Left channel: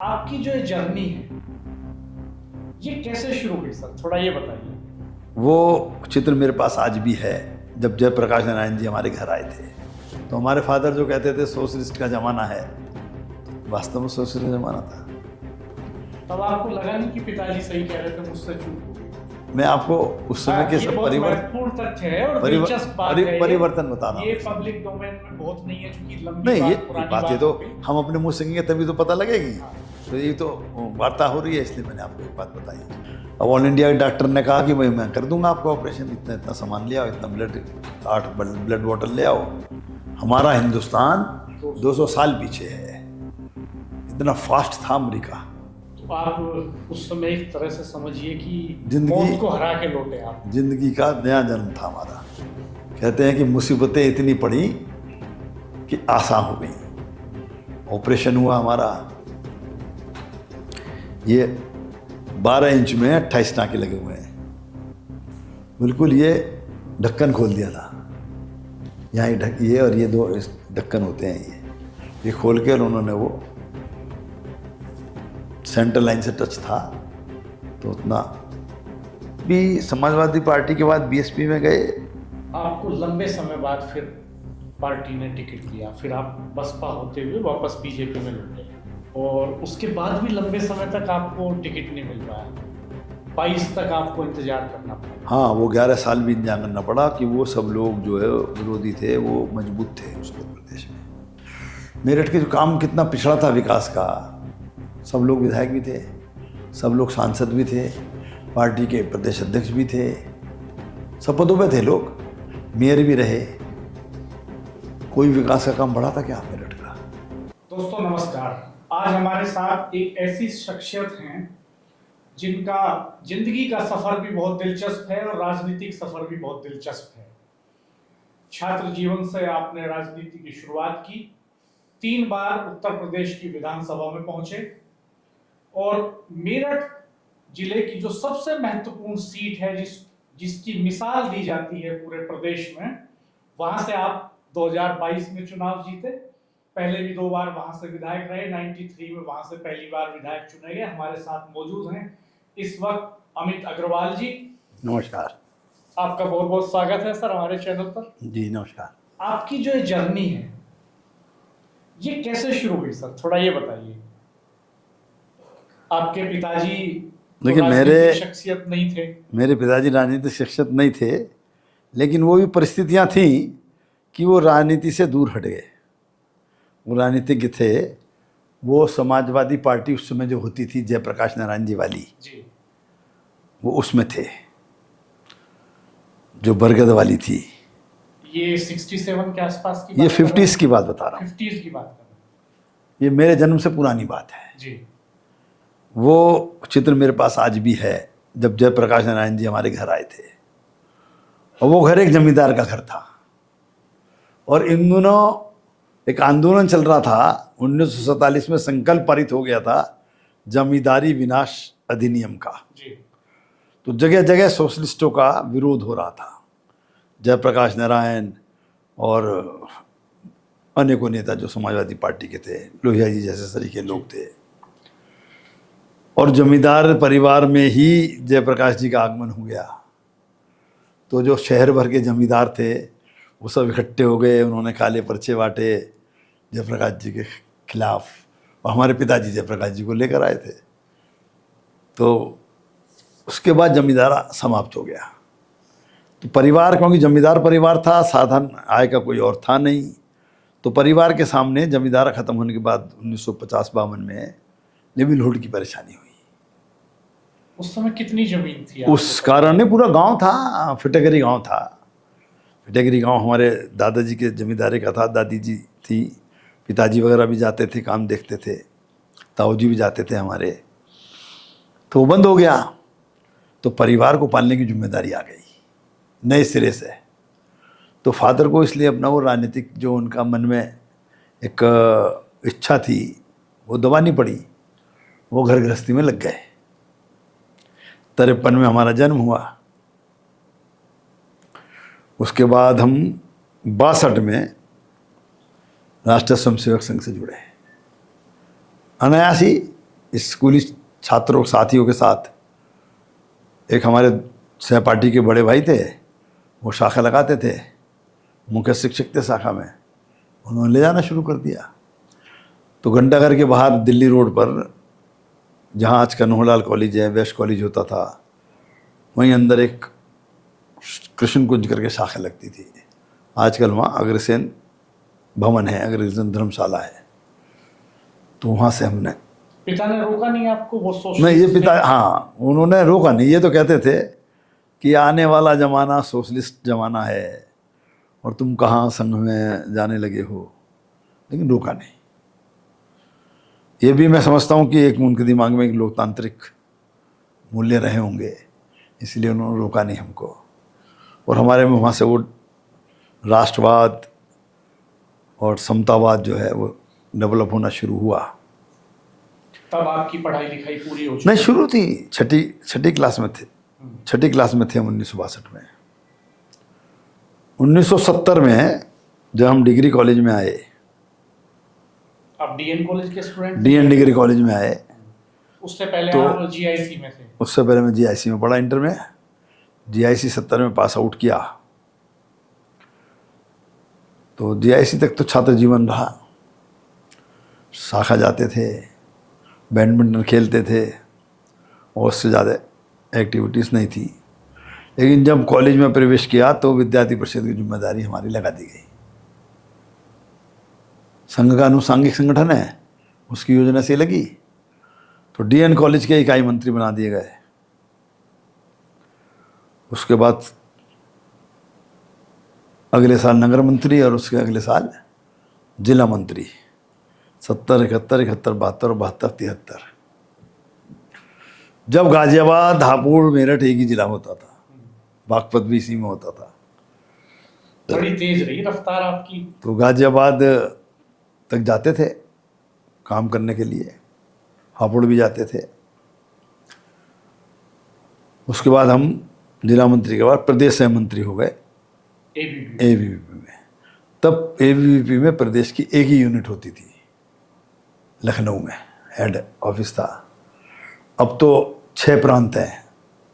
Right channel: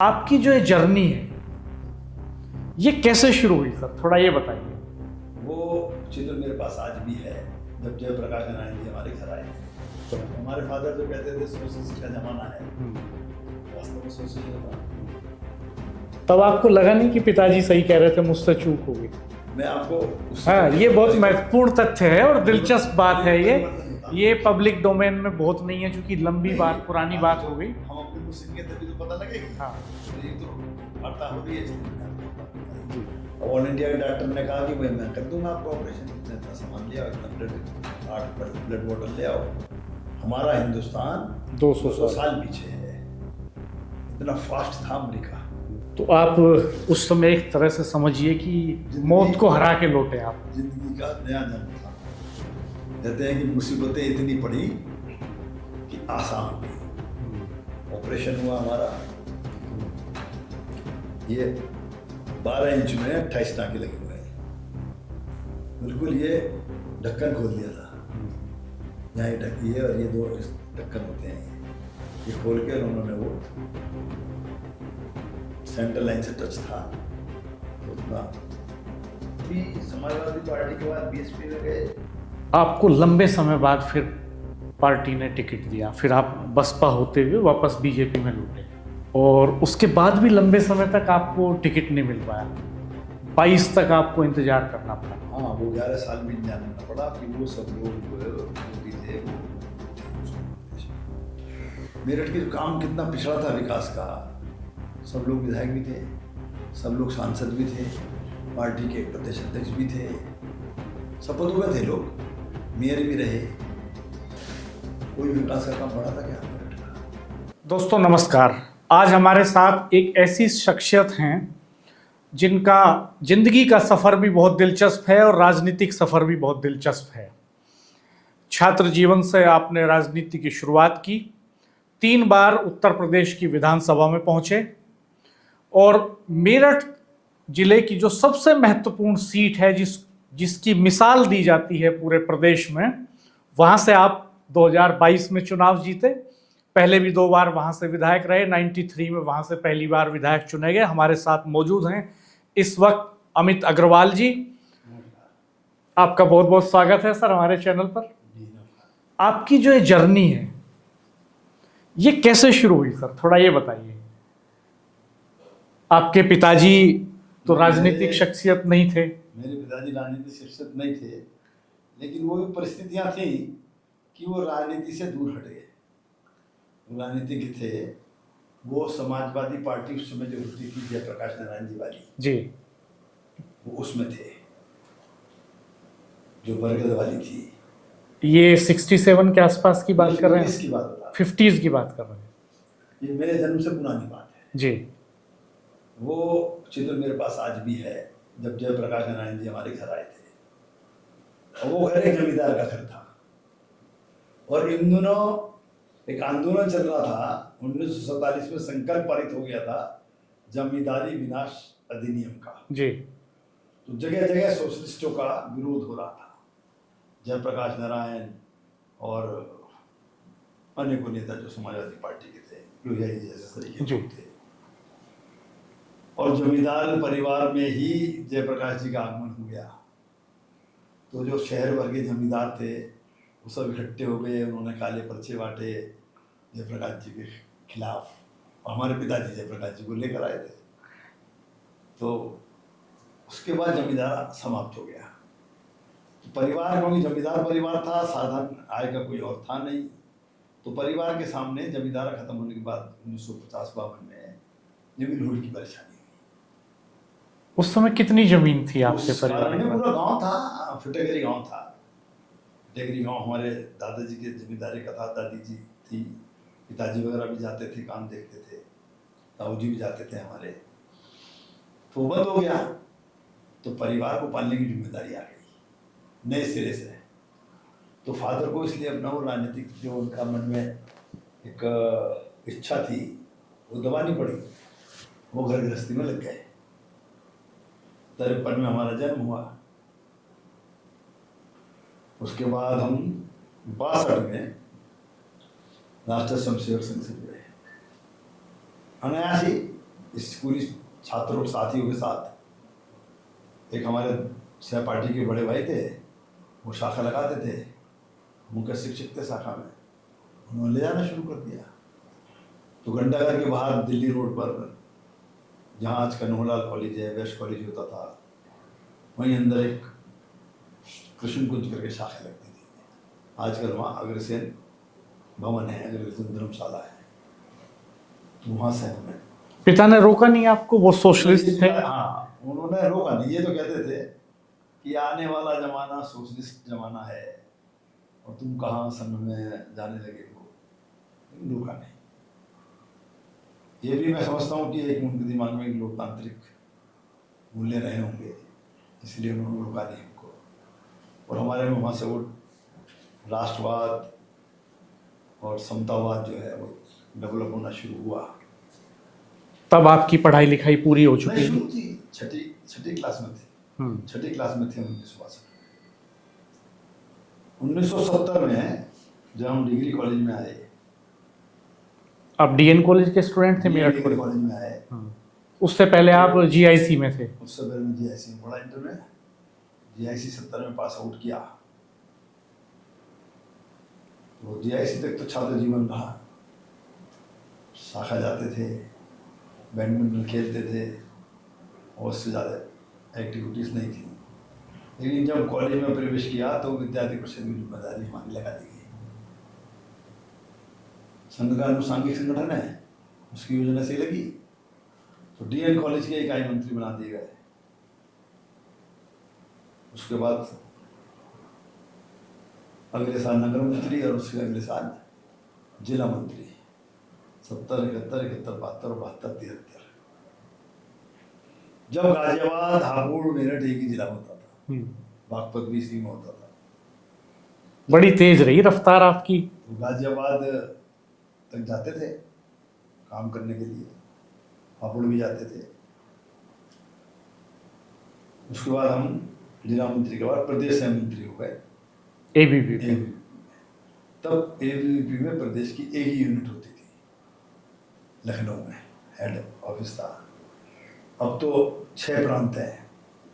आपकी जो ये जर्नी है ये कैसे शुरू हुई सर, थोड़ा ये बताइए। वो चित्र मेरे पास आज भी है। जब जयप्रकाश नारायण जी हमारे घर आए थे तो हमारे फादर जो कहते थे सोशलिस्ट का ज़माना है, वास्तव में सोशलिस्ट ज़माना था। तब आपको लगा नहीं कि पिताजी सही कह रहे थे, मुझसे चूक हो गई? मैं आपको उस समय के ये सब बहुत महत्वपूर्ण तथ्य है और दिलचस्प बात है। परिवर्तन बता रहा ये हूँ। पब्लिक डोमेन में बहुत नहीं है, क्योंकि लंबी नहीं, बात, ये पुरानी बातें बात तो हो गई। हम अपने मुंह से कहेंगे तभी तो पता लगेगी। हाँ। तो ये तो वार्ता हो रही है, इसलिए मैंने आपको एक बात बताई। अब ऑल इंडिया के डॉक्टर ने कहा कि भाई मैं कर दूंगा आपका ऑपरेशन, इतना इतना सामान ले आओ, इतना ब्लड 8 ब्लड बॉटल ले आओ। हमारा हिंदुस्तान 200 साल पीछे है, इतना फास्ट था अमेरिका। तो आप उस समय एक तरह से समझिए कि जिंदगी- मौत को हरा के लौटे आप। जिंदगी का नया जन्म था हमारा। कहते हैं कि मुसीबतें इतनी पड़ी कि आसान हो गई। ऑपरेशन हुआ हमारा, ये 12 इंच में 28 टाँके लगे हुए हैं। बिल्कुल ये ढक्कन खोल दिया था, यहाँ ये और ये 2 ढक्कन होते हैं, ये खोल के और उन्होंने वो सेंटर लाइन से टच था। तो उतना भी समाजवादी पार्टी के बाद बीएसपी में गए। आपको लंबे समय बाद फिर पार्टी ने टिकट दिया, फिर आप बसपा होते हुए वापस बीजेपी में लौटे, और उसके बाद भी लंबे समय तक आपको टिकट नहीं मिल पाया। 22 तक आपको इंतजार करना पड़ा। हाँ, वो 11 साल भी इंतजार करना पड़ा कि वो सब लोग जो है विरोधी थे, वो मजबूत थे उस उत्तर प्रदेश में। मेरठ के जो काम कितना पिछड़ा था विकास का, सब लोग विधायक भी थे, सब लोग सांसद भी थे, पार्टी के प्रदेश अध्यक्ष भी थे, सब पदों पे थे लोग, मेयर भी रहे। कोई विकास का काम बढ़ा था क्या मेरठ का? दोस्तों नमस्कार। आज हमारे साथ एक ऐसी शख्सियत हैं जिनका जिंदगी का सफ़र भी बहुत दिलचस्प है और राजनीतिक सफ़र भी बहुत दिलचस्प है। छात्र जीवन से आपने राजनीति की शुरुआत की, 3 बार उत्तर प्रदेश की विधानसभा में पहुंचे, और मेरठ जिले की जो सबसे महत्वपूर्ण सीट है, जिसकी मिसाल दी जाती है पूरे प्रदेश में, वहां से आप 2022 में चुनाव जीते। पहले भी 2 बार वहां से विधायक रहे, 93 में वहां से पहली बार विधायक चुने गए। हमारे साथ मौजूद हैं इस वक्त अमित अग्रवाल जी। नमस्कार। आपका बहुत बहुत स्वागत है सर हमारे चैनल पर। जी नमस्कार। आपकी जो ये जर्नी है ये कैसे शुरू हुई सर, थोड़ा ये बताइए। आपके पिताजी तो लेकिन राजनीतिक शख्सियत नहीं थे। मेरे पिताजी राजनीतिक शख्सियत नहीं थे, लेकिन वो भी परिस्थितियां थी कि वो राजनीति से दूर हट गए। वो राजनीतिज्ञ थे, वो समाजवादी पार्टी उस समय जो होती थी जयप्रकाश नारायण जी वाली जी, वो उसमें थे, जो बरगद वाली थी। ये 67 के आसपास की बात ये कर रहे 50s हैं? की बात बता रहा हूँ। 50s की बात कर रहे हैं ये मेरे जन्म से पुरानी बात है। जी। वो चित्र मेरे पास आज भी है, जब जयप्रकाश नारायण जी हमारे घर आए थे, और वो घर एक जमींदार का घर था। और इन दिनों एक आंदोलन चल रहा था, 1947 में संकल्प पारित हो गया था जमींदारी विनाश अधिनियम का। जी, तो जगह जगह सोशलिस्टों का विरोध हो रहा था। जयप्रकाश नारायण और अनेकों नेता जो समाजवादी पार्टी के थे, लोहिया जी जैसे सरीके लोग थे, और जमींदार परिवार में ही जयप्रकाश जी का आगमन हो गया। तो जो शहर भर के जमींदार थे वो सब इकट्ठे हो गए, उन्होंने काले पर्चे बांटे जयप्रकाश जी के खिलाफ, और हमारे पिताजी जयप्रकाश जी को लेकर आए थे। तो उसके बाद जमींदारा समाप्त हो गया। तो परिवार, क्योंकि जमींदार परिवार था, साधन आय का कोई और था नहीं, तो परिवार के सामने जमींदारा ख़त्म होने के बाद 1950-52 में लिवलीहुड की परेशानी हुई। उस समय कितनी जमीन थी आपके उस परिवार कारण में? में पूरा गांव था, फिटेगरी गांव था। फिटेगरी गांव हमारे दादाजी के जमींदारी का था, दादी जी थी, पिताजी वगैरह भी जाते थे, काम देखते थे, ताऊ जी भी जाते थे हमारे। तो वो बंद हो गया, तो परिवार को पालने की जिम्मेदारी आ गई नए सिरे से। तो फादर को इसलिए अपना वो राजनीतिक जो उनका मन में एक इच्छा थी वो दबानी पड़ी, वो घर गृहस्थी में लग गए। 53 में हमारा जन्म हुआ। उसके बाद हम 62 में राष्ट्रीय स्वयंसेवक संघ से जुड़े। अनायासी स्कूली छात्रों साथियों के साथ एक हमारे सहपाठी के बड़े भाई थे, वो शाखा लगाते थे, मुख्य शिक्षक थे शाखा में, उन्होंने ले जाना शुरू कर दिया। तो घंटाघर के बाहर दिल्ली रोड पर, जहाँ आज कन्होलाल कॉलेज है, वेस्ट कॉलेज होता था, वहीं अंदर एक कृष्ण कुंज करके शाखा लगती थी। आजकल वहाँ अग्रसेन भवन है, अग्रसेन धर्मशाला है। तो वहाँ से हमने, पिता ने रोका नहीं आपको? वो नहीं, सोशलिस्ट ये पिता, थे? हाँ, उन्होंने रोका नहीं। ये तो कहते थे कि आने वाला ज़माना सोशलिस्ट ज़माना है और तुम कहाँ संघ में जाने लगे हो, लेकिन रोका नहीं। ये भी मैं समझता हूँ कि एक उनके दिमाग में एक लोकतांत्रिक मूल्य रहे होंगे, इसलिए उन्होंने रोका नहीं हमको। और हमारे में वहाँ से वो राष्ट्रवाद और समतावाद जो है वो डेवलप होना शुरू हुआ। तब आपकी पढ़ाई लिखाई पूरी हो चुकी? नहीं, शुरू थी, छठी क्लास में थे। छठी क्लास में थे हम 1962 में। 1970 में जब हम डिग्री कॉलेज में आए, आप डीएन कॉलेज के स्टूडेंट थे? डीएन डिग्री कॉलेज में आए। उससे पहले तो आप जीआईसी में थे? उससे पहले मैं जीआईसी में पढ़ा, इंटर में। जीआईसी 70 में पास आउट किया। तो जीआईसी तक तो छात्र जीवन रहा, शाखा जाते थे, बैडमिंटन खेलते थे, और उससे ज़्यादा एक्टिविटीज़ नहीं थी। लेकिन जब कॉलेज में प्रवेश किया तो विद्यार्थी परिषद की जिम्मेदारी हमारी लगा दी गई। संघ का अनुसांगिक संगठन है, उसकी योजना से लगी, तो डीएन कॉलेज के इकाई मंत्री बना दिए गए। उसके बाद अगले साल नगर मंत्री और उसके अगले साल जिला मंत्री। 70, 71, 71, 72, 72, 73। जब गाजियाबाद, हापुड़, मेरठ एक ही जिला होता था, बागपत भी इसी में होता था। बड़ी तेज रही रफ्तार आपकी। तो गाजियाबाद तक जाते थे काम करने के लिए, हापुड़ भी जाते थे। उसके बाद हम जिला मंत्री के बाद प्रदेश सह मंत्री हो गए एबीवीपी में। तब एबीवीपी में प्रदेश की एक ही यूनिट होती थी, लखनऊ में हेड ऑफिस था। अब तो 6 प्रांत हैं,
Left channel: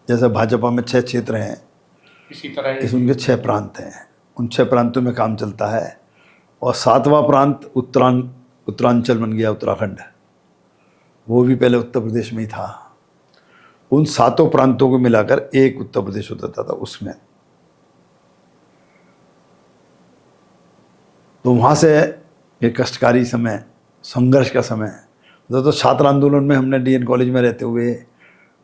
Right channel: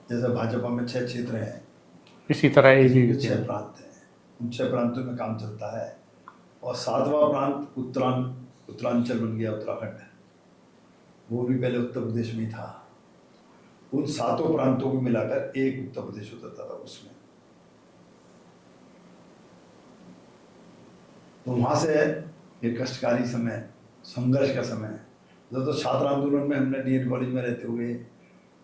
जैसे भाजपा में 6 क्षेत्र हैं, इसी तरह इसमें के 6 प्रांत हैं। उन 6 प्रांतों में काम चलता है। और 7वां प्रांत उत्तरांचल बन गया, उत्तराखंड। वो भी पहले उत्तर प्रदेश में ही था। उन 7 प्रांतों को मिलाकर एक उत्तर प्रदेश होता था उसमें। तो वहाँ से एक कष्टकारी समय, संघर्ष का समय, तो छात्र आंदोलन में हमने डीएन कॉलेज में रहते हुए,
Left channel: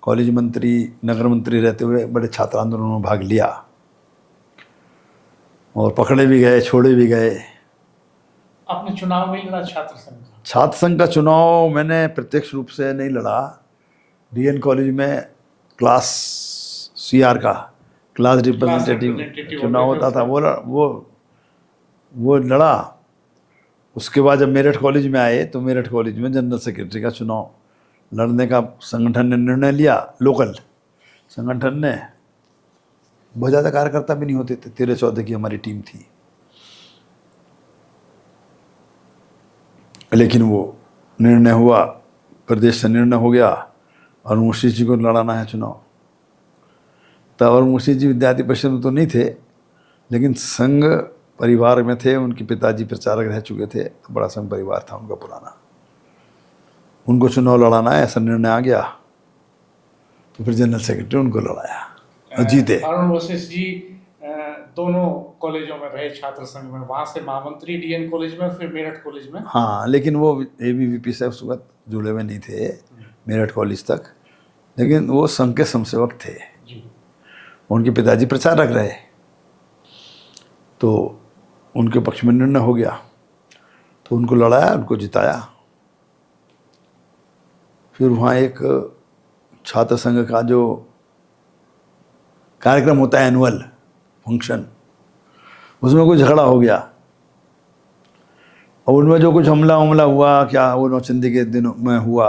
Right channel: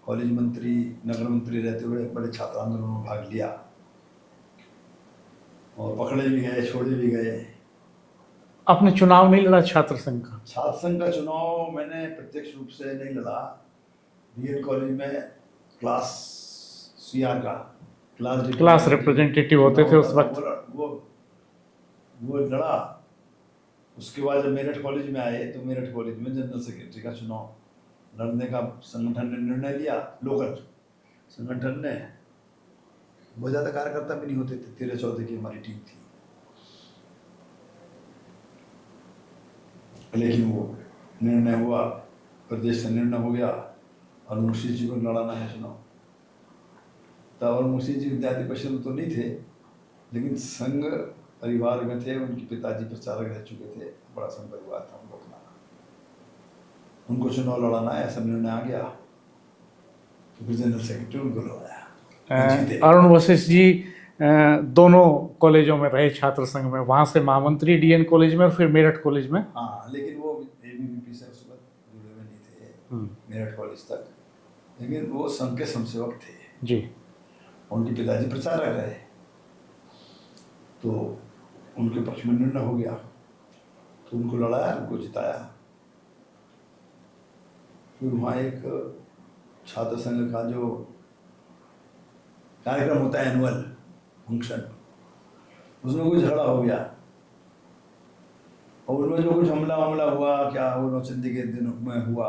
कॉलेज मंत्री, नगर मंत्री रहते हुए बड़े छात्र आंदोलनों में भाग लिया, और पकड़े भी गए, छोड़े भी गए। आपने चुनाव नहीं लड़ा छात्र संघ का? छात्र संघ का चुनाव मैंने प्रत्यक्ष रूप से नहीं लड़ा। डीएन कॉलेज में क्लास सीआर का, क्लास रिप्रेजेंटेटिव चुनाव होता था, वो लड़ा। उसके बाद जब मेरठ कॉलेज में आए तो मेरठ कॉलेज में जनरल सेक्रेटरी का चुनाव लड़ने का संगठन ने निर्णय लिया। लोकल संगठन ने, बहुत ज़्यादा कार्यकर्ता भी नहीं होते थे, 13-14 की हमारी टीम थी। लेकिन वो निर्णय हुआ, प्रदेश से निर्णय हो गया, अरुण मुशी जी को लड़ाना है चुनाव। तब अरुण मुशी जी विद्यार्थी परिषद में तो नहीं थे, लेकिन संघ परिवार में थे। उनके पिताजी प्रचारक रह चुके थे, तो बड़ा संघ परिवार था उनका पुराना। उनको चुनाव लड़ाना है, ऐसा निर्णय आ गया। तो फिर जनरल सेक्रेटरी उनको लड़ाया, जीते। अरुण वशिष्ठ जी दोनों कॉलेजों में रहे छात्र संघ में, वहाँ से महामंत्री डीएन कॉलेज में, फिर मेरठ कॉलेज में। हाँ, लेकिन वो एबीवीपी से उस वक्त जुड़े हुए नहीं थे, मेरठ कॉलेज तक। लेकिन वो संघ के समसेवक थे जी। उनके पिताजी प्रचारक रहे, तो उनके पक्ष में निर्णय हो गया। तो उनको लड़ाया, उनको जिताया। फिर वहाँ एक छात्र संघ का जो कार्यक्रम होता है, एनुअल फंक्शन, उसमें कोई झगड़ा हो गया, और उनमें जो कुछ हमला हुआ, क्या वो नौचंदी के दिनों में हुआ,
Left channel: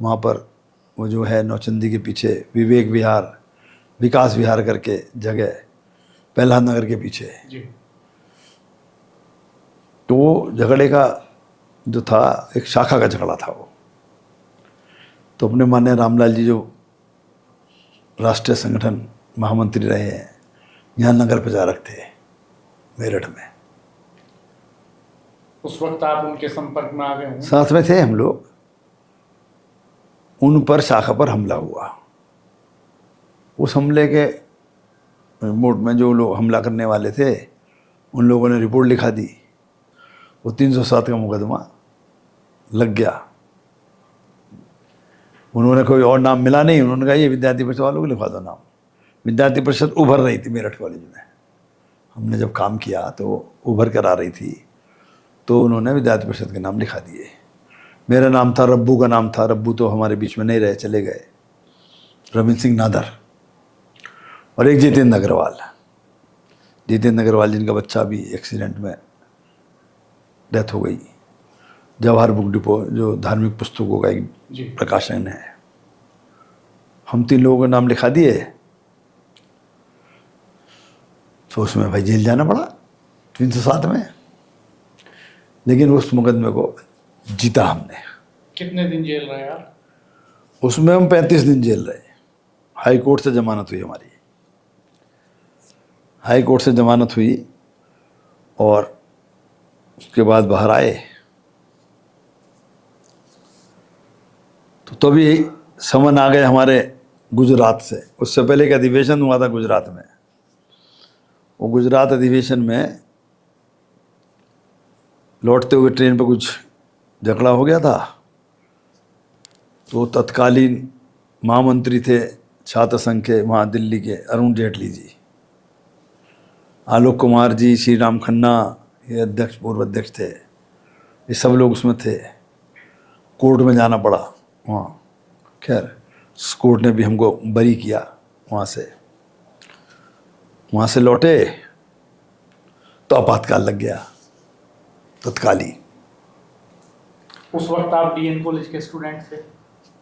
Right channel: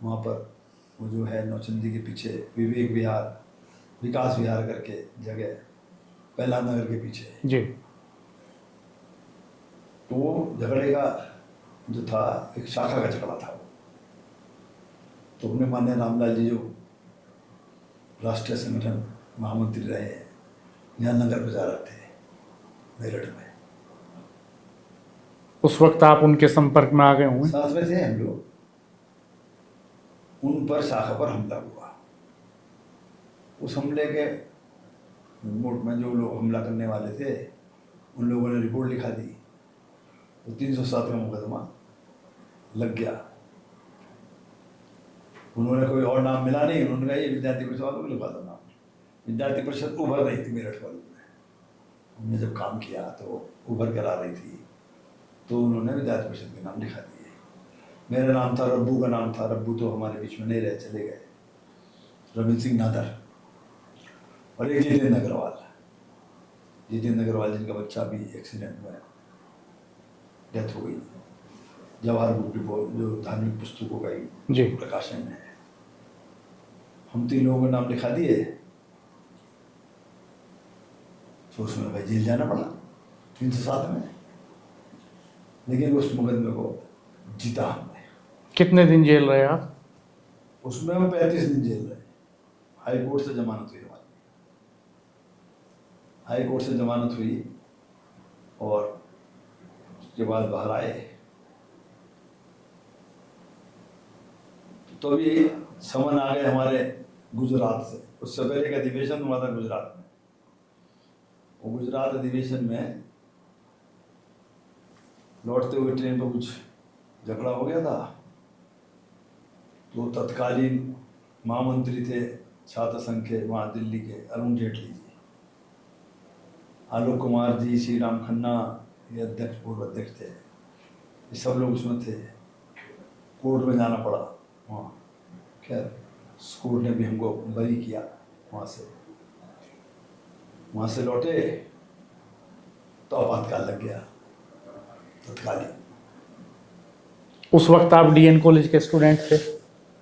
वहाँ पर वो जो है नौचंदी के पीछे विवेक विहार, विकास विहार करके जगह, प्रहलाद नगर के पीछे जी। तो वो झगड़े का जो था, एक शाखा का झगड़ा था वो। तो अपने माननीय रामलाल जी जो राष्ट्रीय संगठन महामंत्री रहे हैं, यहाँ नगर प्रचारक थे मेरठ में। उस वक्त आप उनके संपर्क में आ गए होंगे। साथ में थे हम लोग। उन पर शाखा पर हमला हुआ। उस हमले के रिपोर्ट में जो लोग हमला करने वाले थे उन लोगों ने रिपोर्ट लिखा दी। वो 307 का मुकदमा लग गया। उन्होंने कोई और नाम मिला नहीं, उन्होंने कहा ये विद्यार्थी परिषद वालों को लिखवा दो नाम। विद्यार्थी परिषद उभर रही थी मेरठ कॉलेज में, हमने जब काम किया तो उभर कर आ रही थी, तो उन्होंने विद्यार्थी परिषद के नाम लिखा दिए। मेरा नाम था, रब्बू का नाम था। रब्बू तो हमारे बीच में नहीं रहे, चले गए। रविंद्र सिंह नादर और एक जितेंद्र अग्रवाल। जितेंद्र अग्रवाल जिनका बच्चा भी एक्सीडेंट में डेथ हो गई। जवाहर बुक डिपो जो धार्मिक पुस्तकों का एक जी। प्रकाशन है, हम 3 लोगों का नाम लिखा दिए। तो उसमें भाई जेल जाना पड़ा 307 में, लेकिन उस मुकदमे को जीता हमने। कितने दिन जेल रहे आप? उसमें हम 35 दिन जेल रहे। हाई कोर्ट से जमानत हुई हमारी। हाई कोर्ट से जमानत हुई और उसके बाद बाहर आए तो तभी समन आ गए हमारे गुजरात से। उससे पहले एक अधिवेशन हुआ था गुजरात में। वो गुजरात अधिवेशन में लौटते हुए ट्रेन पर कुछ झगड़ा हो गया था। तो तत्कालीन महामंत्री थे छात्र संघ के वहाँ दिल्ली के, अरुण जेटली जी, आलोक कुमार जी, श्री राम खन्ना, ये अध्यक्ष पूर्व अध्यक्ष थे, ये सब लोग उसमें थे। कोर्ट में जाना पड़ा वहाँ। खैर कोर्ट ने भी हमको बरी किया वहाँ से। वहाँ से लौटे तो आपातकाल लग गया तत्कालीन। उस वक्त आप डीएन कॉलेज के स्टूडेंट थे?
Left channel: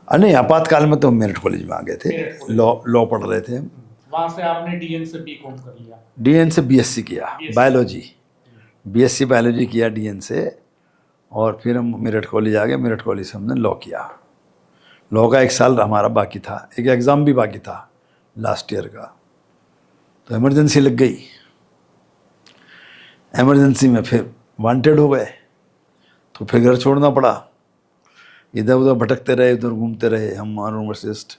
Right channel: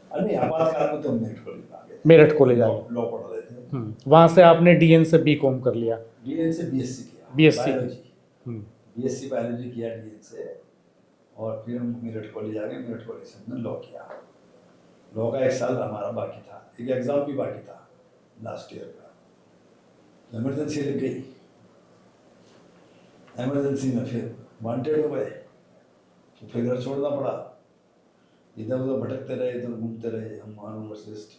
नहीं, आपातकाल में तो मेरठ कॉलेज में आ गए थे। मेरठ कॉलेज लॉ पढ़ रहे थे। वहाँ से आपने डीएन से बीकॉम कर लिया? डीएन से बीएससी किया, BSc बायोलॉजी। बीएससी बायोलॉजी किया डीएन से, और फिर हम मेरठ कॉलेज आ गए। मेरठ कॉलेज से हमने लॉ किया। लॉ का 1 साल हमारा बाकी था, एक एग्ज़ाम भी बाकी था लास्ट ईयर का। तो इमरजेंसी लग गई। इमरजेंसी में फिर वांटेड हो गए, तो फिर घर छोड़ना पड़ा। इधर उधर भटकते रहे, उधर घूमते रहे हम, अरुण वशिष्ठ,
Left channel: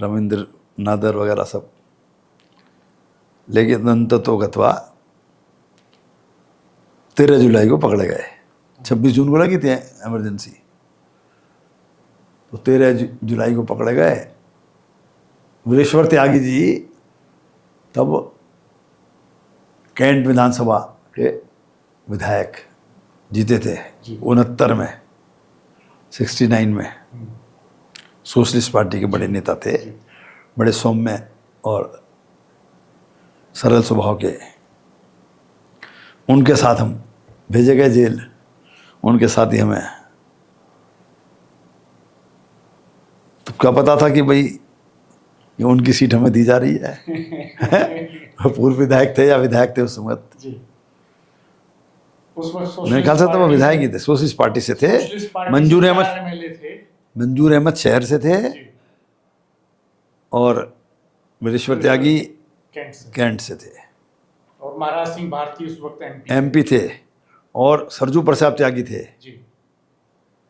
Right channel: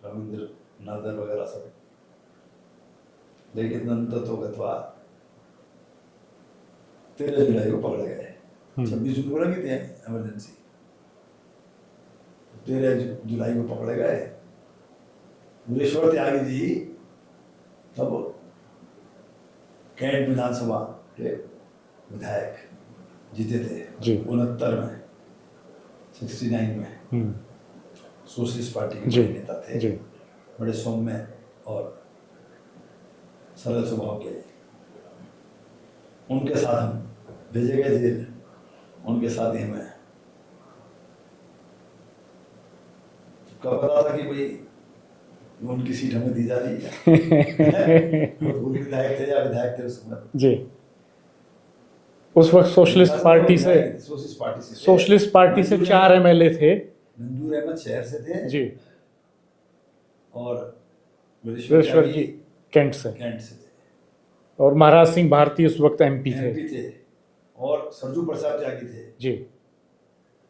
रविंद्र नादर वगैरह सब। लेकिन अंत तो गतवा 13 जुलाई को पकड़े गए। 26 जून को लगी थी इमरजेंसी, तो 13 जुलाई को पकड़े गए। वीरेश्वर त्यागी जी तब कैंट विधानसभा के विधायक जीते थे 69 में, 69 में। सोशलिस्ट पार्टी के बड़े नेता थे, बड़े सौम्य और सरल स्वभाव के। उनके साथ हम भेजे गए जेल। उनके साथ ही हमें तो क्या पता था कि भाई ये उनकी सीट हमें दी जा रही है। पूर्व विधायक थे या विधायक थे उस वक्त जी। उस वक्त मेरे ख्याल सोशलिस्ट से तो वो पार्टी विधायक से, ही थे, सोशलिस्ट पार्टी से थे। सोशलिस्ट पार्टी से मंजूर 4 अहमद, एमएलए थे। मंजूर अहमद शहर से थे जी। और वीरेश्वर त्यागी कैंट से थे। और महाराज सिंह भारती उस वक्त एमपी थे। और सरजू प्रसाद त्यागी थे। जी।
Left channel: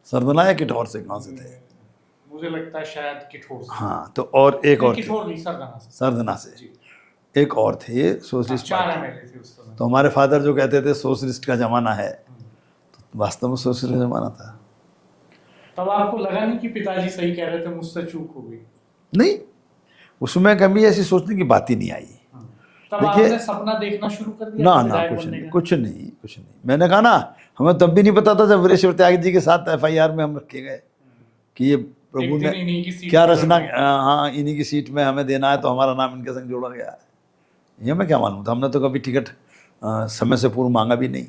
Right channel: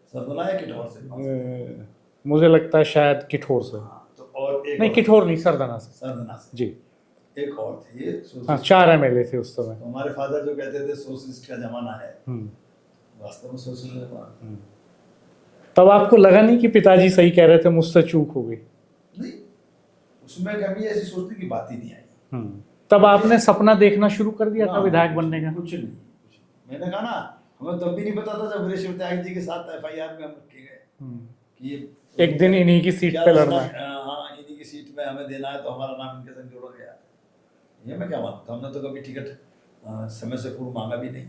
सरदना या किठौर से कहाँ से थे? मुझे लगता है शायद किठौर से। हाँ, तो और एक नहीं, और किठौर नहीं, सरदना से। सरदना से जी। एक और थे ये सोशलिस्ट। 4 एमएलए थे उस समय। तो हमारे फादर जो कहते थे सोशलिस्ट का जमाना है, तो वास्तव में सोशलिस्ट का जमाना था। तब आपको लगा नहीं कि पिताजी सही कह रहे थे, मुझसे चूक हो गई? नहीं, उसमें कभी ऐसी सोचने की बात ही नहीं आई। तब आपने सपना देखना शुरू कर दिया था विधायक बनने का? कुछ नहीं। मैंने कहा ना, हमें तब भी नहीं पता था जब वीरेश्वर त्यागी जी के साथ FIR में हम रखे गए कि ये एक दिन इन्हीं की सीट क्या रचना, हाँ इन्हीं की सीट में हमें देना है, तो हमारा नाम इनके संग जोड़ा गया है। ये हमें क्या मालूम था? हमने तो कभी टिकट समय से पूर्व मांगा भी नहीं।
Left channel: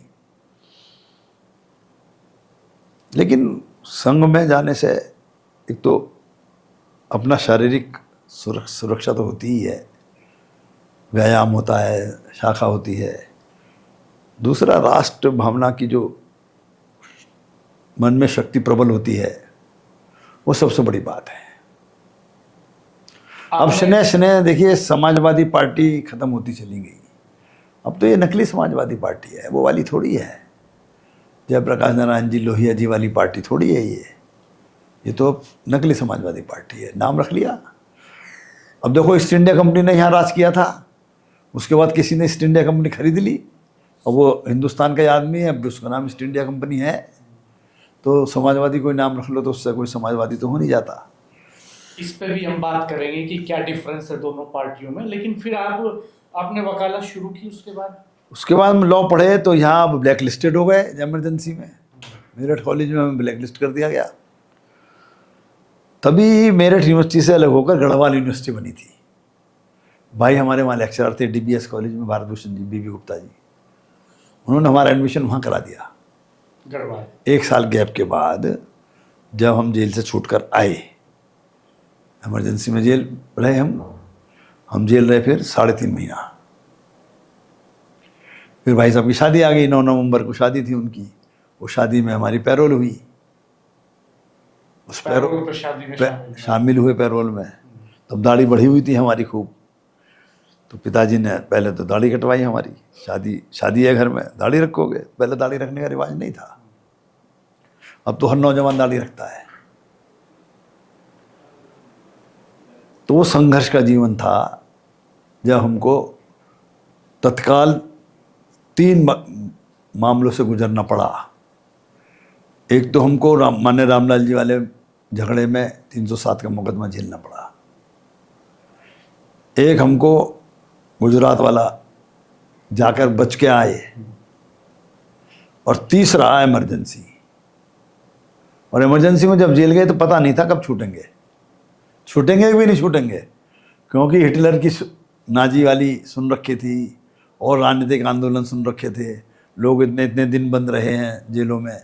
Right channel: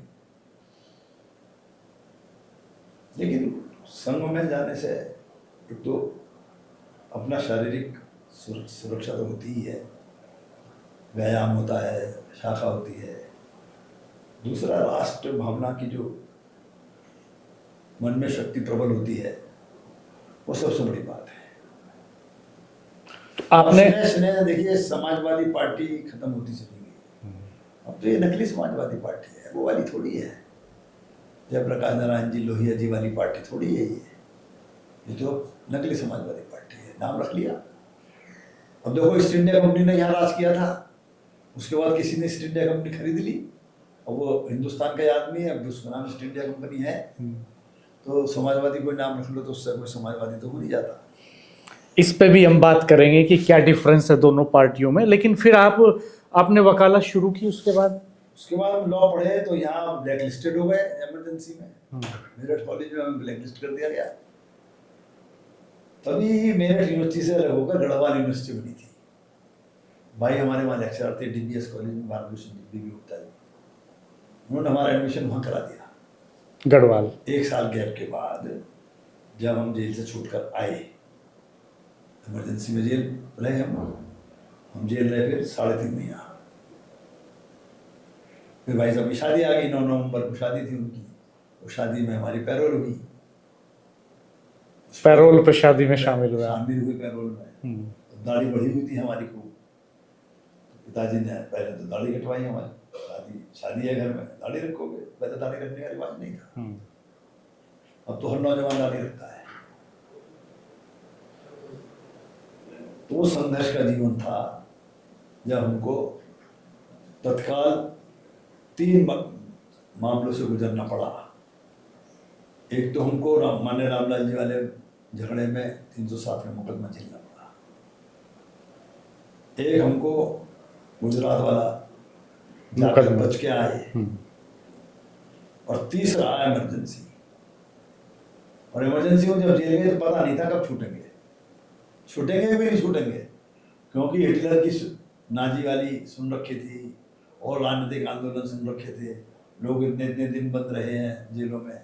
लेकिन संघ में जाने से एक तो अपना शारीरिक सुरक्षा तो होती ही है, व्यायाम होता है, शाखा होती है। दूसरा, राष्ट्र भावना की जो मन में शक्ति प्रबल होती है, वो सबसे बड़ी बात है। अब आपने स्नेह स्नेह देखिए, समाजवादी पार्टी खत्म होती चली गई। अब तो ये नकली समाजवादी पार्टी है, वो वाली थोड़ी है। जयप्रकाश नारायण जी, लोहिया जी वाली पार्टी थोड़ी है ये तो नकली समाजवादी पार्टी है, नाम रख लिया। अब देखो, ईस्ट इंडिया कंपनी ने यहाँ राज किया था, उसके बाद किसी ने ईस्ट इंडिया कंपनी खरीद ली, और वो हिंदुस्तान का ही आदमी है, अब उसका नाम ईस्ट इंडिया कंपनी है। तो समाजवादी कोई नाम रख लो तो उससे कोई समाजवादी तो हो नहीं जाता। इस पे भी हम बात करेंगे कि क्या डिफरेंस है दोनों पार्टियों में, लेकिन फिर आपने वकालत शुरू की उसके बाद हम लॉ पढ़े तो यहाँ अब ब्लैक लिस्टेड हो गए इमरजेंसी में। मेरठ कॉलेज में हमें ब्लैक लिस्ट कर दिया गया। तभी मेरठ यूनिवर्सिटी से अलग होकर गढ़वाल यूनिवर्सिटी बनी थी। भाई हमारे वहाँ लेक्चरर थे डीबीएस कॉलेज में, भारत भूषण जी, बीबी गुप्ता जी, उन्होंने हमारा एडमिशन वहाँ करा दिया। गढ़वाल 1 साल गैप के बाद जब हम जेल से छूट कर आए, इमरजेंसी में जेल रहे हम जेल रहे फिर 3.5 महीना। फिर भाई साहब की शादी आ गई, 9 नवंबर को शादी थी उनकी। वो शादी में हमारी पैरोल हुई। उस पैरोल पे शादी में शामिल हुए पैरोल में। तब दाढ़ी बढ़ी हुई थी हमारी खूब। तो पिताजी ने पहले तो दाढ़ी कटवाई हमारी। शादी है घर में, दाढ़ी रखोगे? पहले दाढ़ी रखने का रिवाज नहीं था। अब तो हर नौजवान दाढ़ी रखता है। तो वो संघर्ष का जीवन था जब हमको तत्काल 3 मामलों से गुजरना पड़ा। एक तो हमको मान्य रामलाल जी वाले झगड़े में 307 का मुकदमा झेलना पड़ा। एक हमको गुजरात वाला जाकर बच के आए, और तीसरा इमरजेंसी। और इमरजेंसी में जब जेल गए तो पता नहीं था कब छूटेंगे भी नहीं छूटेंगे, क्योंकि हिटलर की नाजी वाली सुन रखी थी और राजनीतिक आंदोलन सुन रखे थे। लोग इतने इतने दिन बंद रहे हैं जेलों में,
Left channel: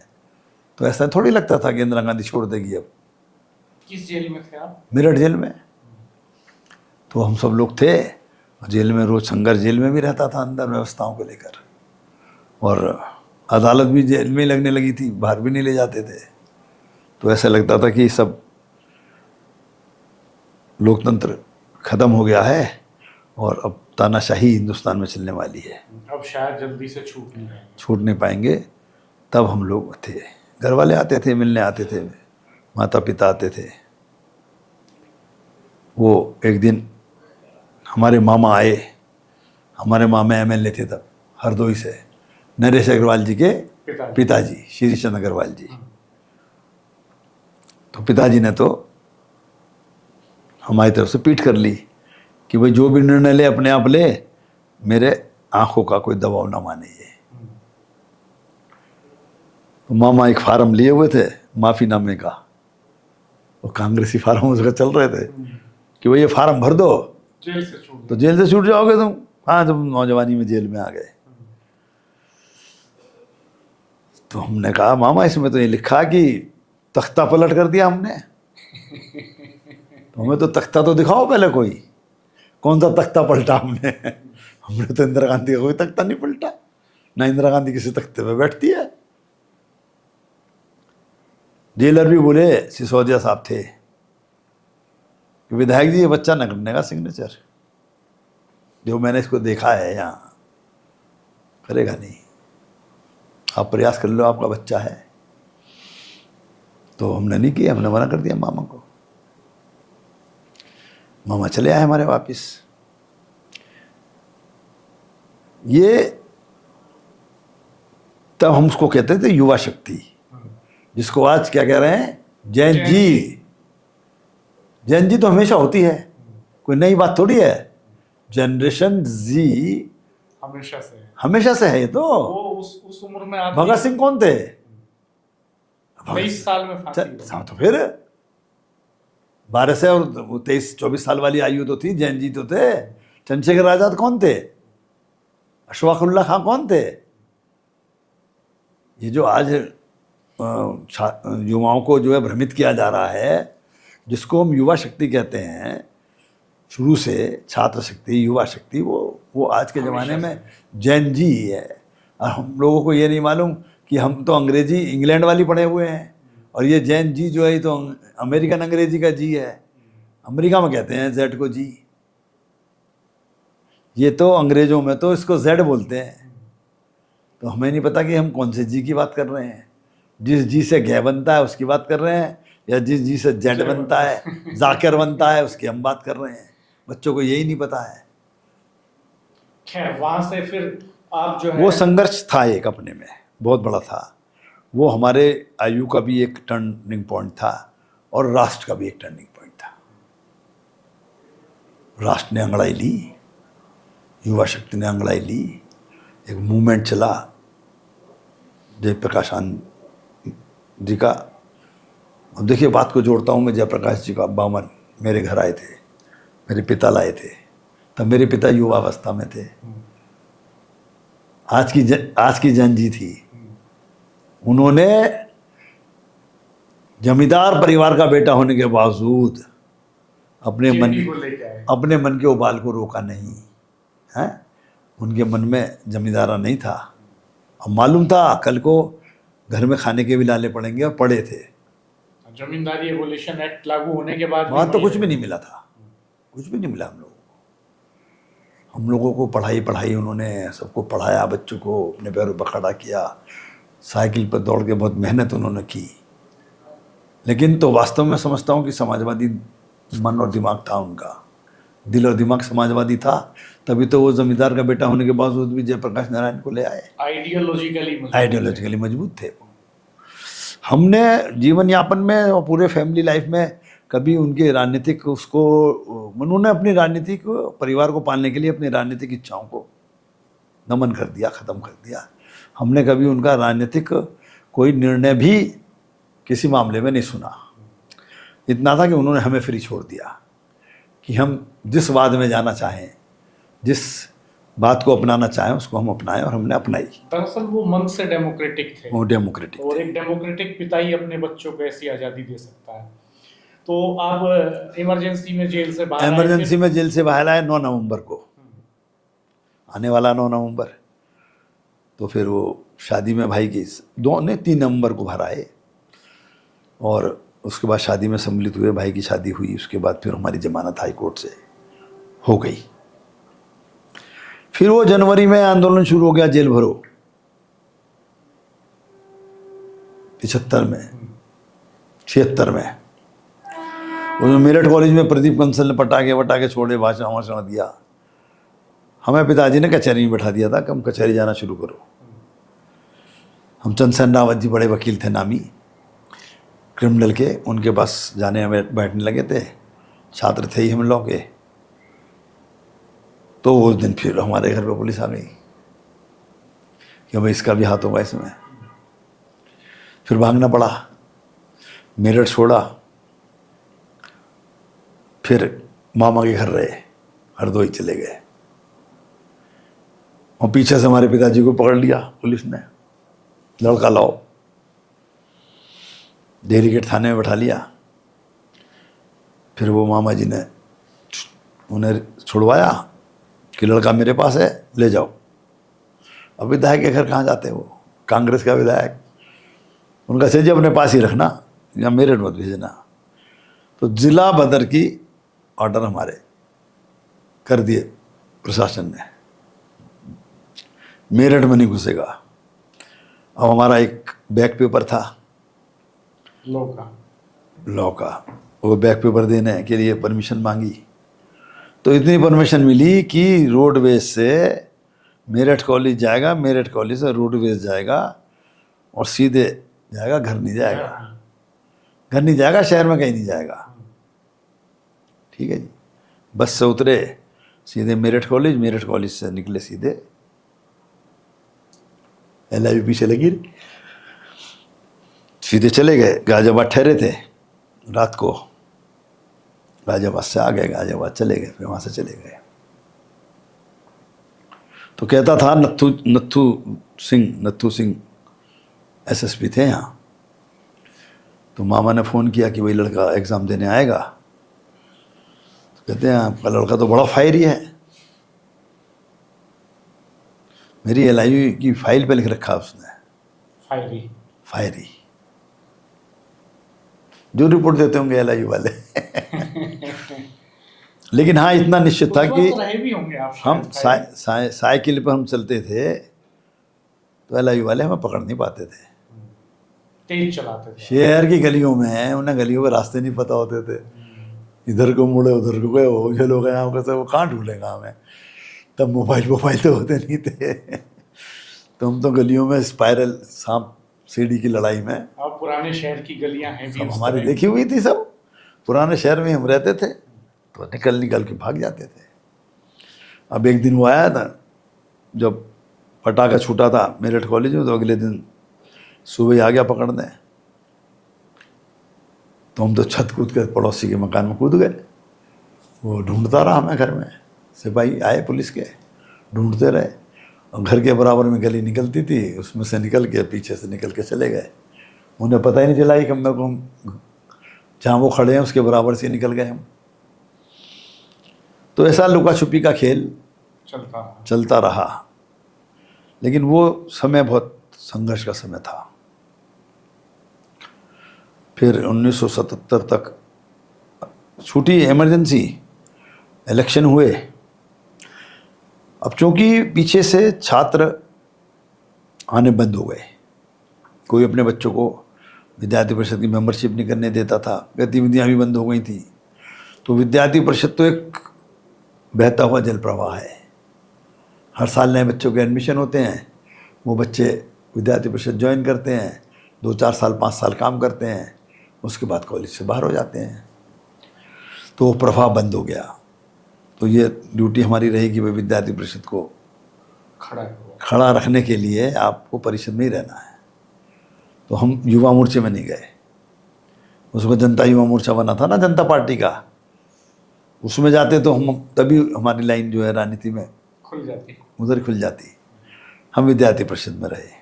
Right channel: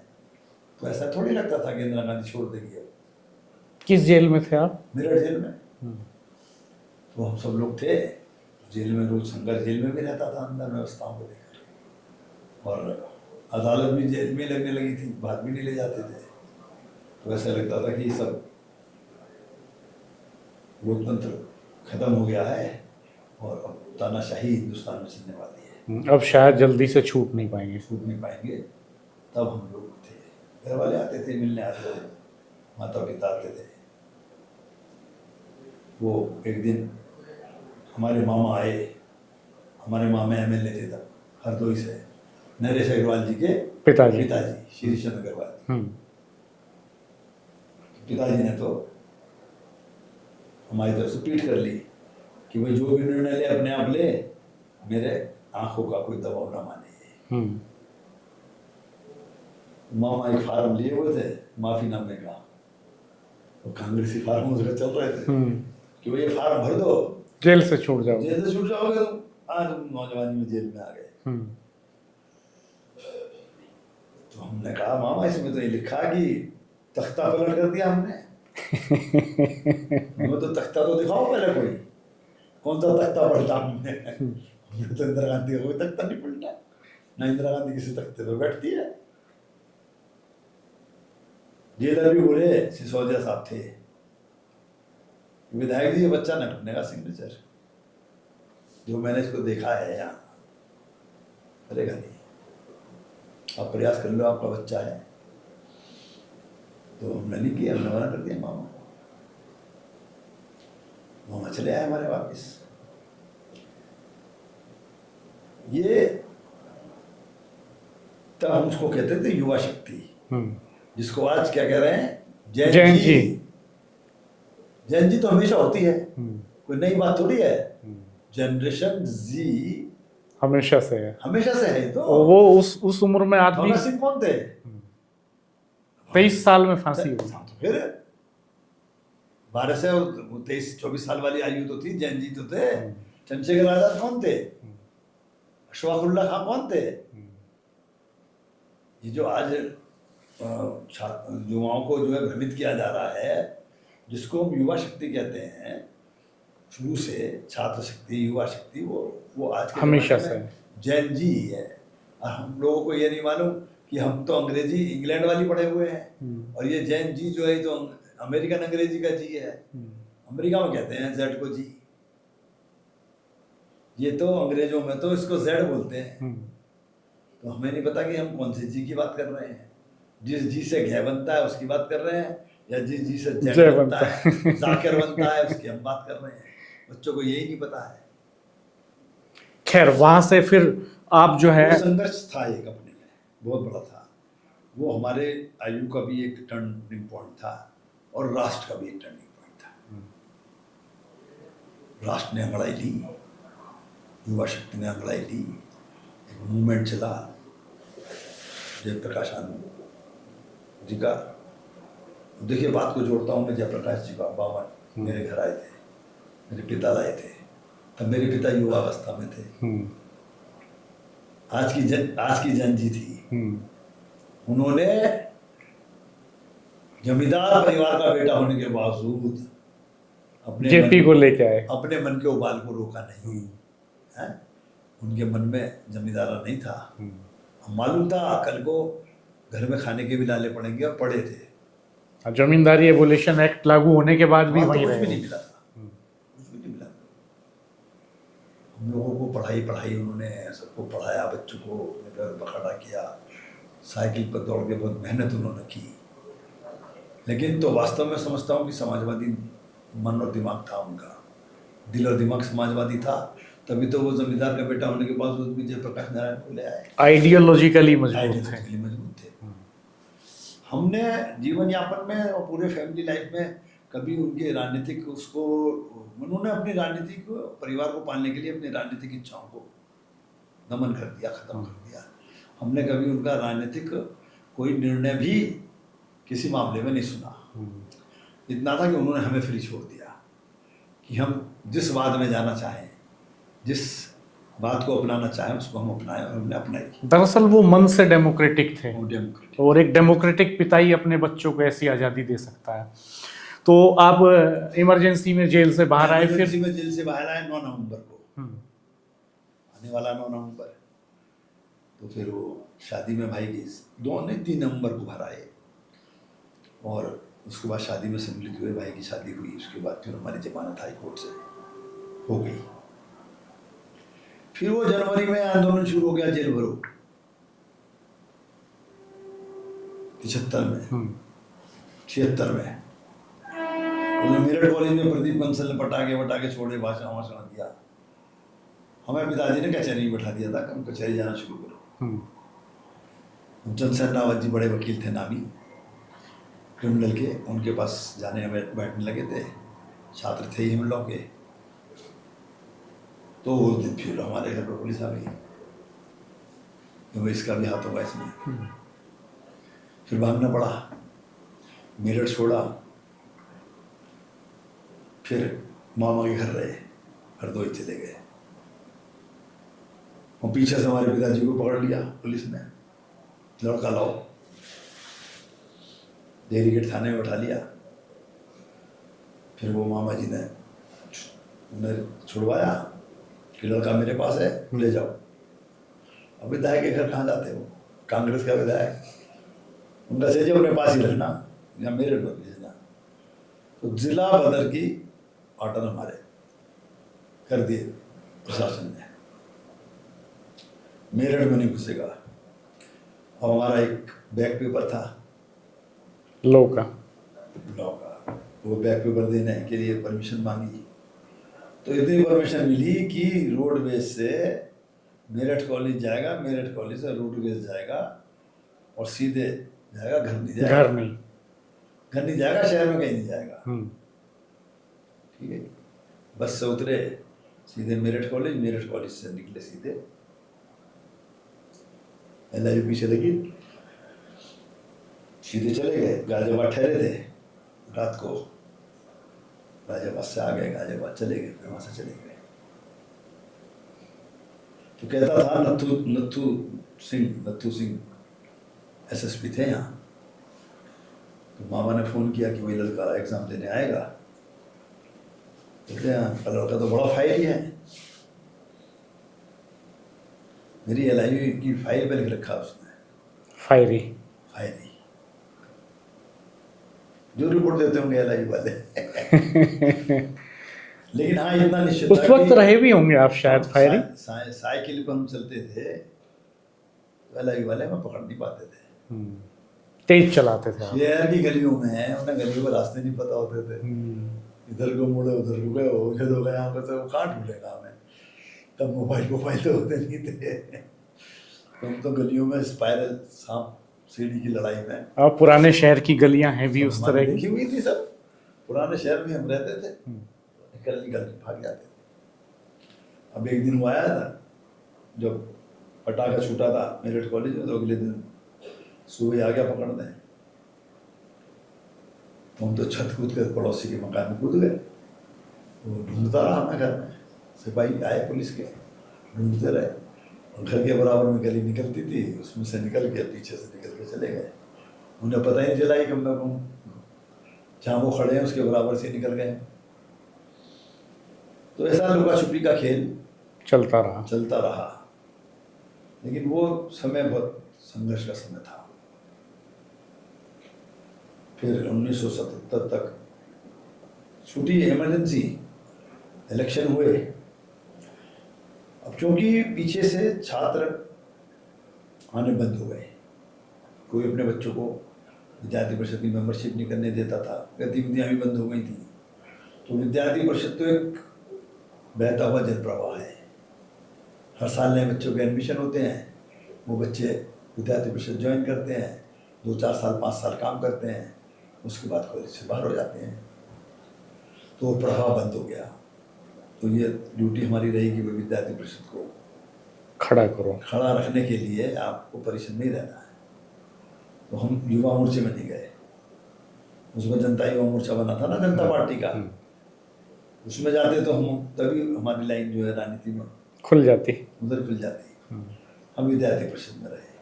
तो ऐसा थोड़ी लगता था कि इंदिरा गांधी छोड़ देगी अब। किस जेल में थे आप? मेरठ जेल में। तो हम सब लोग थे जेल में, रोज संघर्ष जेल में भी रहता था अंदर व्यवस्थाओं को लेकर, और अदालत भी जेल में लगने लगी थी, बाहर भी नहीं ले जाते थे। तो ऐसा लगता था कि सब लोकतंत्र खत्म हो गया है और अब तानाशाही हिंदुस्तान में चलने वाली है, अब शायद जल्दी से छूट नहीं पाएंगे। तब हम लोग थे, घर वाले आते थे, मिलने आते थे, माता पिता आते थे। वो एक दिन हमारे मामा आए। हमारे मामा एमएलए थे तब हरदोई से, नरेश अग्रवाल जी के पिताजी श्री चंद अग्रवाल जी। तो पिताजी ने तो हमारी तरफ से पीठ कर ली कि भाई जो भी निर्णय ले अपने आप ले, मेरे आंखों का कोई दबाव ना माने ये। तो मामा एक फार्म लिए हुए थे माफीनामे का, वो कांग्रेसी फार्म उसका चल रहे थे कि भाई ये फार्म भर दो, जेल से छूट जाओ, तो जेल से छूट जाओगे तुम। हाँ, तुम नौजवानी में जेल में आ गए। तो हमने कहा मामा इसमें तो ये लिखा कि तख्ता पलट कर दिया हमने। हमें तो तख्ता तो दिखाओ पहले, कोई कौन सा तख्ता पलटा हमने। हमने तो इंदिरा गांधी का कोई तख्ता नहीं पलटा, ना इंदिरा गांधी किसी तख्ते पे बैठती है। जेलर भी बोले, सिसोदिया साहब थे, कि विधायक जी ये बच्चा न करने का सिग्नेचर, जो मैंने इसको देखा है यहाँ करेगा नहीं, आप प्रयास कर लो, आपका बच्चा है। तो हमने नहीं किया, हमने मना कर दिया मामा को। मामा चले आए हमारे वापिस। ये तब हम उसको कहते थे युवा शक्ति, जिसको आज क्या कह रहे हैं, जैन जी। जैन जी तो हमेशा होती है, कोई नई बात थोड़ी है। जनरेशन जी हमेशा से है। ये तो वो उस उम्र में आदमी। भगत सिंह कौन थे? 23 साल में फांसी। तो फिर 12 से और 23-24 साल वाली आयु तो थी। जैन जी तो थे। चंद्रशेखर आजाद कौन थे? अशफाकुल्ला खां कौन थे? ये जो आज युवाओं को जो है भ्रमित किया जा रहा है, जिसको हम युवा शक्ति कहते हैं, शुरू से छात्र शक्ति, युवा शक्ति, वो आज के ज़माने में जैन जी ही है। और हम लोगों को ये नहीं मालूम कि हम तो अंग्रेजी इंग्लैंड वाली पढ़े हुए हैं, और ये जैन जी जो है ये तो अमेरिकन अंग्रेजी का जी है, अमेरिका में कहते हैं जेड को जी। ये तो अंग्रेजों में तो इसको जेड बोलते हैं। तो हमें नहीं पता कि हम कौन से जी की बात कर रहे हैं। जिस जी से गै बनता है उसकी बात कर रहे हैं, या जिस जी से जेड जय बनता है, जाकिर बनता है, उसकी हम बात कर रहे हैं। बच्चों को यही नहीं पता है। खैर वहां से फिर आप जो है वो संघर्ष था एक अपने में बहुत बड़ा था। वो हमारे आयु का भी एक टर्निंग पॉइंट था और राष्ट्र का भी एक टर्निंग पॉइंट था। राष्ट्र ने अंगड़ाई ली, युवा शक्ति ने अंगड़ाई ली, एक मूवमेंट चला जयप्रकाश आनंद जी का। अब देखिए बात को जोड़ता हूँ मैं, जयप्रकाश जी का 52 मेरे घर आए थे, मेरे पिता लाए थे, तब मेरे पिता युवावस्था में थे। आज की जन जी थी। उन्होंने जमींदार परिवार का बेटा होने के बावजूद जेपी को लेके आए। अपने मन के उबाल को रोका नहीं है। उनके मन में जमींदारा नहीं था। अब मालूम था कल को घर में खाने के भी लाले पड़ेंगे, और पड़े थे। जमींदारी एबोलिशन एक्ट लागू होने के बाद भी वहाँ तो वहीं कुछ भी रहे। नहीं मिला था, कुछ भी नहीं मिला हम लोगों को। पढ़ाई उन्होंने सबको पढ़ाया, बच्चों को अपने पैरों पर खड़ा किया, साइकिल पर दौड़ के बहुत मेहनत उन्होंने की। लेकिन तो वास्तव में समझता हूँ कि समाजवादी मन और दिमाग था उनका, दिल और दिमाग समाजवादी था। तभी तो वो जमींदार का बेटा होने के बावजूद भी जयप्रकाश नारायण को ले आए। आइडियोलॉजिकली मजबूत थे। हमने जीवन यापन में और पूरे फैमिली लाइफ में कभी उनके राजनीतिक उसको, उन्होंने अपनी राजनीतिक परिवार को पालने के लिए अपनी राजनीतिक इच्छाओं को दमन कर दिया, ख़त्म कर दिया। हमने कभी उनका राजनीतिक कोई निर्णय भी किसी मामले में नहीं सुना। इतना था कि उन्होंने हमें फ्री छोड़ दिया कि हम जिस वाद में जाना चाहें, जिस बात को अपनाना चाहें उसको हम अपनाएं, और हमने अपनाई। दरअसल वो मन से डेमोक्रेटिक थे। वो डेमोक्रेटिक और एक डेमोक्रेटिक पिता ही अपने बच्चों को ऐसी आज़ादी दे सकता है। तो आप इमरजेंसी में जेल से बाहर आए। इमरजेंसी में जेल से बाहर आए 9 नवंबर को, आने वाला 9 नवंबर। तो फिर वो शादी में भाई की 3 नवंबर को बाहर आए, और उसके बाद शादी में सम्मिलित हुए, भाई की शादी हुई। उसके बाद फिर हमारी जमानत हाई कोर्ट से हो गई। फिर वो जनवरी में आंदोलन शुरू हो गया, जेल भरो 75 में, 76 में। उसमें मेरठ कॉलेज में प्रदीप कंसल ने पटाखे छोड़े, भाषण दिया। हमें पिताजी ने कचहरी में बैठा दिया था कि हम कचहरी जाना शुरू करो। हम चंद्रसेन रावत जी बड़े वकील थे, नामी क्रिमिनल के, उनके पास जाने हमें बैठने लगे थे। छात्र थे ही हम लोग के। तो उस दिन फिर हमारे घर पे पुलिस आ गई कि भाई इसका भी हाथ होगा इसमें। फिर भागना पड़ा, मेरठ छोड़ा, फिर मामा के घर रहे, हरदोई चले गए। और पीछे से हमारे पिताजी को पकड़ लिया पुलिस ने, लड़का लाओ, डेहरी गेट थाने में बैठा लिया। फिर वो मामा जी ने उन्हें छुड़वाया कि लड़का मेरे पास है, ले जाओ। अब विधायक के घर कहाँ जाते वो, कांग्रेस का विधायक, उनका सेज अपने पास ही रखना, या मेरठ मत भेजना। तो जिला बदर की ऑर्डर हमारे कर दिए प्रशासन ने, मेरठ में नहीं घुसेगा। अब हमारा एक बैक पेपर था लॉ का, वो बैक पेपर देने के लिए परमिशन मांगी। तो इतनी परमिशन मिली कि रोडवेज से मेरठ कॉलेज जाएगा, मेरठ कॉलेज से रोडवेज जाएगा, और सीधे जाएगा, घर नहीं जाएगा, शहर में कहीं नहीं जाएगा। ठीक है जी। बस से उतरे, सीधे मेरठ कॉलेज से निकले सीधे LIV पीछे लगी, सीधे चले गए। गाजियाबाद ठहरे थे रात को, गाजियाबाद से आ गए, गाजियाबाद चले गए, फिर वहाँ से चले गए। तो कहता था नत्थू सिंह SSP थे यहाँ। तो मामा ने फ़ोन किया कि वही लड़का एग्ज़ाम देने आएगा। कहते हैं आपका लड़का तो बड़ा फायरी है, मेरी LIV की फाइल पे लिख रखा उसने फायरी। जो रिपोर्ट देते होंगे LIU वाले। लेकिन हाँ इतना निश्चित उस था वक्त कि रहे भी होंगे आप शायद हम फायरिंग। साइकिल पर हम चलते थे तो LIU वाले हमें पकड़ नहीं पाते थे। तेज चलाते थे आप। शहर की गलियों में उन्हें गलियों के रास्ते नहीं पता होते थे, इधर को मुड़े उधर को गए, वो जो लोग यहाँ कैसे वो कहाँ ढूंढेगा हमें। तब मोबाइल तो होते नहीं थे। तो हम तो गलियों में स्पाइरल सांप सीढ़ी की लड़ाई में, और पुराने शहर की गलियां हैं भी सब उस हमारी तरह की। देखी हुई थी सब। पुराने शहर में हम रहते थे तो निकल के भाग जाते थे। अब एक दिन वो आया था जब पटाखा छूटा था मेरठ कॉलेज में, तो अगले दिन सुबह ही आ गया पकड़ने। तो हम तो छत कूद कर पड़ोसी के मकान में कूद गए। वो ढूंढता रहा हमें घर में, सिपाही आए पुलिस के, ढूंढते रहे। और घर के बराबर में गली निकलती थी, उसमें से निकल के पीछे से निकल के चले गए। उन्हें पता ही नहीं चला कि हम जहाँ वो खड़े हैं उसके बराबर से निकल गए हम। तो ऐसा लुका छुपी का खेल चलता रहा। लेकिन वो समय बहुत संघर्ष का समय था। फिर 1977 तक छूटी इमरजेंसी, इलेक्शन हुए। अब चूंकि पीछे से छात्र आने बंद हो गए, कोई अपने बच्चों को विद्यार्थी परिषद की मेंबरशिप नहीं करने देता था, गतिविधियां भी बंद हो गई थी। तो विद्यार्थी परिषद तो एक बहता हुआ जल प्रवाह है। हर साल नए बच्चों के एडमिशन होते हैं, वो बच्चे विद्यार्थी परिषद ज्वाइन करते हैं, 2-4 साल 5 साल काम करते हैं, उसके बाद कॉलेज से बाहर हो जाते हैं। तो वो प्रवाह बंद हो गया। तो ये ड्यूटी हमारी रहेगी भाई विद्यार्थी परिषद को खड़ा रखने के लिए आपको परिषद में ही रहना है। तो हम युवा मोर्चे में नहीं गए। उसको जनता युवा मोर्चा बना था ना, जनता पार्टी का, उसमें जाते तो हम तभी हमारी लाइन जो है राजनीति में खुल जाती, उधर खुल जाती। हम विद्यार्थी परिषद में रहे।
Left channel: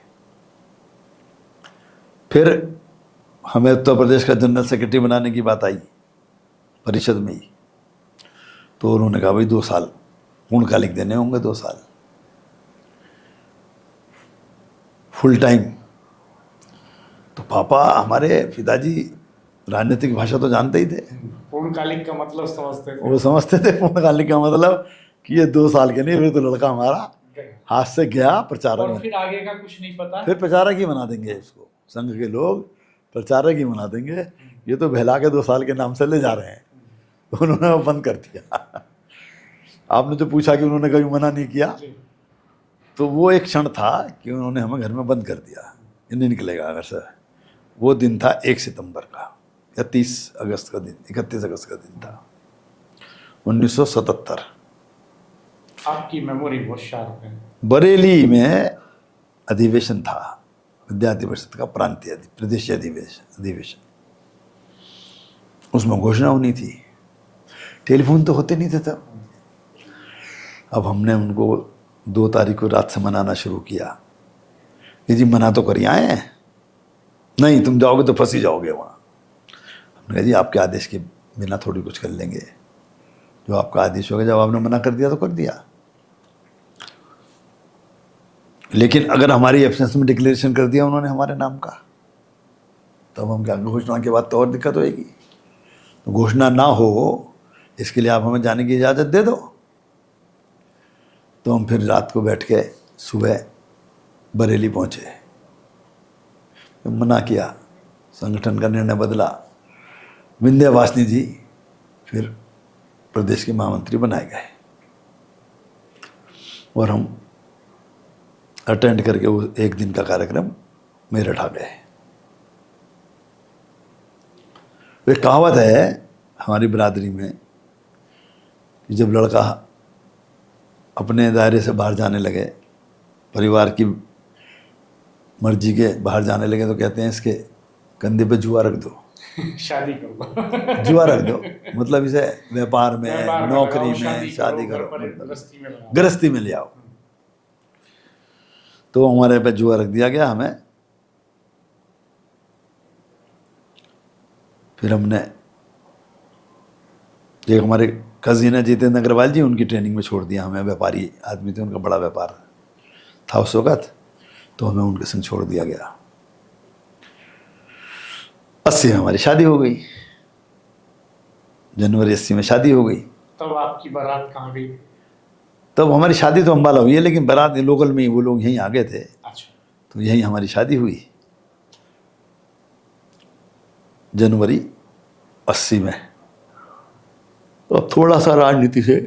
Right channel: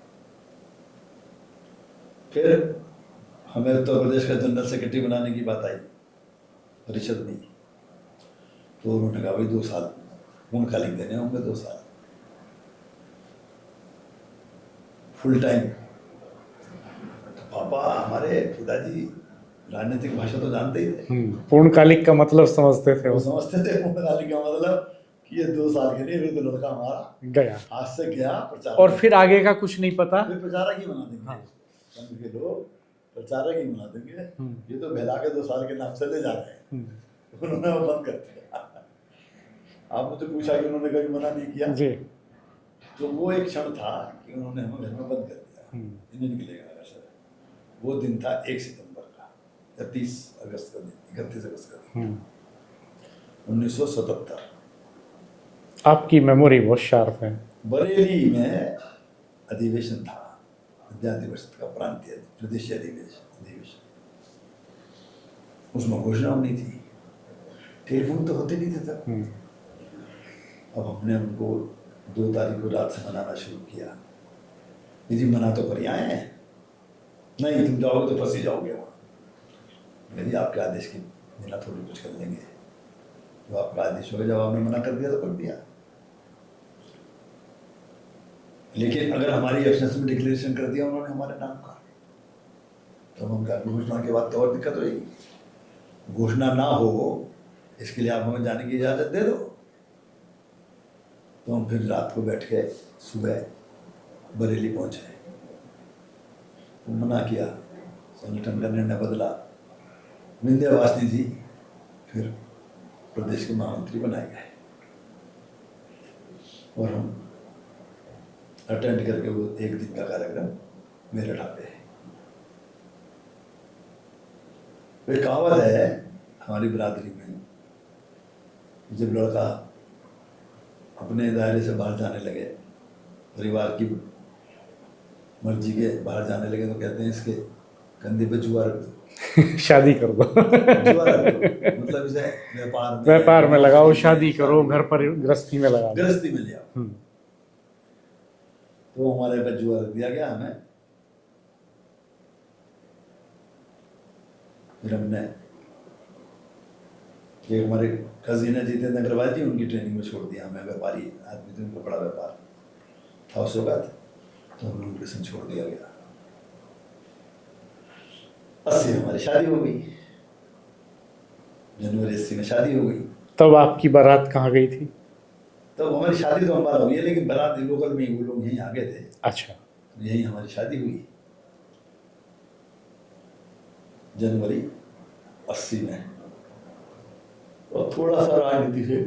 फिर हमें उत्तर प्रदेश का जनरल सेक्रेटरी बनाने की बात आई परिषद में ही। तो उन्होंने कहा भाई 2 साल पूर्णकालिक देने होंगे, 2 साल फुल टाइम। तो पापा हमारे पिताजी राजनीतिक भाषा तो जानते ही थे। पूर्णकालिक का मतलब समझते थे। वो समझते थे पूर्णकालिक का मतलब कि ये 2 साल के नहीं, फिर तो लड़का हमारा गया, हाथ से गया प्रचारक। और फिर आगे का कुछ नहीं पता, फिर प्रचारक ही बना देंगे इसको, संघ के लोग प्रचारक ही बना देंगे, ये तो बहला के 2 साल के नाम से ले जा रहे हैं। तो उन्होंने वो बंद कर दिया। आपने जो पूछा कि उन्होंने कभी मना नहीं किया जी। तो वो एक क्षण था कि उन्होंने हमें घर में बंद कर दिया, ये नहीं निकलेगा अगर सर। वो दिन था 1 सितंबर का या 30 अगस्त का दिन, 31 अगस्त का दिन था 1977। आपकी मेमोरी बहुत शार्प है। बरेली में अधिवेशन था विद्यार्थी परिषद का, प्रांतीय प्रदेशीय अधिवेशन। उसमें घोषणा होनी थी, टेलीफोन तो होते नहीं थे तब। अब हमने उनको 2 तारीख को रात से मनाना शुरू किया कि जी मना तो करिए आए हैं, नहीं तुम जाओगे तो फंसी जाओगे वहाँ। हमने कहा जी आपके आदेश के बिना थोड़ी कुछ कर लेंगे, जो आपका आदेश होगा, जब आपने मना कर दिया तो कर दिया। लेकिन अगर हमारी एब्सेंस में डिक्लेरेशन कर दिया उन्होंने हमारे नाम का, तब हम क्या, घोषणा के बाद तो और दिक्कत होएगी। तो घोषणा ना हो इसके लिए आप हमें जाने की इजाज़त दे दो। तो हम फिर रात को बैठ के सुबह बरेली पहुँचे, तो मना किया, संगठन का निर्णय बदला। विंध्यवासिनी जी फिर प्रदेश के महामंत्री बनाए गए और हम अटेंड करके वो 1 दिन का कार्यक्रम मेरठ आ गए। एक कहावत है हमारी बिरादरी में कि जब लड़का अपने दायरे से बाहर जाने लगे, परिवार की मर्जी के बाहर जाने लगे, तो कहते हैं इसके कंधे पे जुआ रख दो। शादी कर दो। जुआ रख दो मतलब इसे व्यापार में लगाओ, शादी करो, घर पर गृहस्थी में लगाओ, गृहस्थी में ले आओ। तो हमारे पे जुआ रख दिया गया हमें। फिर हमने, एक हमारे कजिन है जितेंद्र अग्रवाल जी, उनकी ट्रेनिंग में छोड़ दिया हमें। व्यापारी आदमी थे, उनका बड़ा व्यापार था उस वक़्त, तो हमें उनके संग छोड़ दिया गया। 80 में हमारी शादी हो गई, जनवरी 80 में शादी हो गई। तब आपकी बारात कहाँ गई थी? तब हमारी शादी तो अम्बाला हुई है, लेकिन बारात लोकल में ही, वो लोग यहीं आ गए थे, अच्छा। तो यहीं हमारी शादी हुई जनवरी 80 में। तो अब थोड़ा सा राजनीति से,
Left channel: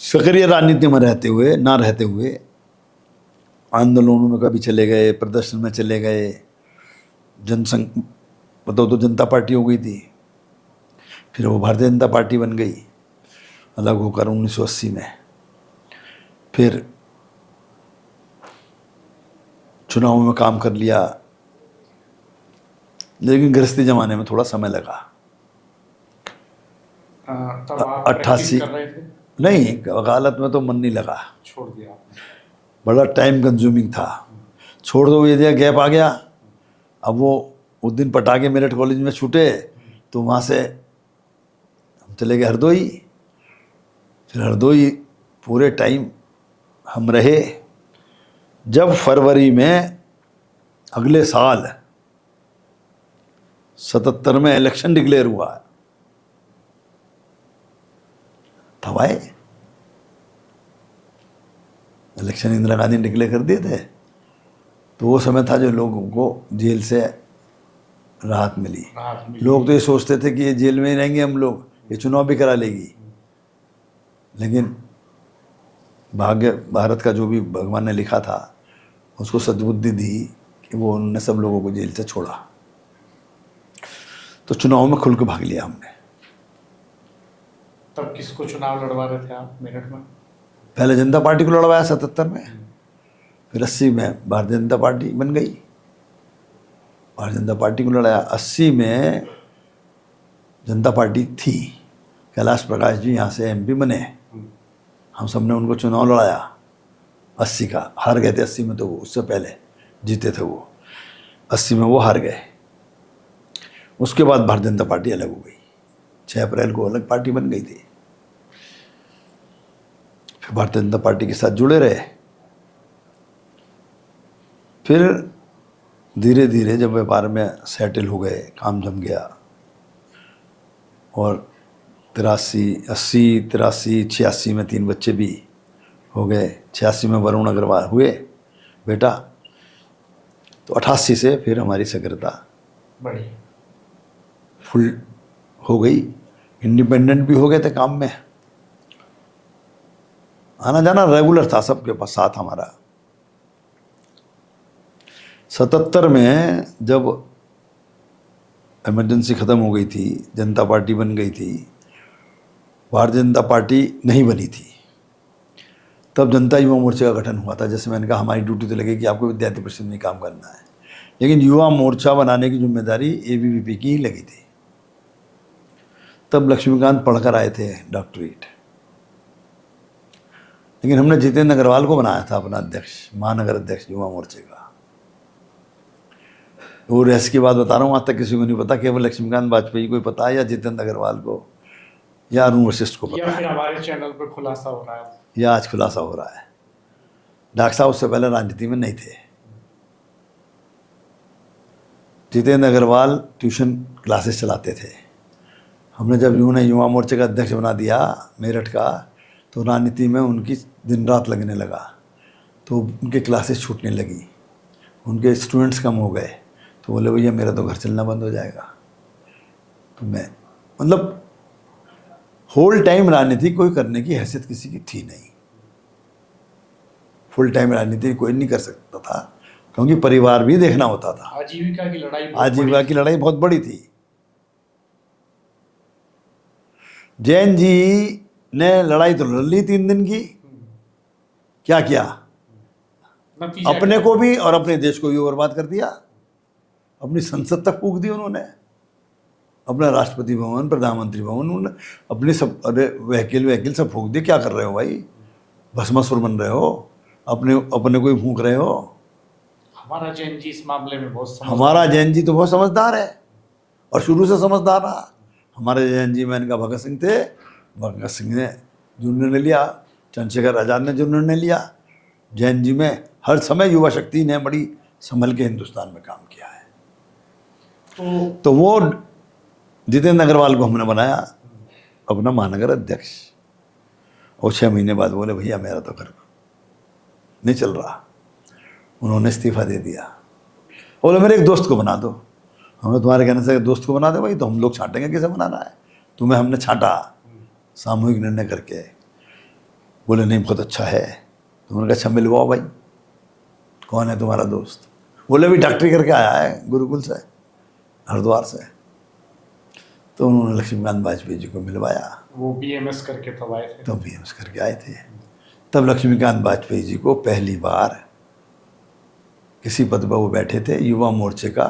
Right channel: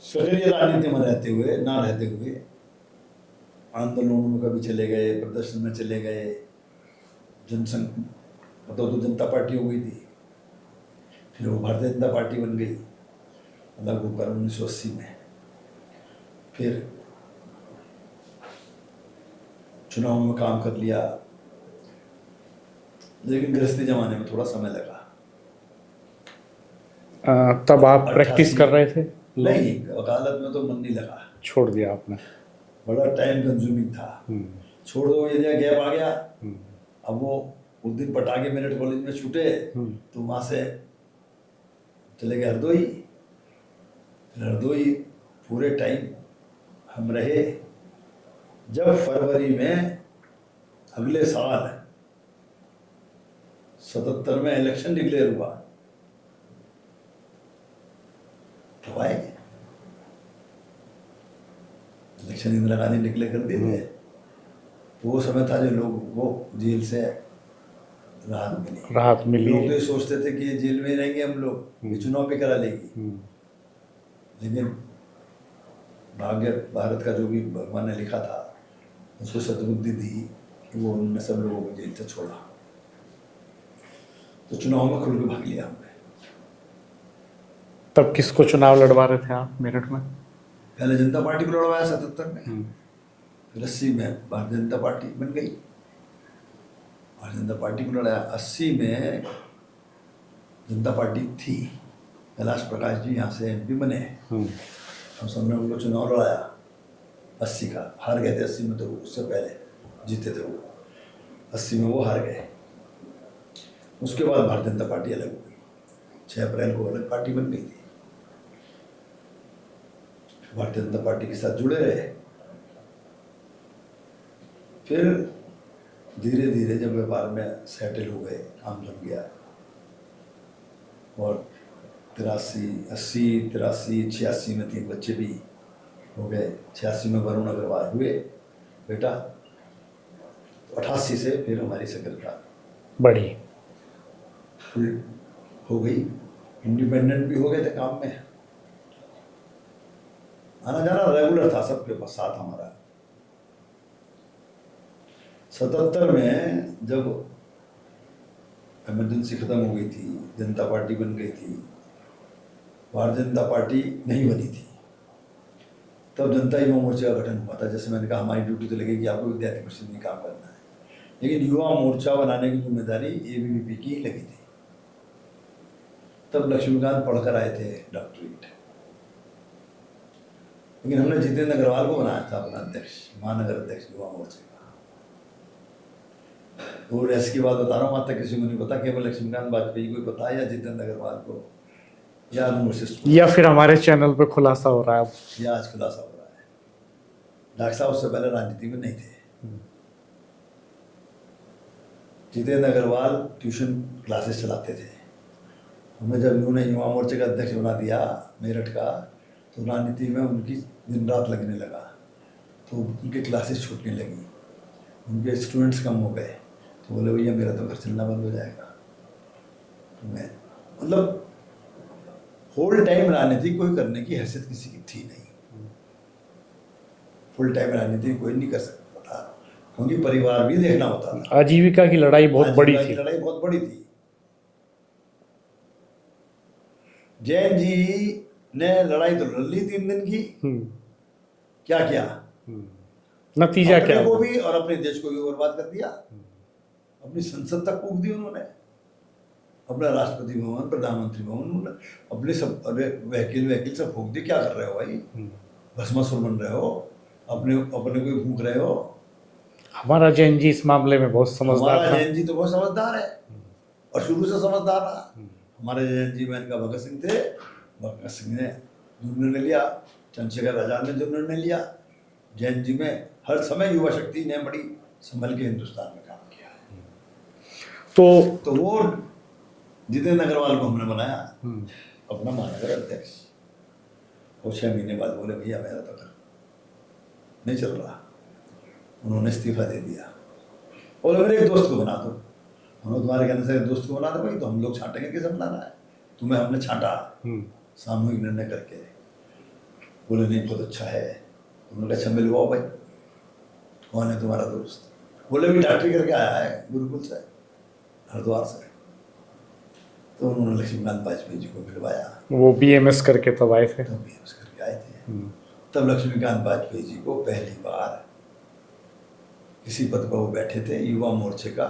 सक्रिय राजनीति में रहते हुए ना रहते हुए, आंदोलनों में कभी चले गए, प्रदर्शन में चले गए, जनसंघ बताओ तो जनता पार्टी हो गई थी, फिर वो भारतीय जनता पार्टी बन गई अलग होकर 1980 में। फिर चुनाव में काम कर लिया, लेकिन गृहस्थी जमाने में थोड़ा समय लगा। तब आप प्रैक्टिस 88 कर रहे थे? नहीं, वकालत में तो मन नहीं लगा, छोड़ दिया आपने? बड़ा टाइम कंज्यूमिंग था, छोड़ दो ये दिया, गैप आ गया। अब वो उस दिन पटाके मेरठ कॉलेज में छूटे, तो वहाँ से हम चले गए हरदोई। फिर हरदोई पूरे टाइम हम रहे। जब फरवरी में अगले साल 77 में इलेक्शन डिक्लेयर हुआ, तब आए। इलेक्शन इंदिरा गांधी डिक्लेयर कर दिए थे, तो वो समय था जो लोगों को जेल से राहत मिली। लोग तो ये सोचते थे कि ये जेल में ही रहेंगे हम लोग, ये चुनाव भी करा लेगी, लेकिन भाग्य, भारत का जो भी भगवान ने लिखा था उसको सद्बुद्धि दी कि वो उन्होंने सब लोगों को जेल से छोड़ा। तो चुनाव में खुल के भाग लिया हमने। तब किसको चुनाव लड़वा रहे थे आप मेरठ में? पहले जनता पार्टी को लड़वाया 77 में, फिर 80 में भारतीय जनता पार्टी बन गई, भारतीय जनता पार्टी को लड़ाया। 80 में जनता पार्टी थी, कैलाश प्रकाश जी यहाँ से एमपी बने, हम सब ने उनको चुनाव लड़ाया 80 का, हार गए थे 80 में, तो वो उससे पहले जीते थे वो, 80 में वो हार गए। उसके बाद भारतीय जनता पार्टी अलग हो गई, 6 अप्रैल को अलग पार्टी बन गई थी। फिर भारतीय जनता पार्टी के साथ जुड़े रहे। फिर धीरे धीरे जब व्यापार में सेटल हो गए, काम जम गया, और 83, 80, 83, 86 में 3 बच्चे भी हो गए। 86 में वरुण अग्रवाल हुए बेटा, तो 88 से फिर हमारी सक्रियता बढ़ी, फुल हो गई, इंडिपेंडेंट भी हो गए थे, काम में आना जाना रेगुलर था सबके पास साथ हमारा। 77 में जब इमरजेंसी ख़त्म हो गई थी, जनता पार्टी बन गई थी, भारतीय जनता पार्टी नहीं बनी थी, तब जनता युवा मोर्चे का गठन हुआ था। जैसे मैंने कहा, हमारी ड्यूटी तो लगी कि आपको विद्यार्थी परिषद में काम करना है, लेकिन युवा मोर्चा बनाने की जिम्मेदारी एबीवीपी की ही लगी थी। तब लक्ष्मीकांत पढ़कर आए थे डॉक्टरेट, लेकिन हमने जितेंद्र अग्रवाल को बनाया था अपना अध्यक्ष, महानगर अध्यक्ष युवा मोर्चे का। वो रहस्य की बात बता रहा हूँ, आज तक किसी को नहीं पता, केवल लक्ष्मीकांत वाजपेयी को ही पता है, या जितेंद्र अग्रवाल को, या अरुण वशिष्ठ को, या फिर हमारे चैनल पे खुलासा हो रहा है, या आज खुलासा हो रहा है। डॉक्टर साहब उससे पहले राजनीति में नहीं थे। जितेंद्र अग्रवाल ट्यूशन क्लासेस चलाते थे। हमने जब उन्हें युवा मोर्चे का अध्यक्ष बना दिया मेरठ का, तो राजनीति में उनकी दिन रात लगने लगा, तो उनके क्लासेस छूटने लगी, उनके स्टूडेंट्स कम हो गए, तो बोले भैया मेरा तो घर चलना बंद हो जाएगा। तो मैं मतलब होल टाइम राजनीति कोई करने की हैसियत किसी की थी नहीं, फुल टाइम राजनीति कोई नहीं कर सकता था, क्योंकि परिवार भी देखना होता था। आजीविका की लड़ाई बहुत बड़ी आजीविका की लड़ाई बहुत बड़ी थी। जैन जी ने लड़ाई तो लड़ ली 3 दिन की, क्या किया, नतीजा अपने क्या? को भी और अपने देश को भी बर्बाद कर दिया। अपनी संसद तक फूंक दी उन्होंने, अपना राष्ट्रपति भवन, प्रधानमंत्री भवन, उन्होंने अपने सब, अरे वहीकल सब फूंक दिए। क्या कर रहे हो भाई, भस्मासुर बन रहे हो, अपने को ही फूंक रहे हो। हमारा जैन जी इस मामले में बहुत समझदार, हमारा जैन जी तो बहुत समझदार है, और शुरू से समझदार रहा। हमारे जैन जी में इनका भगत सिंह थे, भगत सिंह ने जो निर्णय लिया, चंद्रशेखर आज़ाद ने जो निर्णय लिया, जैन जी में हर समय युवा शक्ति ने बड़ी संभल के हिंदुस्तान में काम किया है। तो वो जितेंद्र अग्रवाल को हमने बनाया अपना महानगर अध्यक्ष, और 6 महीने बाद बोले भैया मेरा तो घर नहीं चल रहा, उन्होंने इस्तीफा दे दिया। बोले मेरे एक दोस्त को बना दो। हमें तुम्हारे कहने से दोस्त को बना दो, भाई तो हम लोग छांटेंगे, किसे बनाना है, तुम्हें हमने छांटा सामूहिक निर्णय करके। बोले नहीं बहुत अच्छा है। तो उन्होंने कहा अच्छा मिलवाओ भाई, कौन है तुम्हारा दोस्त? बोले भी डॉक्टरी करके आया है गुरुकुल से, हरिद्वार से। तो उन्होंने लक्ष्मीकांत वाजपेयी जी को मिलवाया। वो BMS करके तब आए थे। तब BMS करके आए थे। तब लक्ष्मीकांत वाजपेयी जी को पहली बार किसी पद पर वो बैठे थे, युवा मोर्चे का,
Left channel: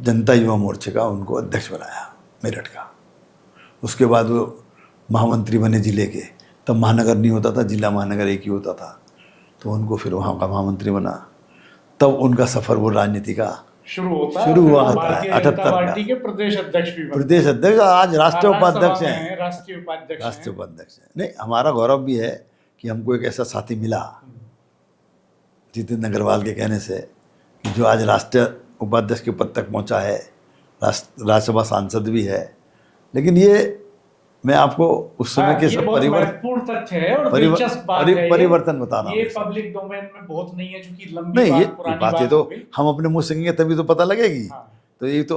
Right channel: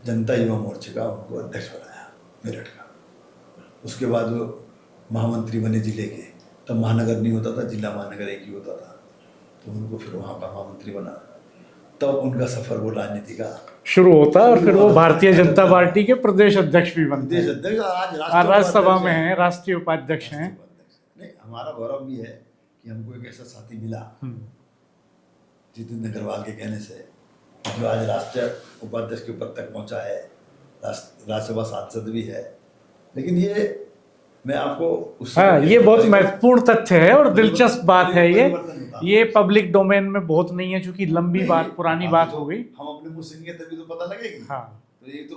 जनता युवा मोर्चे का उनको अध्यक्ष बनाया मेरठ का। उसके बाद वो महामंत्री बने जिले के। तब महानगर नहीं होता था, जिला महानगर एक ही होता था, तो उनको फिर वहाँ का महामंत्री बना। तब उनका सफ़र वो राजनीति का शुरू होता है। फिर वो भारतीय जनता पार्टी के प्रदेश अध्यक्ष भी बनते हैं। प्रदेश अध्यक्ष, आज राष्ट्रीय उपाध्यक्ष हैं। राष्ट्रीय उपाध्यक्ष राष्ट्रीय उपाध्यक्ष हैं। नहीं, हमारा गौरव भी है कि हमको एक ऐसा साथी मिला जितेंद्र अग्रवाल के कहने से, जो आज राष्ट्रीय उपाध्यक्ष के पद तक पहुंचा है, राज्यसभा सांसद भी है। लेकिन ये मैं आपको उस समय के ये बहुत महत्वपूर्ण तथ्य है और दिलचस्प बात है। परिवर्तन बता रहा हूं। ये पब्लिक डोमेन में बहुत नहीं है, क्योंकि लंबी बात, पुरानी बात तो हो गई। हम अपने मुंह से कहेंगे तभी तो पता लगेगी। हाँ। तो ये तो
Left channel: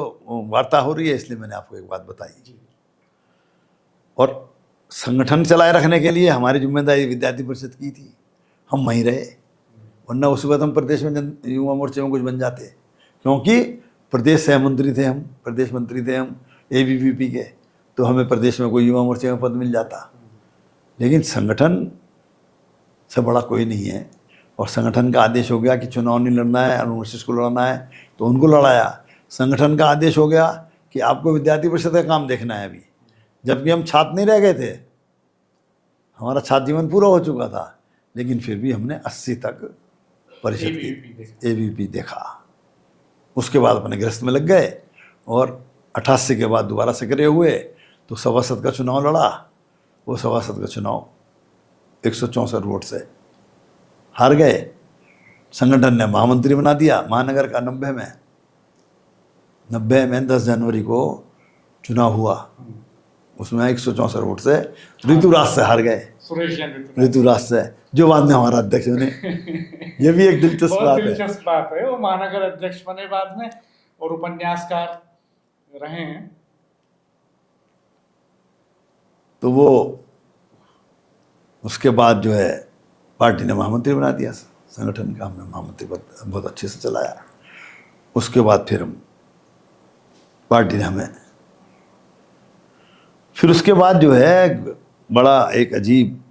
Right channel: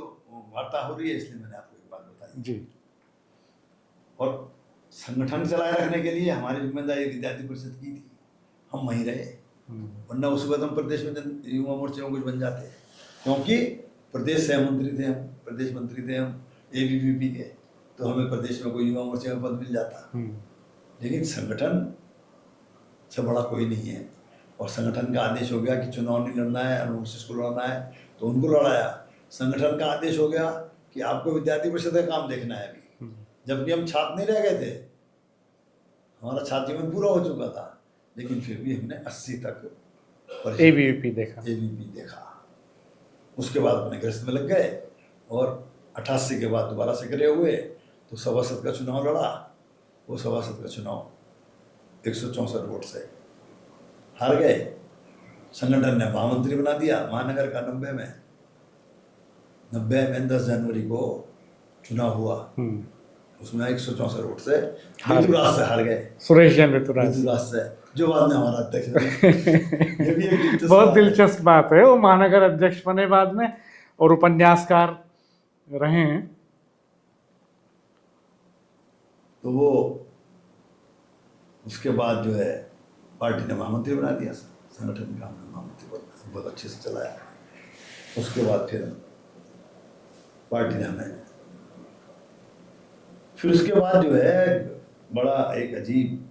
वार्ता हो रही है, इसलिए मैंने आपको एक बात बताई जी। और संगठन चलाए रखने के लिए हमारी जिम्मेदारी विद्यार्थी परिषद की थी, हम वहीं रहे। वरना उस वक्त हम प्रदेश में युवा मोर्चे में कुछ बन जाते, क्योंकि प्रदेश सह मंत्री थे हम, प्रदेश मंत्री थे हम ABVP के, तो हमें प्रदेश में कोई युवा मोर्चे में पद मिल जाता। लेकिन संगठन से बड़ा कोई नहीं है, और संगठन का आदेश हो गया कि चुनाव नहीं लड़ना है, अनुसूचित को लड़ना है, तो उनको लड़ाया। संगठन का आदेश हो गया कि आपको विद्यार्थी परिषद का काम देखना है अभी, जबकि हम छात्र नहीं रह गए थे, हमारा छात्र जीवन पूरा हो चुका था, लेकिन फिर भी हमने 80 तक ABVP देखा। उसके बाद अपने गृहस्थ में लग गए, और 88 के बाद दोबारा सक्रिय हुए, तो सभासद का चुनाव लड़ा। वो सभासद का चुनाव 164 वोट से हार गए। संगठन ने महामंत्री बना दिया महानगर का। 90 में 10 जनवरी को चुनाव हुआ, उसमें 164 वोट से ऋतुराज से हार गए। सुरेश ऋतुराज से, जो बाद में हमारा अध्यक्ष बने। ये भी एक दिलचस्प बात है। वो महानगर अध्यक्ष बने बाद में, और उपन्यासकार रहे हैं। तो वो उसके बाद जो है पार्टी ने महामंत्री बना दिया संगठन का, हमने महामंत्री बहुत अच्छे से चलाया। उसके बाद फिर हम पार्टी ने हमें, फिर उसके बाद जो है बड़ा एक अजीब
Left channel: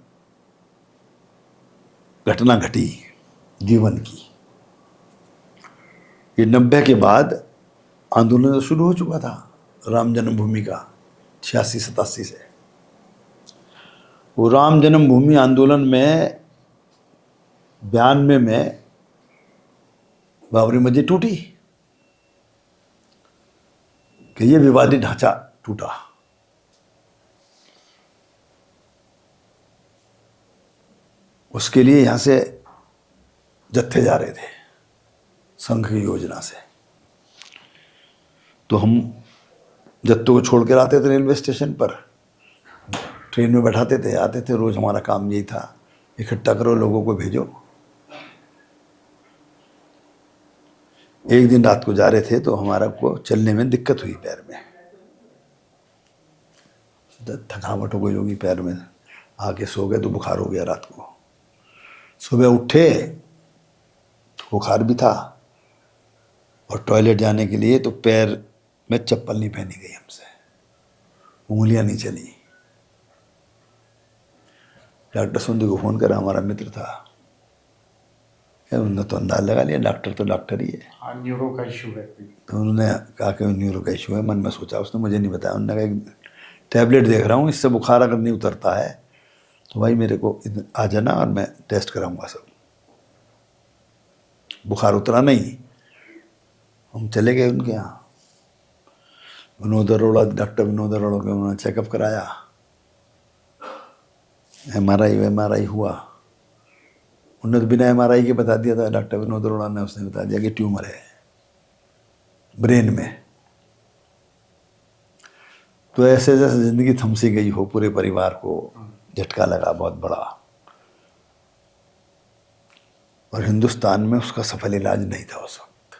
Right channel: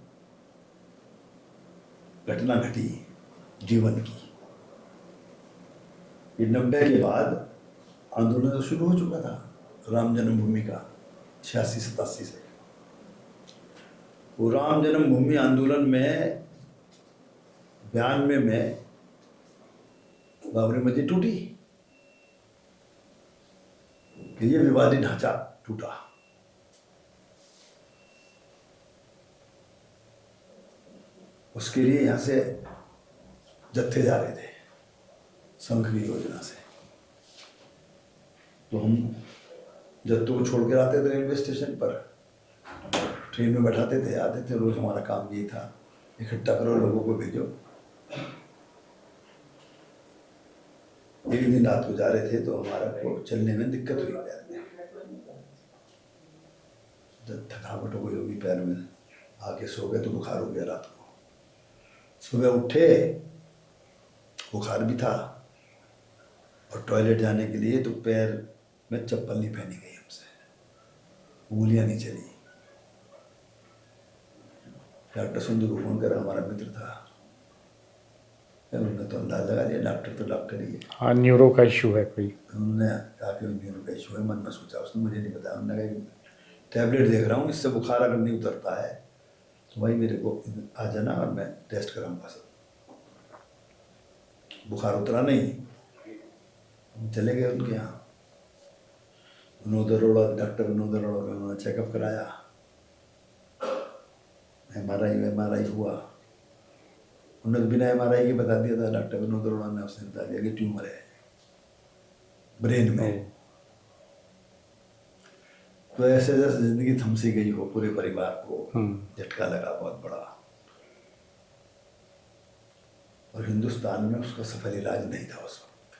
घटना घटी जीवन की। ये 90 के बाद आंदोलन तो शुरू हो चुका था राम जन्मभूमि का, 86-87 से। वो राम जन्मभूमि आंदोलन में 92 में बाबरी मस्जिद टूटी, कि ये विवादित ढांचा टूटा। उसके लिए यहाँ से जत्थे जा रहे थे संघ की योजना से, तो हम जत्थों को छोड़ कर आते थे रेलवे स्टेशन पर, ट्रेन में बैठाते थे, आते थे। रोज़ हमारा काम यही था, इकट्ठा करो, लोगों को भेजो। एक दिन रात को जा रहे थे तो हमारा को चलने में दिक्कत हुई, पैर में थकावट हो गई होगी, पैर में आके सो गए तो बुखार हो गया रात को। सुबह उठे बुखार भी था, और टॉयलेट जाने के लिए तो पैर में चप्पल नहीं पहनी गई हमसे, उंगलियां नहीं चली। डॉक्टर सुंदर को फ़ोन करा, हमारा मित्र था, उन्होंने तो अंदाज लगा लिया, डॉक्टर तो डॉक्टर ही है। हाँ, न्यूरो का इशू है कोई। तो उन्होंने कहा कि न्यूरो का इशू है। मन में सोचा, उसने मुझे नहीं बताया। उन्होंने कहा एक टैबलेट देख रहा हूँ, इससे बुखार अगर नहीं उतरता है तो भाई मेरे को आ जाना और मैं टेस्ट कराऊंगा सब। बुखार उतरा नहीं, हम चले गए उनके यहाँ। विनोद अरोड़ा, डॉक्टर विनोद अरोड़ा को उन्होंने चेकअप कराया, MRI हुआ। उन्होंने तो बिना MRI के बता दिया था, डॉक्टर विनोद अरोड़ा ने, उसने बता दिया कि ट्यूमर है ब्रेन में। तो ऐसे जैसे जिंदगी थम सी गई हो, पूरे परिवार को झटका लगा बहुत बड़ा। और हिंदुस्तान में उसका सफल इलाज नहीं था उस वक्त।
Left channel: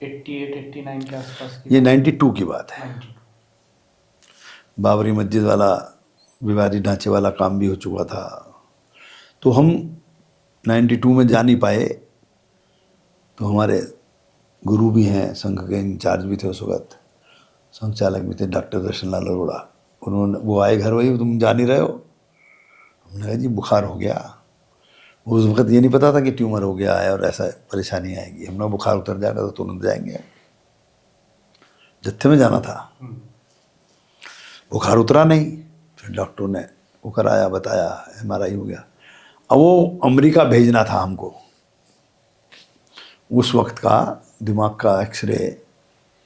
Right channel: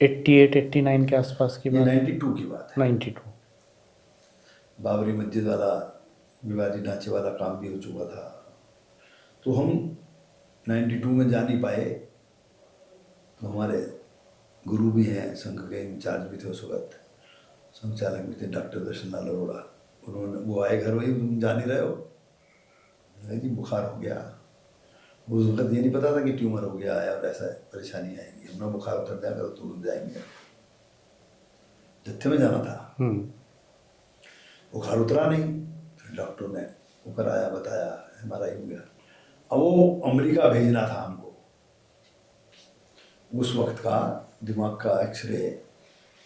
88 89 के आसपास की ये बात? 92 की बात है। 92। बाबरी मस्जिद वाला विवादी ढांचे वाला काम भी हो चुका था। तो हम 92 में जा नहीं पाए। तो हमारे गुरु भी हैं, संघ के इंचार्ज भी थे उस वक्त, संघ चालक भी थे, डॉक्टर दर्शन लाल अरोड़ा। वो आए घर, वही तुम जा नहीं रहे हो? हमने कहा जी बुखार हो गया। उस वक्त ये नहीं पता था कि ट्यूमर हो गया है और ऐसा परेशानी आएगी। हमने बुखार उतर जाएगा तो तुरंत जाएंगे, जत्थे में जाना था। बुखार उतरा नहीं, फिर डॉक्टर ने वो कराया, बताया, MRI हो गया। अब वो अमेरिका भेजना था हमको, उस वक्त का दिमाग का एक्सरे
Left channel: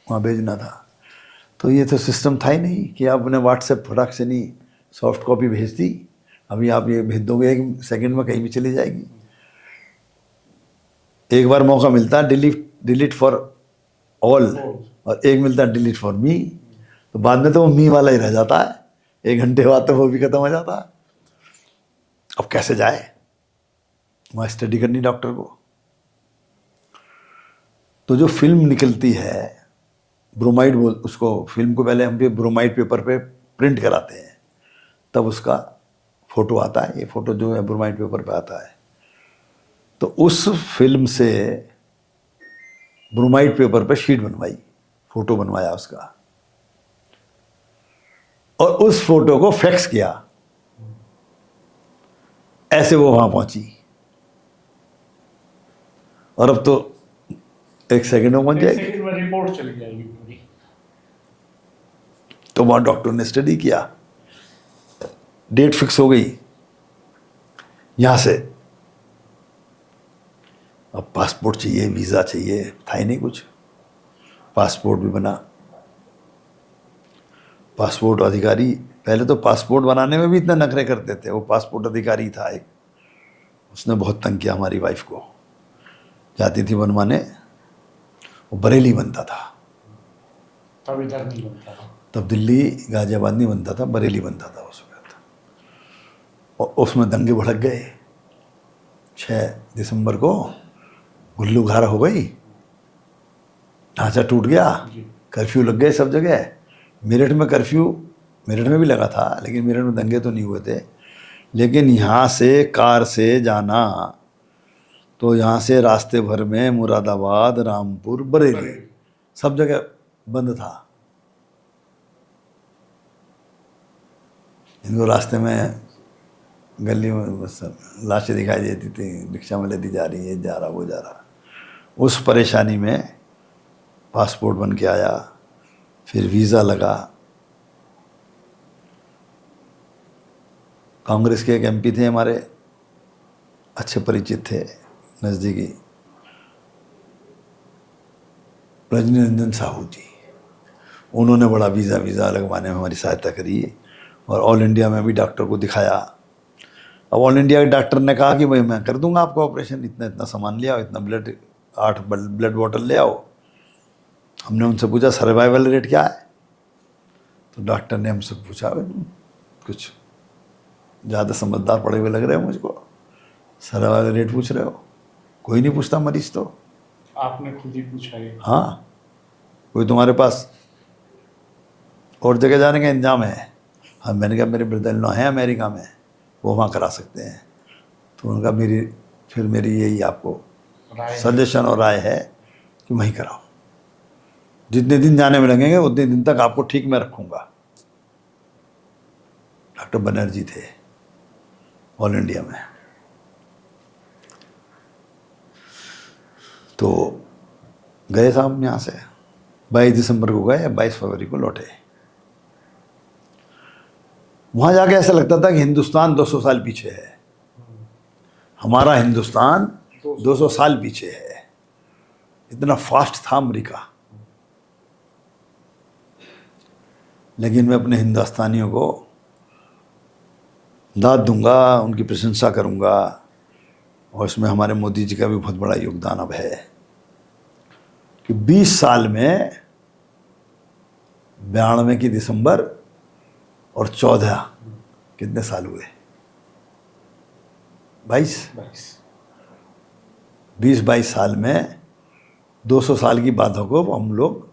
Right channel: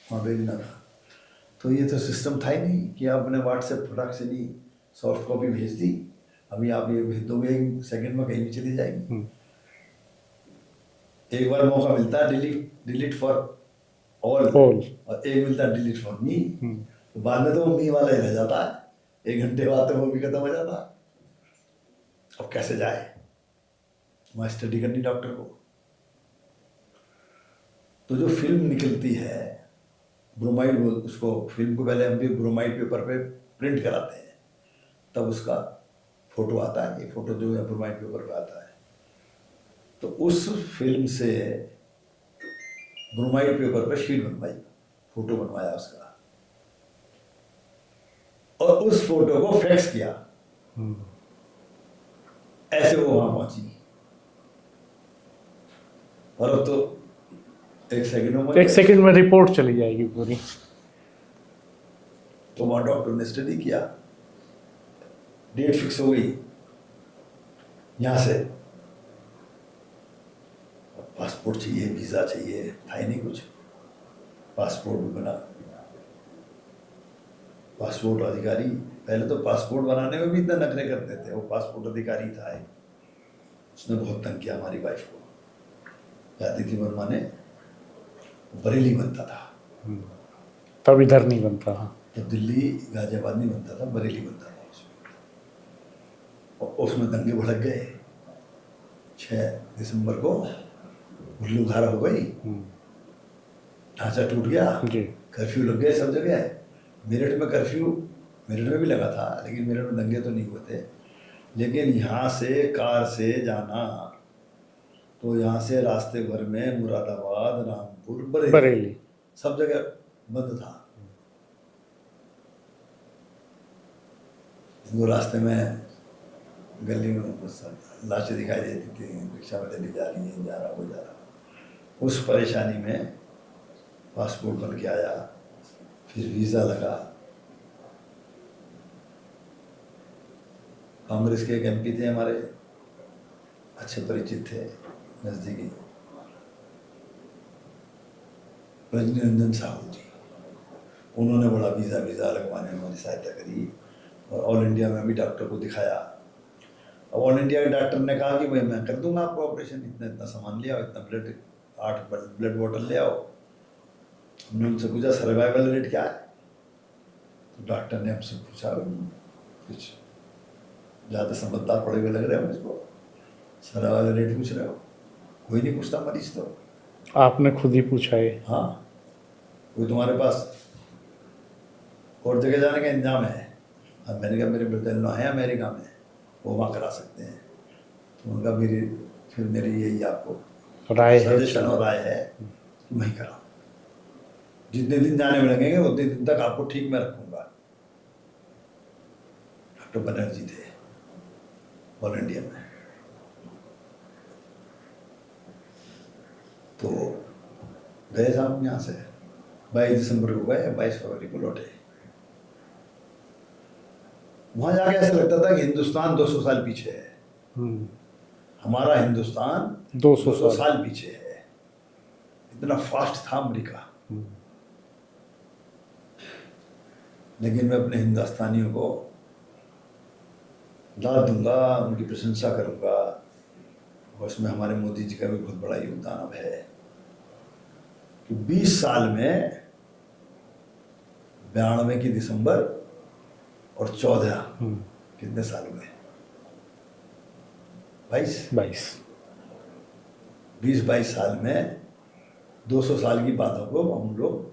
वहाँ भेजना था। तो ये तो सिस्टम था ही नहीं कि आपने व्हाट्सएप फटाक से नहीं सॉफ्ट कॉपी भेज दी, अभी आप ये भेज दोगे 1 सेकंड में कहीं भी चली जाएगी। एक बार मौका मिलता है डिलीट फॉर ऑल, और एक मिलता है डिलीट फॉर मी। तो बाद में तो वो मी वाला ही रह जाता है, 1 घंटे बाद तो वो भी खत्म हो जाता है। अब कैसे जाए, वहाँ स्टडी करनी डॉक्टर को। तो जो फिल्म निकलती है ब्रोमाइड, बोल उसको, फिल्म को पहले हम ब्रोमाइड पेपर पे प्रिंट कराते हैं, तब उसका फोटो आता है। ये फोटो जो है ब्रोमाइड पेपर पे आता है। तो उस फिल्म से ब्रोमाइड पेपर पे शीट बनवाई, फोटो बनवाया उसका, और उस फोटो को फैक्स किया। ऐसे वो वहां पहुंची। और अब तो 1 सेकंड में पहुंच 1 जाएगी। सेकंड में रिपोर्ट चली जाएगी पूरी। तो वहां डॉक्टर ने स्टडी किया, डेट फिक्स हो गई यहां से। अब पासपोर्ट चाहिए, वीज़ा चाहिए, था ही नहीं कुछ। पासपोर्ट भी बना। पासपोर्ट अधिकारी, पहले तो पासपोर्ट बनाने में भी इतना नखरे करते थे। वो पासपोर्ट अधिकारी था एक, उसने बहुत तंग किया हमारी वाइफ को। जाती थी बनवाने, वो बरेली बनता था। तब इधर नहीं बनता था। तब दिल्ली गाजियाबाद नहीं बनता था, बरेली बनता था उस वक्त। और उसमें दंगे भड़क गए। 6 दिसंबर को गुल्लू घारा हो गई, ढांचा टूट गया, कर्फ्यू लग गए सब जगह। मेरठ में कर्फ्यू, मेरठ में भी लगा था, लेकिन मेरठ में दंगे तो नहीं हुए थे। लेकिन यहाँ से कार से जाना, तो यहाँ से रास्ते भर में मुरादाबाद, रामपुर, बरेली सब जगह बंद था। इनको रास्ते में गली में बस लाशें दिखाई देती थी, रिक्शा में लेती जा रही है, जा रहा वो जा रहा। उस परेशानी में पासपोर्ट बन के आया, फिर वीज़ा लगा। कांग्रेस के एक MP थे हमारे, अच्छे परिचित थे, नज़दीकी, रजनी रंजन साहू जी। उन्होंने बड़ा वीज़ा लगवाने में हमारी सहायता करी, और ऑल इंडिया में भी डॉक्टर को दिखाया। अब ऑल इंडिया के डॉक्टर ने कहा कि भाई मैं कर दूंगा आपका ऑपरेशन, इतना इतना सामान ले आओ, इतना ब्लड, 8 ब्लड बॉटल ले आओ। हमने उनसे पूछा सर्वाइवल रेट क्या है? तो डॉक्टर ने हमसे पूछा, कुछ ज़्यादा समझदार पड़े हुए लग रहे हो मुझको, सर्वाइवल रेट पूछ रहे हो? कोई नहीं पूछता मरीज तो। आपने खुद ही पूछा है? हाँ, कोई तुम्हारे पास और जगह जाने का इंतजाम है? हाँ, मैंने कहा मेरे ब्रदर इन लॉ हैं अमेरिका में, वो वहाँ करा सकते हैं। तो उनका मेरी यही आपको सजेशन और राय है कि वहीं कराओ। जितने दिन जाने में लगेंगे उतने दिन तक आपको ठीक मैं रखूँगा। डॉक्टर बनर्जी थे ऑल इंडिया में। तो गए साहब यहाँ से 22 दिसंबर को गए, 22 फरवरी को लौटे। वहाँ जाके ऐसा लगता था कि हिंदुस्तान 200 साल पीछे है। हमारा हिंदुस्तान 200 साल पीछे है, इतना फास्ट था अमेरिका। लेकिन मैं अपने हिंदुस्तानियों को दाद दूंगा, उनकी प्रशंसा करूंगा, और इसमें हमारे मोदी जी का भी बहुत बड़ा योगदान अब है कि 20 साल में 92 की दिसंबर और 14 कितने साल हुए? 22। 20-22 साल में 200 साल की बातों को हम लोग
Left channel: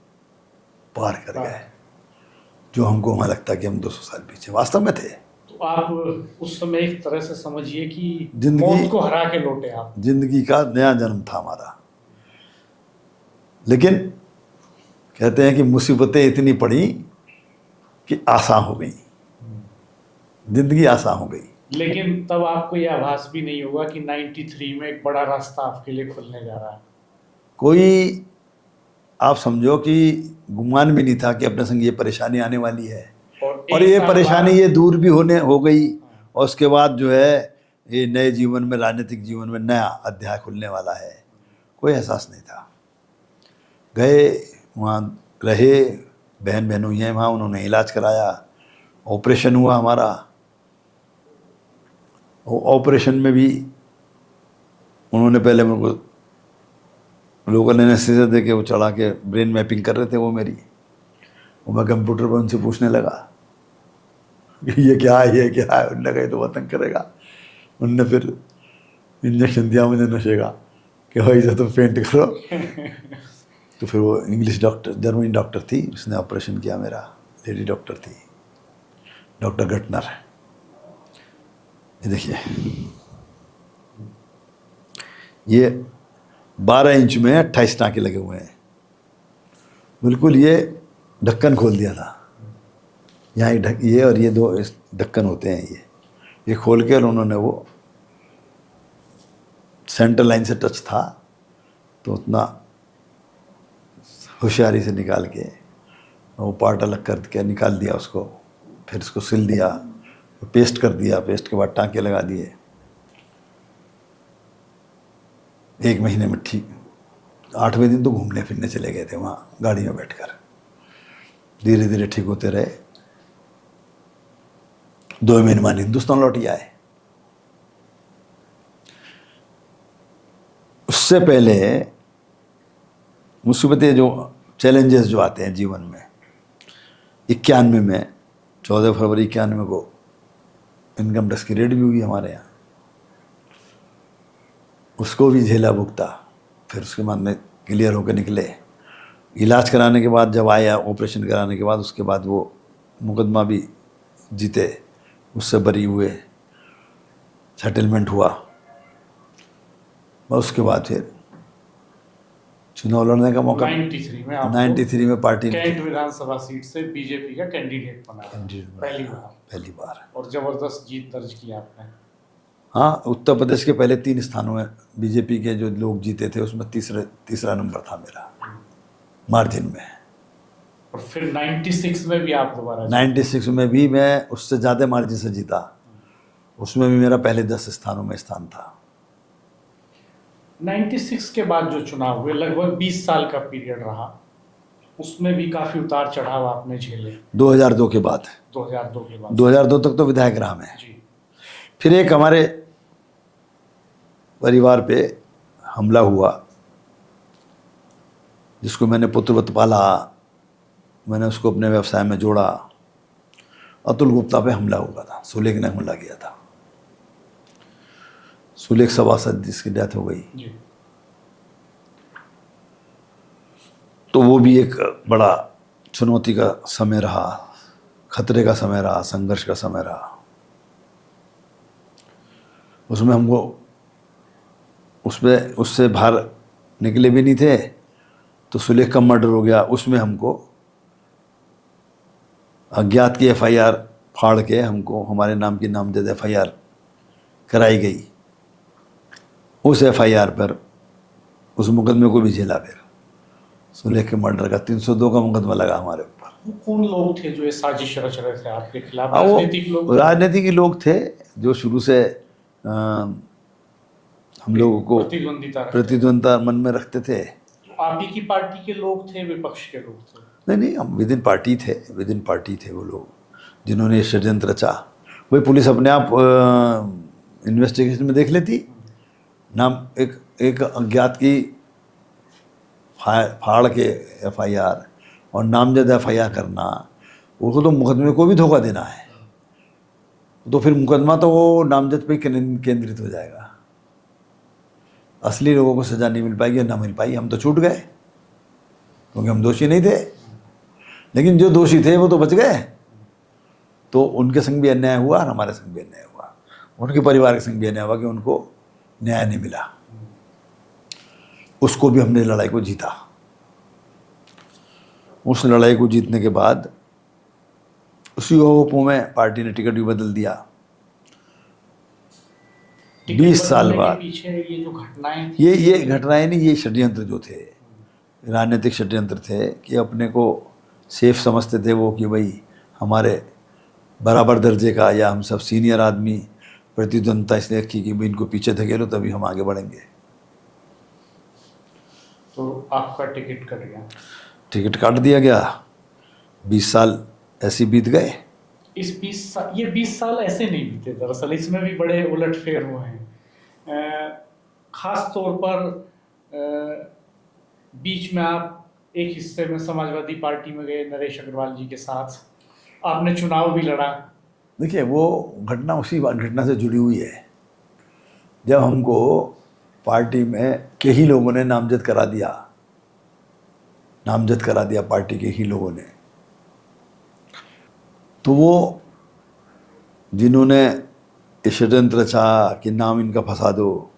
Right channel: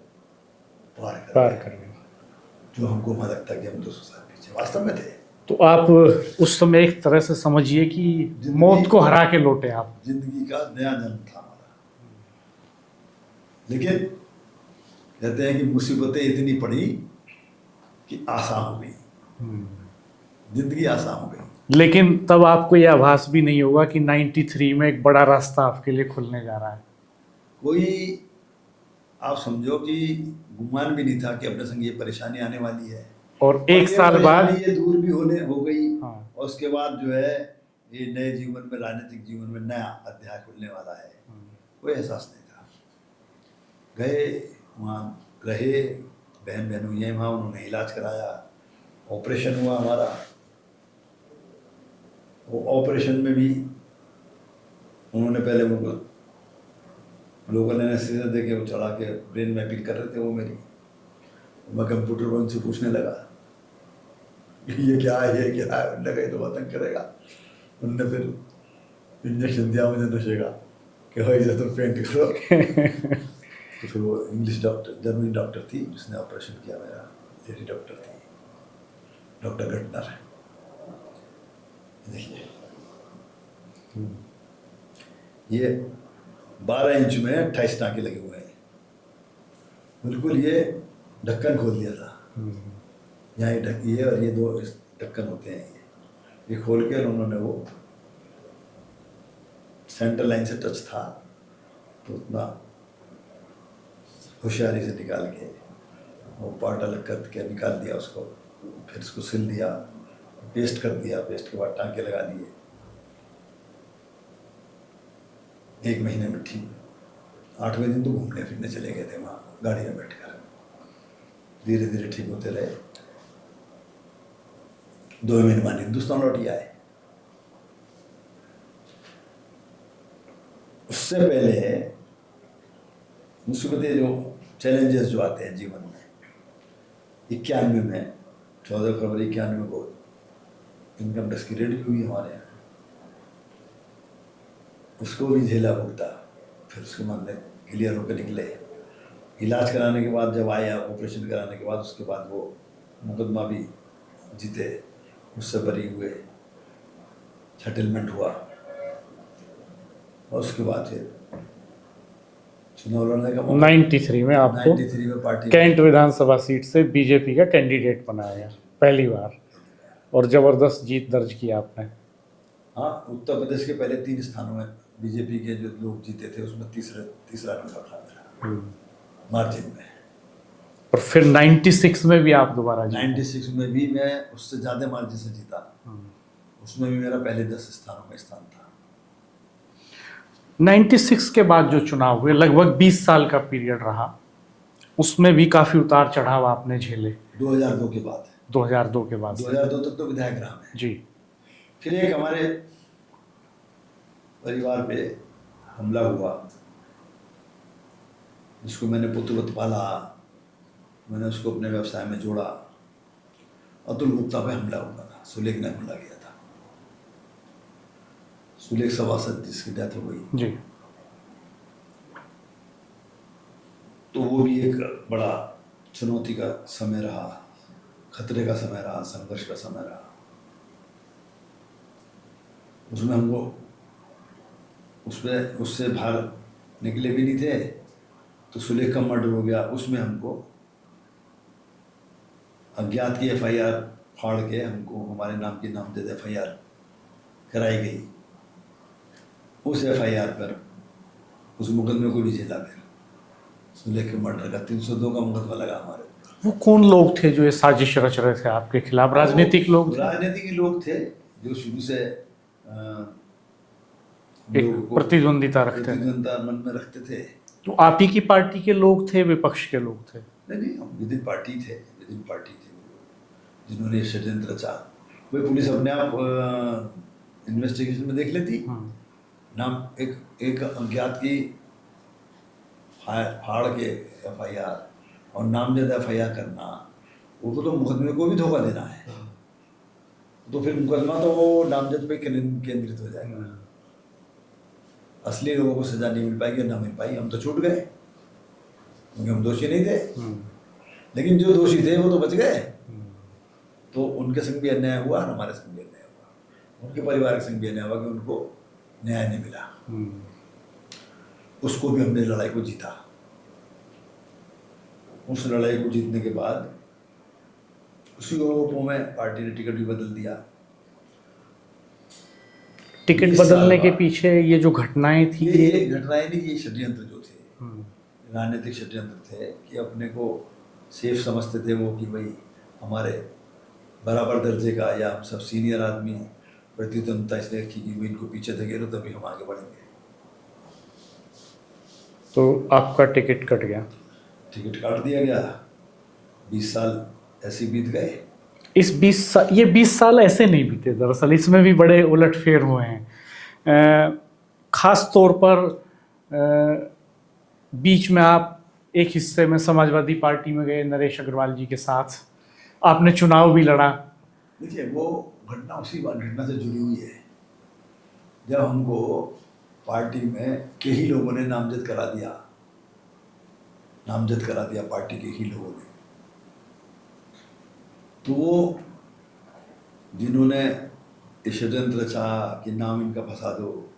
पार कर गए, जो हमको वहाँ लगता कि हम 200 साल पीछे वास्तव में थे। तो आप उस समय एक तरह से समझिए कि जिंदगी- मौत को हरा के लौटे आप। जिंदगी का नया जन्म था हमारा। लेकिन कहते हैं कि मुसीबतें इतनी पड़ी कि आसान हो गई, जिंदगी आसान हो गई। लेकिन तब आपको यह आभास भी नहीं होगा कि 93 में एक बड़ा रास्ता आपके लिए खुलने जा रहा है। कोई आप समझो कि गुमान भी नहीं था कि अपने संग ये परेशानी आने वाली है, और और एक ये साल परेशानी बाद ये दूर भी हो गई। हाँ। और उसके बाद जो है ये नए जीवन में, राजनीतिक जीवन में नया अध्याय खुलने वाला है, कोई एहसास नहीं था। गए वहाँ रहे, बहन बहनों हैं वहाँ, उन्होंने इलाज कराया, ऑपरेशन हुआ हमारा। वो ऑपरेशन में भी उन्होंने पहले मेरे को लोगों ने एनेस्थीसिया दे के वो चढ़ा के ब्रेन मैपिंग कर रहे थे वो मेरी। वो मैं कंप्यूटर पर उनसे पूछने लगा ये क्या है, ये क्या है। उनने कहा तो वतन करेगा। उनने फिर इंजेक्शन दिया मुझे नशे का कि भाई से तुम पेंट करो। तो फिर वो इंग्लिश डॉक्टर, जर्मनी डॉक्टर थी, उसने ऑपरेशन किया मेरा। लेडी डॉक्टर थी, डॉक्टर गटनर। ये देखिए, ये 12 इंच में 28 टाँके लगे हुए हैं। बिल्कुल ये ढक्कन खोल दिया था। यहाँ ये और ये 2 ढक्कन होते हैं, ये खोल के, और उन्होंने वो सेंटर लाइन से टच था तो उतना होशियारी से निकाल के वो पार्ट अलग करके निकाल दिया उसको, फिर उसको सिल दिया, पेस्ट कर दिया, पेस्ट के बाद टाँके लगा दिए। 1 महीने में ठीक। 8वें दिन तो घूमने फिरने चले गए थे वहाँ गाड़ी में बैठकर। धीरे धीरे ठीक होते रहे। 2 महीने बाद हिंदुस्तान लौट आए। उससे पहले मुसीबतें, जो चैलेंजेस जो आते हैं जीवन में, 91 में 14 फरवरी 91 को इनकम टैक्स की रेड भी हुई हमारे यहाँ, उसको भी झेला भुगता। फिर उसके बाद में क्लियर होकर निकले। इलाज कराने के बाद जब आया, ऑपरेशन कराने के बाद, उसके बाद वो मुकदमा भी जीते, उससे बरी हुए, सेटलमेंट हुआ। और उसके बाद फिर चुनाव लड़ने का मौका। 93 में आपको 93 में पार्टी कैंट विधानसभा सीट से बीजेपी का कैंडिडेट बनाया गया पहली बार, और जबरदस्त जीत दर्ज की आपने। हाँ, उत्तर प्रदेश के पहले 3 स्थानों में बीजेपी के जो लोग जीते थे उसमें तीसरा नंबर था मेरा, मार्जिन में। और फिर 96 में भी आप दोबारा 96 में भी मैं उससे ज़्यादा मार्जिन से जीता। उसमें भी मेरा पहले 10 स्थानों में स्थान था। 96 के बाद जो चुनाव हुए, लगभग 20 साल का पीरियड रहा, उसमें भी काफी उतार चढ़ाव आपने झेले। 2002 के बाद 2002 के बाद 2002 तक तो विधायक रहा मैं। जी। फिर एक हमारे परिवार पे हमला हुआ, जिसको मैंने पुत्रवत पाला, मैंने उसको अपने व्यवसाय में जोड़ा। अतुल गुप्ता पे हमला हुआ था, सुलेख ने हमला किया था। सुलेख सभासद जिसकी डेथ हो गई जी। तो वो भी एक बड़ा चुनौती का समय रहा, खतरे का समय रहा, संघर्ष का समय रहा। उसमें हमको उससे बाहर निकले भी नहीं थे। तो सुलेख का मर्डर हो गया, उसमें हमको अज्ञात की FIR फाड़ के हमको हमारे नाम की नामजद FIR कराई गई। उस FIR पर उस मुकदमे को भी झेला। फिर सुलेख के मर्डर का 302 का मुकदमा लगा हमारे ऊपर। वो कौन लोग थे जो ये साजिश रच रहे थे आपके खिलाफ? राजनीतिक लोग? राजनीतिक लोग थे जो शुरू से हम लोगों को प्रतिद्वंदिता मन में रखते थे। तो आप ही की पार्टी के लोग थे, विपक्ष के लोग थे? नहीं, हम विद इन पार्टी थे वो लोग जिन्होंने ये षड्यंत्र रचा। वही पुलिस अपने आप इन्वेस्टिगेशन में देख लेती। नाम एक अज्ञात की फाड़ के FIR और नामजद FIR करना, उसको तो मुकदमे को भी धोखा देना है, तो फिर मुकदमा तो वो नामजद पे केंद्रित हो जाएगा, असली लोगों को सज़ा नहीं मिल पाएगी, ना मिल पाई। हम तो छूट गए क्योंकि हम दोषी नहीं थे, लेकिन जो दोषी थे वो तो बच गए। तो उनके संग भी अन्याय हुआ और हमारे संग भी अन्याय हुआ, उनके परिवार के संग भी अन्याय हुआ कि उनको न्याय नहीं मिला। उसको भी हमने लड़ाई को जीता। उस लड़ाई को जीतने के बाद उसी होपों में पार्टी ने टिकट भी बदल दिया। टिकट 20 साल बदलने के बाद पीछे ये जो घटनाएं थी, ये घटनाएं नहीं, ये षड्यंत्र जो थे, राजनीतिक षड्यंत्र थे कि अपने को सेफ समझते थे वो कि भाई हमारे बराबर दर्जे का या हम सब सीनियर आदमी प्रतिद्वंदता इसलिए रखी कि भाई इनको पीछे धकेलो तभी हम आगे बढ़ेंगे। तो आपका टिकट कट गया। टिकट काट दिया गया। 20 साल ऐसे बीत गए। ये 20 साल ऐसे नहीं बीते, दरअसल इसमें भी बड़े उलटफेर हुए हैं। खास तौर पर बीच में आप एक हिस्से में समाजवादी पार्टी में गए नरेश अग्रवाल जी के साथ, आपने चुनाव भी लड़ा। देखिए वो घटना उसी घटना से जुड़ी हुई है जब हमको पार्टी में के ही लोगों ने नामजद करा दिया पार्टी के ही लोगों ने। तो वो जिन्होंने ये षड्यंत्र रचा कि नाम इनका फंसा दो,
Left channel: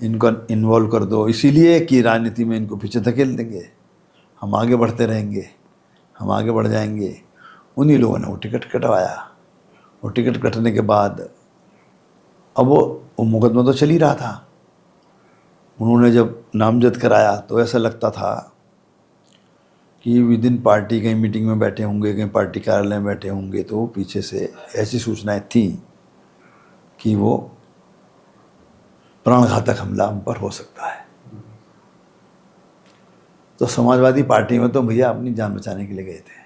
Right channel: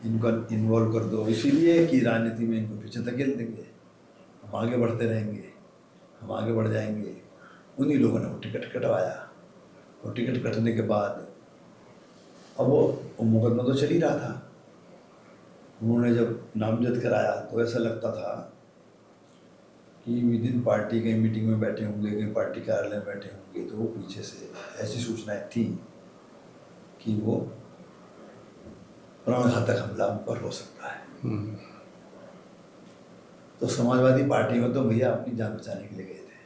इनको इन्वॉल्व कर दो, इसीलिए कि राजनीति में इनको पीछे धकेल देंगे, हम आगे बढ़ते रहेंगे, हम आगे बढ़ जाएंगे, उन्हीं लोगों ने वो टिकट कटवाया। वो टिकट कटने के बाद अब वो मुकदमा तो चल ही रहा था। उन्होंने जब नामजद कराया तो ऐसा लगता था कि विद इन पार्टी कहीं मीटिंग में बैठे होंगे, कहीं पार्टी कार्यालय में बैठे होंगे, तो पीछे से ऐसी सूचनाएं थी कि वो प्राणघातक हमला हम पर हो सकता है। तो समाजवादी पार्टी में तो भैया अपनी जान बचाने के लिए गए थे।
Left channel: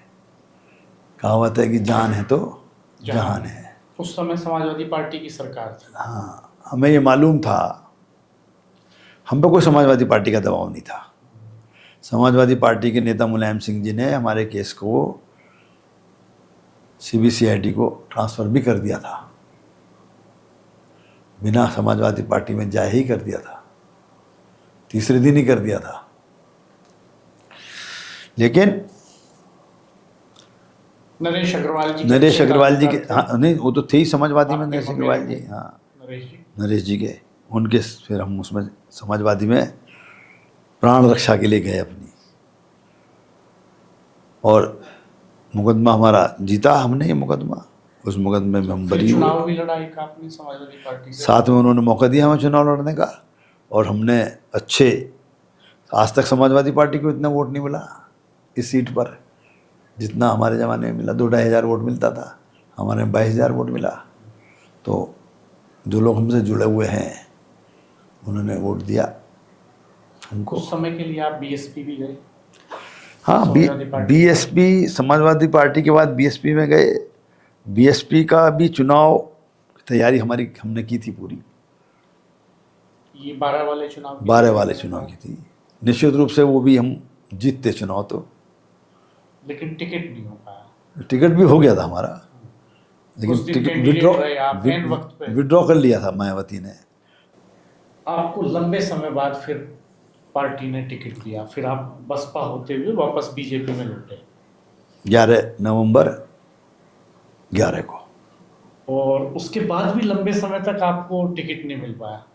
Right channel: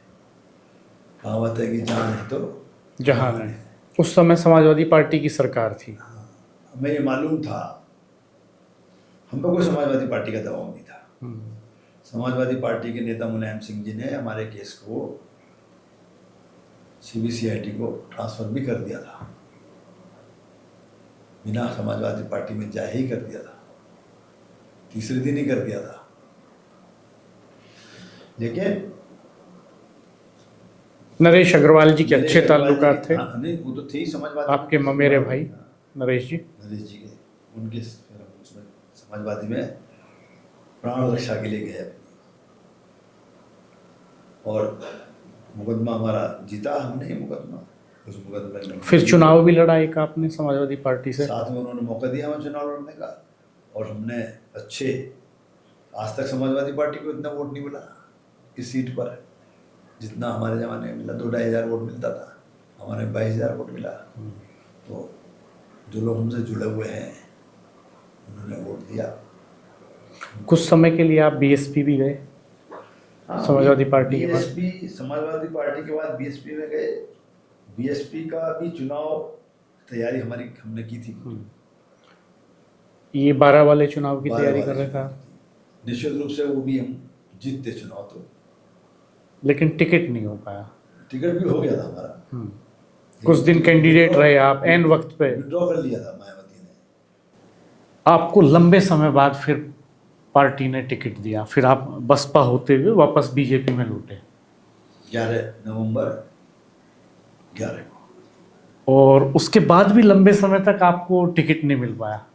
कहावत है कि जान है तो जहान है। उस समय समाजवादी पार्टी की सरकार थी। हाँ, हमें ये मालूम था, हम पे कोई समाजवादी पार्टी का दबाव नहीं था। समाजवादी पार्टी के नेता मुलायम सिंह जी ने हमारे केस को CBCID को ट्रांसफ़र भी कर दिया था, बिना समाजवादी पार्टी में जाए ही कर दिया था, तीसरे दिन ही कर दिया था। लेकिन नरेश अग्रवाल जी के हाँ, नहीं वो तो थे ही समाजवादी में, आपके मेरे भाई। हाँ, नरेश जी के उनके फिर हम उसमें समाजवादी में प्राण रक्षा के लिए गए अपनी, और मुकदमा हमारा जीता हमने। ये मुकदमा, उस मुकदमे में हम फिर चुनाव भी लड़ा एक आपने समाजवादी पार्टी से। साथ में उन्होंने मौका दिया हमें चुनाव लड़ने का, और हमने अच्छे, आज तक समाजवादी पार्टी को इतना वोट नहीं मिला इस सीट पर जितना हमारे ज़माने में मिला। 2-2.5 हज़ार वोट मिलता था, हमारे 22,000 वोट मिला। तो जो लोग हमसे जुड़े हुए हैं उन्होंने वोट दिया। कुछ समय के लिए आप BSP भी गए। हाँ, Samajwadi party BSP, Samajwadi party के बाद BSP में गए। BSP का भी चुनाव तैयारी हमने की थी पूरी। ये 12 वाले चुनाव की 12 वाले चुनाव की थी। निश्चित रूप से वो भी हम जीतते चुनाव तो, लेकिन टिकट नहीं हो पाया। टिकट भी हो गया था हमारा। कुछ दिन कैंडिडेट रहे आप, एन वक्त पे विड्रॉ कर लिया था मायावती ने। आपको लंबे समय बाद फिर पार्टी ने टिकट दिया, फिर आप बसपा होते हुए वापस BJP में लौटे 11 नवंबर 11 को। और उसके बाद भी लंबे समय तक आपको टिकट नहीं मिल पाया।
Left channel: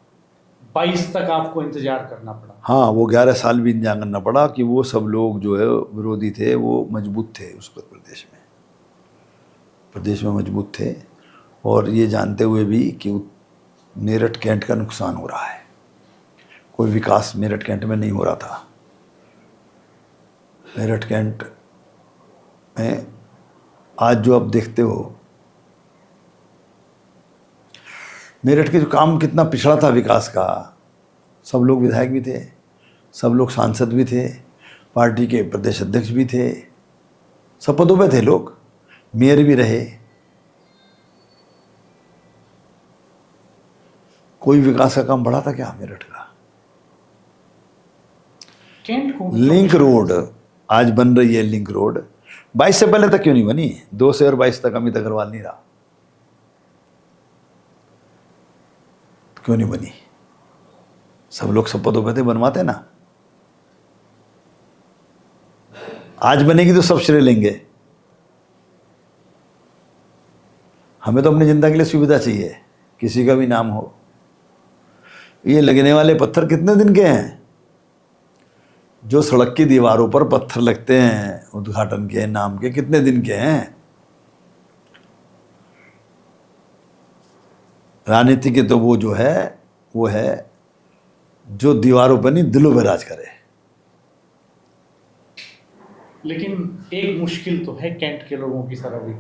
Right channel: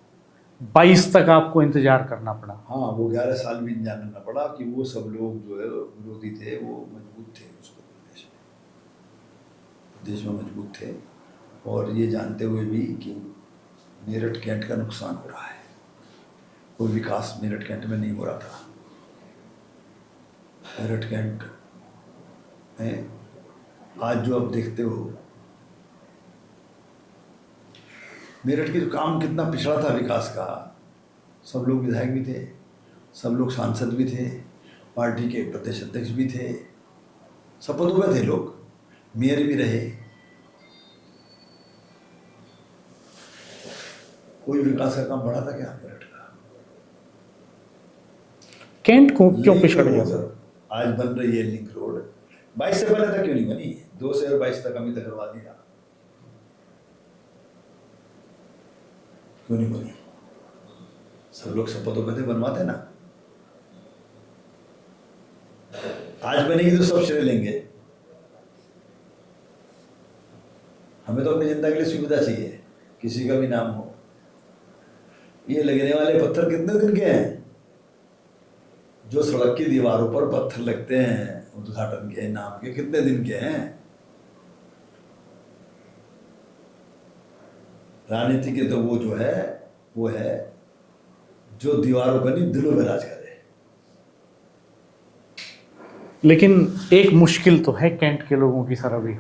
22 तक आपको इंतजार करना पड़ा। हाँ, वो 11 साल भी इंतजार करना पड़ा कि वो सब लोग जो है विरोधी थे वो मजबूत थे उस वक्त प्रदेश में मजबूत थे, और ये जानते हुए भी कि मेरठ कैंट का नुकसान हो रहा है, कोई विकास मेरठ कैंट में नहीं हो रहा था। मेरठ कैंट में आज जो आप देखते हो, मेरठ के जो काम कितना पिछड़ा था विकास का, सब लोग विधायक भी थे, सब लोग सांसद भी थे, पार्टी के प्रदेश अध्यक्ष भी थे, सब पदों पे थे लोग, मेयर भी रहे। कोई विकास का काम बढ़ा था क्या मेरठ का? कैंट को लिंक रोड आज बन रही है लिंक रोड, 22 से पहले तक क्यों नहीं बनी? 2 से और 22 तक अमित अग्रवाल नहीं रहा, क्यों नहीं बनी? सब लोग सब पदों पे थे, बनवाते ना। आज बनेगी तो सब श्रेय लेंगे। हमें तो अपनी जनता के लिए सुविधा चाहिए, किसी का भी नाम हो। ये लगने वाले पत्थर कितने दिन के हैं? जो सड़क की दीवारों पर पत्थर लगते हैं उद्घाटन के नाम के, कितने दिन के हैं? राजनीति के तो वो जो है वो है जो दीवारों पर नहीं दिलों में राज करे। लेकिन एक मुश्किल तो है कैंट के लोगों की सर, अभी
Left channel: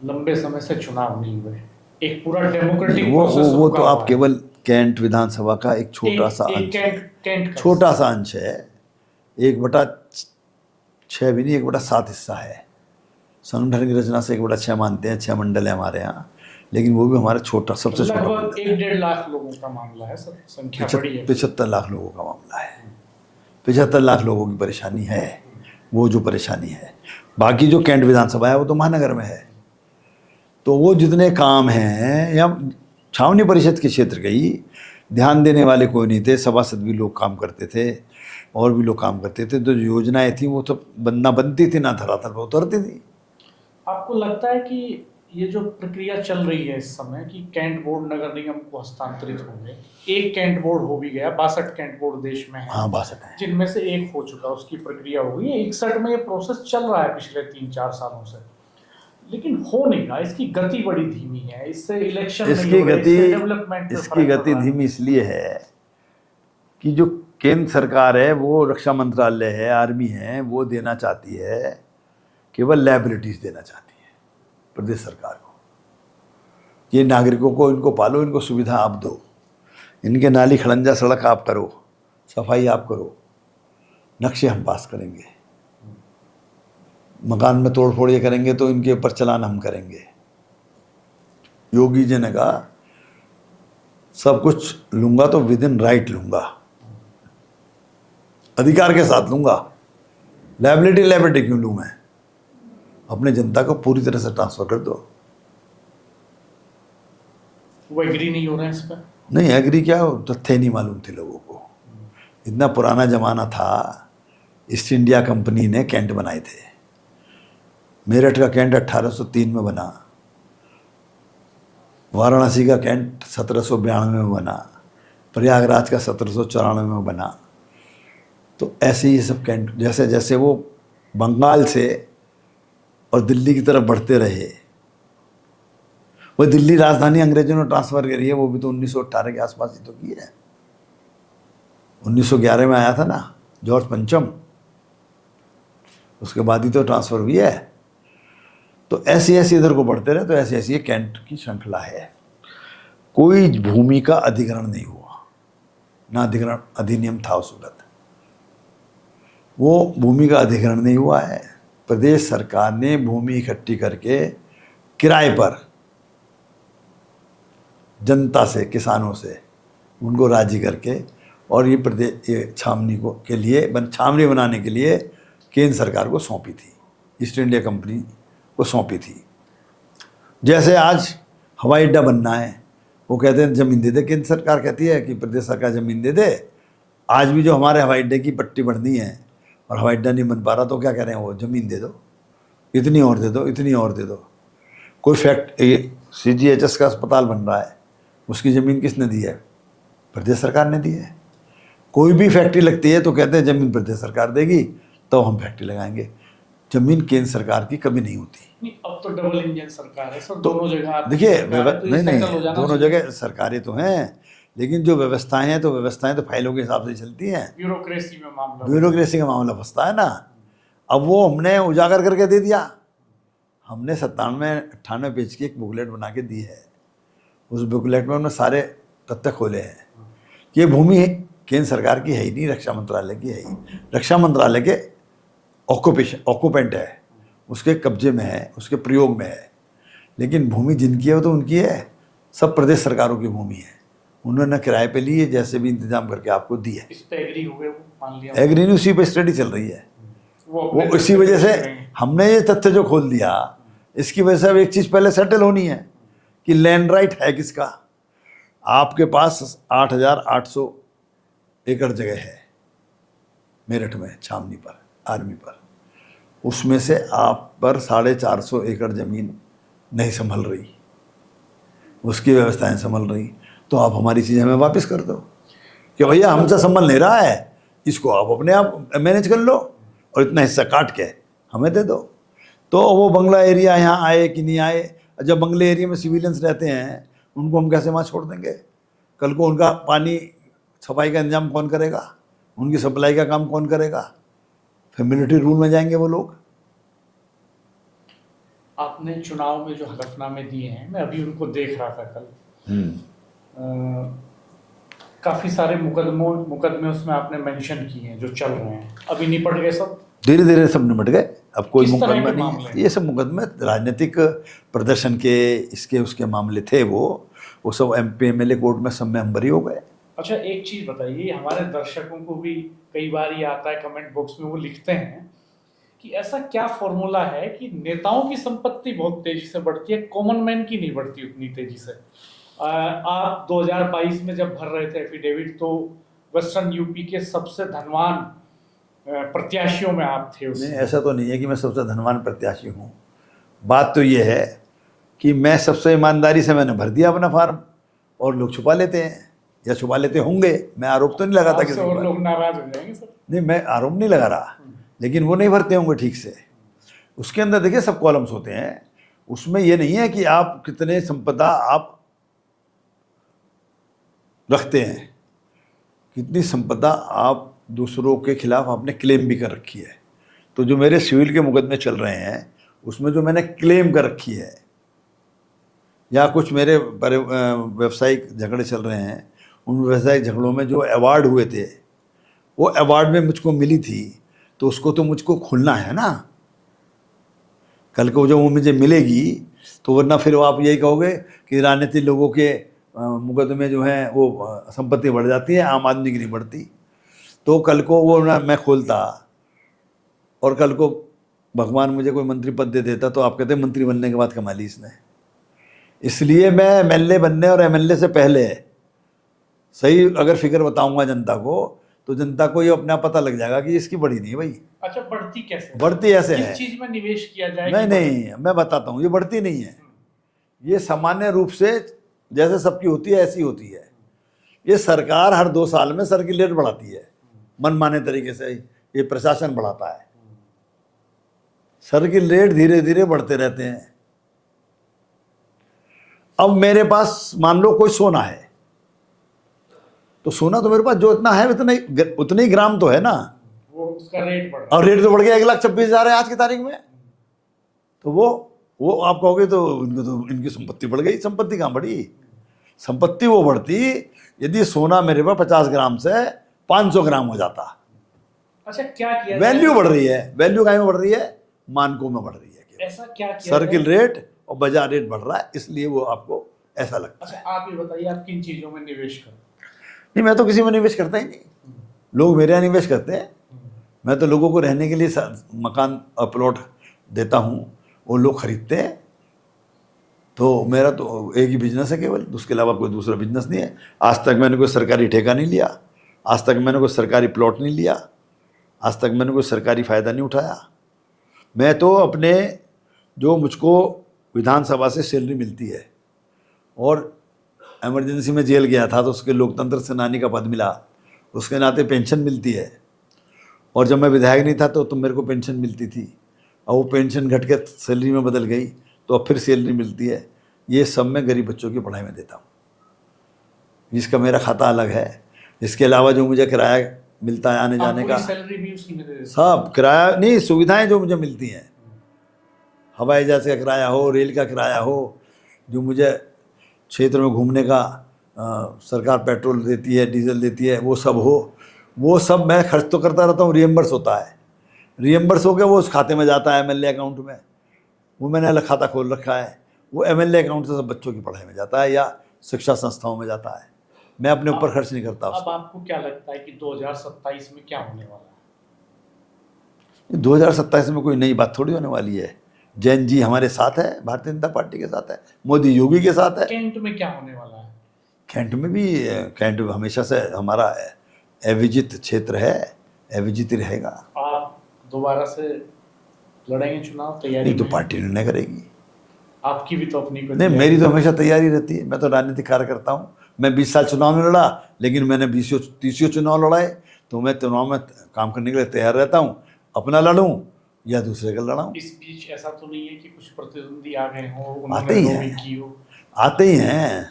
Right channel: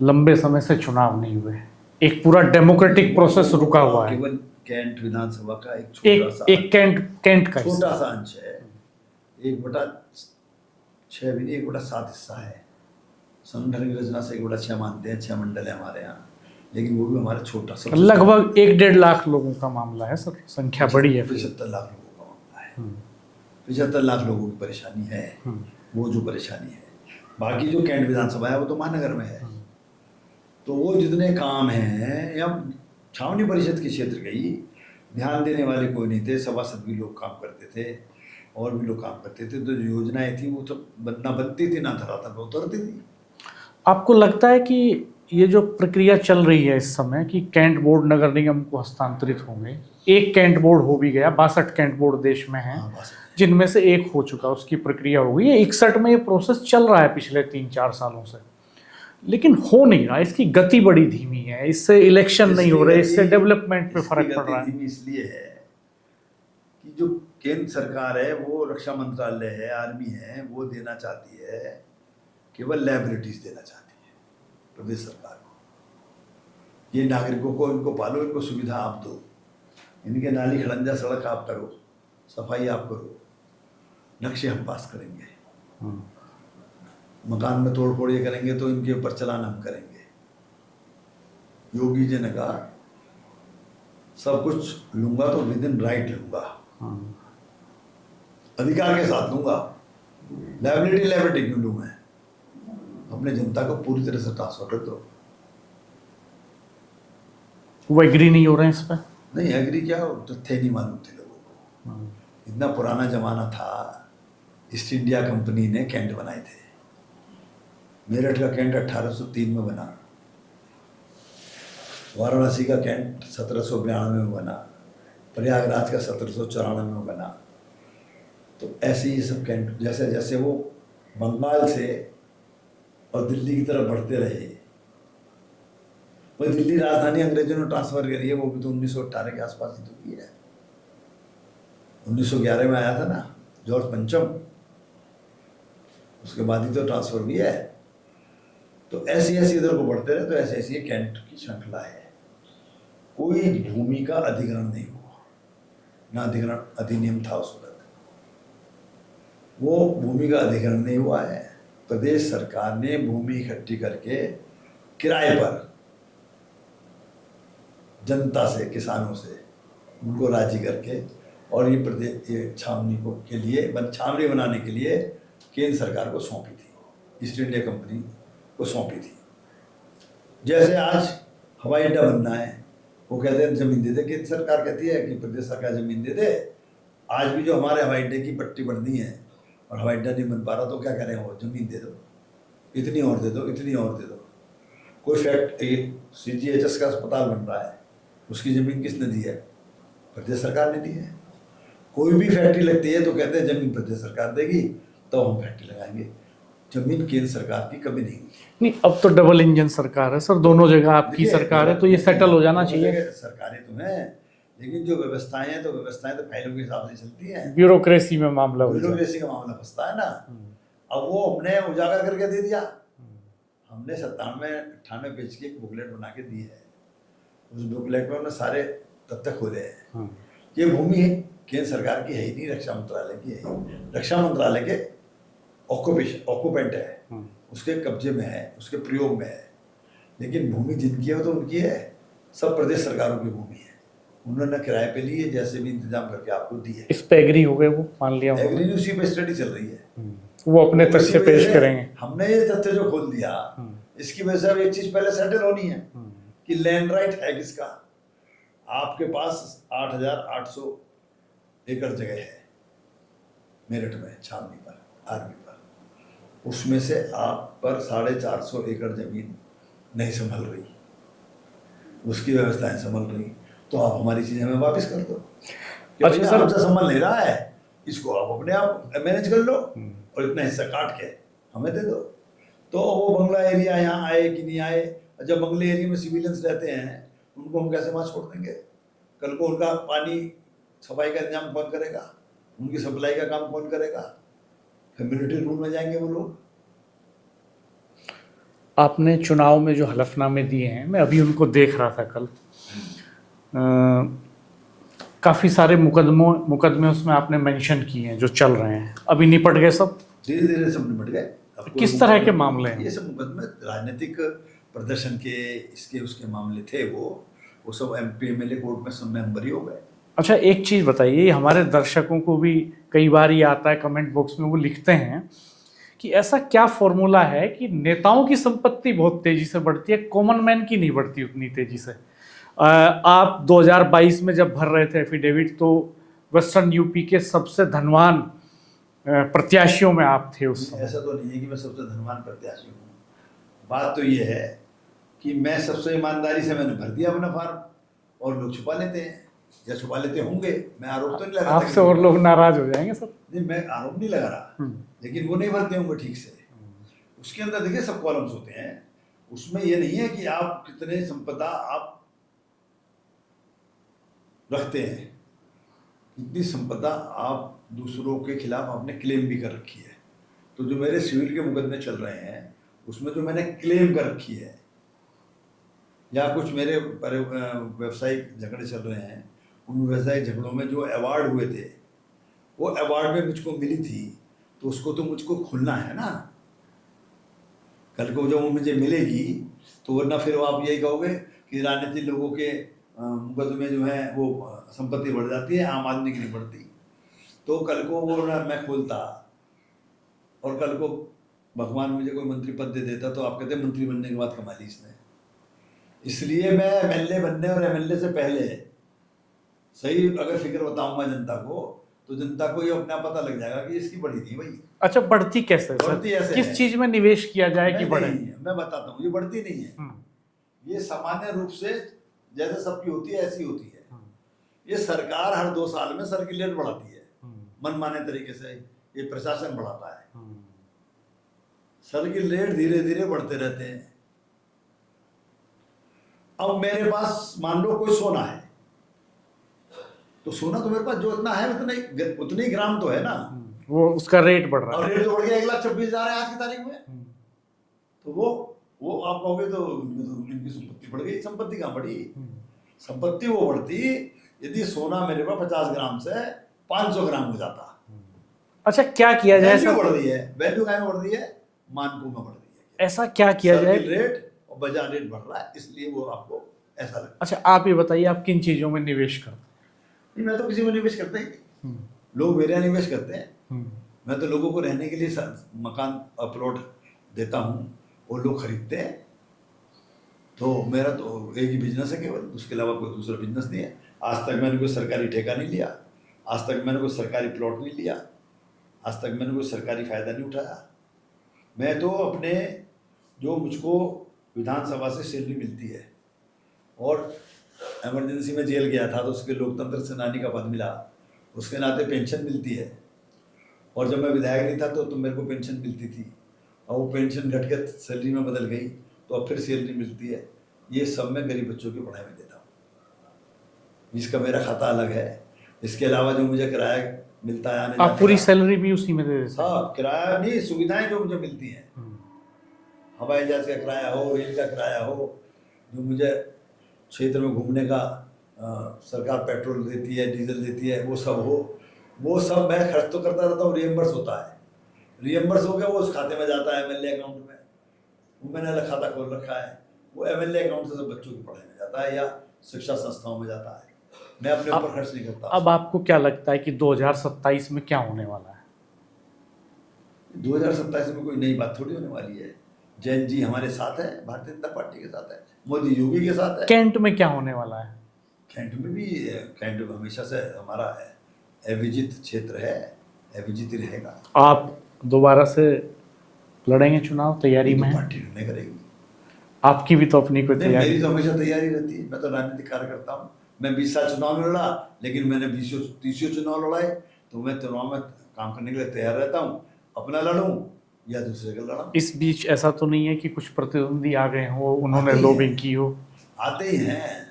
लंबे समय से चुनाव नहीं हुए, एक पूरा डेमोक्रेटिक प्रोसेस रुका तो हुआ आप है। केवल कैंट विधानसभा का एक छोटा सा एक कैंट का छोटा सा अंश है, 1/6 भी नहीं, 1/7 हिस्सा है। संगठन की रचना से 1/6 मानते हैं, 6 मंडल है हमारे यहाँ, लेकिन वो भी हमारा छोटा, सबसे लगभग 1-1.5 लाख लोगों का मामला है सर, संख्या बड़ी है। 75 लाख लोगों का मामला है। 75 लाख लोगों की परेशानी है, वो जो परेशानी है। बाकी जो कैंट विधानसभा है वो तो महानगर में है। तो वो जितने काम हैं, या छावनी परिषद के क्षेत्र के ही, ध्यान देने वाले कोई नहीं थे, सभासद भी लोग काम करते थे और भी लोग काम करते थे। तो योजनाएं थी वो तो ना बनती थी ना धरातल पर उतरती थी। आपको लगता है कि ये जो प्रक्रिया चल रही है इस समय कि कैंट बोर्ड नगर निगम को हस्तांतरित होंगे, एक कैंट बोर्ड हो भी गया, 62 कैंट बोर्ड देश में है। हाँ, 62 है, जिनमें से एक हो चुका, उसकी प्रक्रिया हो गई है। 61 में ये प्रोसेस चल रहा है पिछले 3-4 सालों से, लेकिन हो नहीं रहा, इसकी गति बड़ी धीमी है। इससे इलेक्शन नहीं हो रहे, इससे डेवलपमेंट पे इसकी फर्क पड़ गति रहा है। धीमी इसलिए है कि जो केंद्र सरकार है वो रक्षा मंत्रालय है, आर्मी है, वो देना चाहती है, केवल लाइबिलिटीज देना चाहती है प्रदेश सरकार को। ये नागरिकों को, इनको पालो, इनको सुविधा आप दो, इनके नाली खड़ंजा सड़क आप करो, सफाई आप करो, नक्शे हम पास करेंगे, मकान में तोड़ फोड़ ये करेंगे तो इनके ऊपर चलान हम करेंगे। योगी जी ने कहा सब कुछ लूंगा तो विद इन राइट लूंगा, अधिकार के साथ लूंगा। लायबिलिटी क्यों लूं मैं? अपने जनता को पूरी तरह से ट्रांसफर कर दो। वो एग्री नहीं हो रहे हैं इस पर। नहीं एग्री क्या, तथ्य नहीं मालूम थे लोगों को। इतना पुराना जमाना था, ईस्ट इंडिया कंपनी ने कैंट बनाए थे। मेरठ का कैंट 1803 में बना, वाराणसी का कैंट 1792 में बना, प्रयागराज का 1794 में बना। तो ऐसे ही सब कैंट जैसे जैसे वो बंगाल से और दिल्ली की तरफ बढ़ते रहे, वो दिल्ली राजधानी अंग्रेजों ने ट्रांसफर करी है, वो भी तो 1918 के आसपास ही तो की है। 1911 में आया था ना जॉर्ज पंचम, उसके बाद ही तो ट्रांसफर हुई है। तो ऐसे ऐसे इधर को बढ़ते रहे, तो ऐसे ऐसी कैंट की श्रृंखला है। कोई भूमि का अधिग्रहण नहीं हुआ, ना अधिग्रहण अधिनियम था उस वक्त, वो भूमि का अधिग्रहण नहीं हुआ है। प्रदेश सरकार ने भूमि इकट्ठी करके किराए पर जनता से, किसानों से उनको राजी करके, और ये प्रदेश ये छावनी को के लिए छावनी बनाने के लिए केंद्र सरकार को सौंपी थी, ईस्ट इंडिया कंपनी को सौंपी थी। जैसे आज हवाई अड्डा बनना है, वो कहते हैं ज़मीन दे दे, केंद्र सरकार कहती है कि प्रदेश सरकार ज़मीन दे दे। आज भी जो हमारे हवाई अड्डे की पट्टी बढ़नी है और हवाई अड्डा नहीं बन पा रहा, तो क्या कह रहे हैं वो, ज़मीन दे दो, इतनी और दे दो, इतनी और दे दो। कोई CGHS का अस्पताल बन रहा है, उसकी ज़मीन किसने दी है? प्रदेश सरकार ने दी है। कोई भी फैक्ट्री लगती है तो कहते हैं ज़मीन प्रदेश सरकार देगी तो हम फैक्ट्री लगाएंगे। ज़मीन केंद्र सरकार की कभी नहीं होती। नहीं, अब तो डबल इंजन सरकार है सर, दोनों जगह आपकी सरकार है, तो ये सेटल हो जाना चाहिए। दोनों जगह सरकारें तो हैं, लेकिन जो व्यवस्थाएं हैं तो फाइलों के हिसाब से चलती हैं। ब्यूरोक्रेसी में मामला का मामला फंसता है ना। अब वो हमने उजागर करके दे दिया। हमने 97-98 पेज की एक बुकलेट बना के दी है। उस बुकलेट में हमने सारे तथ्य खोले हैं। ये भूमि केंद्र सरकार की है ही नहीं, रक्षा मंत्रालय की है ही। रक्षा मंत्रालय के ऑक्यूपेंट है, उसके कब्जे में है, उसके प्रयोग में है। लेकिन भूमि जिनकी है वो तो उनकी है, सब प्रदेश सरकारों की भूमि है। उन्होंने किराए पे ली है, जैसे भी इंतजाम करके आपको दी है। इस पे एग्री हो गए वो, मान लिया एग्री नहीं, उसी पे स्टडी चल रही है। वो अपने वो तरफ इसी से वजह पेश से करेंगे। हमने ये तथ्य जो खोल दिया, इसकी वजह से अब एक चीज पहले सेटल होनी है कि लैंड राइट है किसका। आपके पास 8,800 एकड़ जगह है मेरठ में, छावनी पर, आर्मी पर। उसमें से आप पर 450 एकड़ जमीन नहीं संभल रही, उसकी व्यवस्थाएं संभल रही, तो आप हमारी चीजें हमें वापस कर दो कि भैया अच्छा, हमसे संभल नहीं रहा है, इसको आप अपने आप मैनेज कर लो और इतना हिस्सा काट के हमें दे दो। तो वो बंगला एरिया यहाँ आए कि नहीं आए, जब बंगले एरिया में सिविलियंस रहते हैं उनको हम कैसे वहाँ छोड़ देंगे? कल को उनका पानी सफाई का इंतजाम कौन करेगा, उनकी सप्लाई का काम कौन करेगा? फिर मिलिट्री रूल में जाएंगे वो लोग। आपने चुनाव में जो हलफनामे दिए हैं, मैं अभी उनको देख रहा था कल, काफ़ी सारे मुकदमे उसमें आपने मेंशन किए हैं जो चल रहे हैं, अभी निपट गए सब? धीरे धीरे सब निपट गए। अब कोई किस तरह के मुकदमा नहीं मामले है। हैं? ये सब मुकदमे राजनीतिक प्रदर्शन के, इसके उसके मामले थे। वो सब MP MLA कोर्ट में सब में हम बरी हो गए। अच्छा, एक चीज़ बताइए, हमारे दर्शकों को भी कई बार ये आता है कमेंट बॉक्स में, वो लिखते हैं कि ऐसा क्या फॉर्मूला है कि नेताओं की संपत्ति बहुत तेजी से बढ़ती है, कॉमन मैन की नहीं बढ़ती उतनी तेजी से? आप 2022 में जब भर रहे थे एफिडेविट, तो वेस्टर्न यूपी के सबसे धनवान प्रत्याशियों में आप थे उस नहीं, ऐसा तो नहीं है कि मैं सबसे धनवान प्रत्याशी हूँ। बात तो ये है कि मैं सबसे ईमानदारी से मैंने भर दिया अपना फार्म, और लोग छुपा लेते हैं या छुपा लेते होंगे। मैं आरोप तो नहीं लगाता आपसे, किसी और पर। लोग नाराज हो जाएंगे सर। नहीं, मैं आरोप नहीं लगा रहा, लेकिन वो नहीं भरते होंगे ठीक से। उसके अंदर देखिए सब कॉलम्स होते हैं, उसमें ये नहीं है कि आप कितने संपदा आप रखते हैं, कितनी संपदा आप दूसरों के खिलाफ आपने क्लेम भी कर रखी है। तो जो मेरे सिविल के मुकदमे चल रहे हैं उसमें जो मैंने क्लेम कर रखी है, या कुछ मेरे व्यवसायिक झगड़े चल रहे हैं, उन व्यवसायिक झगड़ों में जो अवार्ड हुए थे, वो अवार्ड में मुझको मिली थी, तो उसको तो मुझको खुलना है ना। कल को जब वो मुझे मिलेगी तो वरना फिर आप यही कहोगे कि राजनीतिक लोगों के मुकदमे जो हैं वो संपत्ति बढ़ जाती है, आम आदमी की नहीं बढ़ती। तो कल को वो ना मैं खोलता और कल को भगवान मुझे कोई मंत्री पद दे देता, तो आप कहते मंत्री बनने के बाद कमा ली इसने। इसलिए मैं MLA बनने और MLA से पहले सही अगर फिगर बताऊंगा जनता को, तो जनता को ये अपना पता लग जाएगा कि इसकी बढ़ी नहीं भाई। अच्छा, बढ़ती कैसे? बढ़ती ऐसे किस है। चीज में निवेश किया जाए नहीं कि बढ़े? नहीं, मैं बताता हूँ, ये बढ़ती नहीं है। ये सामान्य रूप से जैसे सबकी होती है ऐसी होती है। ये सरकार हर 2 साल में सर्कुलर बढ़ाती है, मनमाने तरीके से ये प्रशासन बढ़ाता है। सर्कुलर धीरे धीरे बढ़ते रहते हैं। अब मेरे पास मान लो कोई सोना है, तो सोना तो मेरे पास जो इतना है उतने ही ग्राम तो है ना, वो उसका रेट बढ़ रहा और रेट तो बढ़ गया 1,26,000 है आज की तारीख में। तो वो आप कहोगे तो इनकी संपत्ति बढ़ गई। संपत्ति कहाँ बढ़ी? संपत्ति वो बढ़ती यदि सोना मेरे पास 50 ग्राम से 500 ग्राम हो जाता। अच्छा, क्या किया जाए? वैल्यू बढ़ रही है। वैल्यू कहाँ में बढ़ रही है? मानकों में बढ़ रही है। ऐसा क्या किया जाए? सर्किल रेट और बाजार रेट बढ़ रहा है, इसलिए वो आपको ऐसा लगता है। अच्छा, आप ये बताइए, आप किन चीजों में निवेश करते नहीं, मैं तो किसी में निवेश करता ही नहीं। लोग मेरे यहाँ निवेश करते हैं। मैं तो लोगों को रहने के लिए मकान और प्लॉट देता हूँ, वो लोग खरीदते हैं। तो मेरा तो एक ही बिजनेस है केवल, उसके अलावा कोई दूसरा बिजनेस नहीं है। आज तक मैंने कोई सरकारी ठेका नहीं लिया, आज तक मैंने कोई सरकारी प्लॉट नहीं लिया, आज तक मैंने कोई सरकारी फ़ायदा नहीं उठाया। मैं तो अपने जो मुझको विधानसभा से सैलरी मिलती है, और इमरजेंसी में जेल गया था तो उसके लोकतंत्र सेनानी का पद मिला, उसके नाते पेंशन मिलती है। और जब मैं विधायक नहीं था तो मेरे को पेंशन मिलती थी, और वो पेंशन घट के सैलरी में बदल गई तो अब फिर सैलरी मिलती है। ये सब मैं गरीब बच्चों की पढ़ाई में देता हूँ, जिसका मेरा खाता अलग है। इसके अलावा जो मुझे किराया मिलता है आने जाने का, पूरी सैलरी भी उसी में दे देते? सब किराया नहीं, सुविधाएं जो मुझे मिलती हैं, हवाई जहाज का किराया हो, रेल का किराया हो, जो मुझे क्षेत्र में घूमने का सरकार पेट्रोल देती है, डीजल देती है, वो सब हो, वो सब मैं खर्च तो करता रहता हूँ। रिएम्बर्स होता है, रिएम्बर्स हो गया वो उस खाते में जाता है MLA अकाउंट में, वो मैंने अलग खाता खोल रखा है। वो MLA अकाउंट से सब बच्चों की पढ़ाई में जाता है या शिक्षा संस्थाओं में जाता है। मैं अपने ऊपर खर्च नहीं करता। अब आपको क्या लगता है कि 2027 में क्या होने वाला है? 2027 में कोई नई बात थोड़ी होने वाली है। जैन जी हमारे साथ है, भारतीय जनता पार्टी के साथ है, मोदी योगी के साथ है। कैंट में क्या होने वाला है? कैंट में भी, कैंट हमेशा से हमारा अविजित क्षेत्र है, अविजित ही रहेगा। आप दोबारा से लड़ेंगे चुनाव? तैयारी नहीं तो में है? पार्टी निर्णय करेगी। आपकी भी तो अपनी कोई नहीं, तैयारी मेरी तो हमेशा तैयारी रहती है। मैं तो राजनीतिक कार्य करता हूँ। मैं 20 साल चुनाव में लड़ा, लेकिन मैंने 20-30 चुनाव लड़ाए। तो मैं चुनाव में काम करने के लिए तैयार रहता हूँ, अपना लड़ूं या दूसरे का लड़ाऊं। इस बीच ऐसा तो नहीं है कि कुछ प्रतिद्वंदी आ गए हो, आते उन्होंने ही लॉबिंग हैं। की हो? आते ही हैं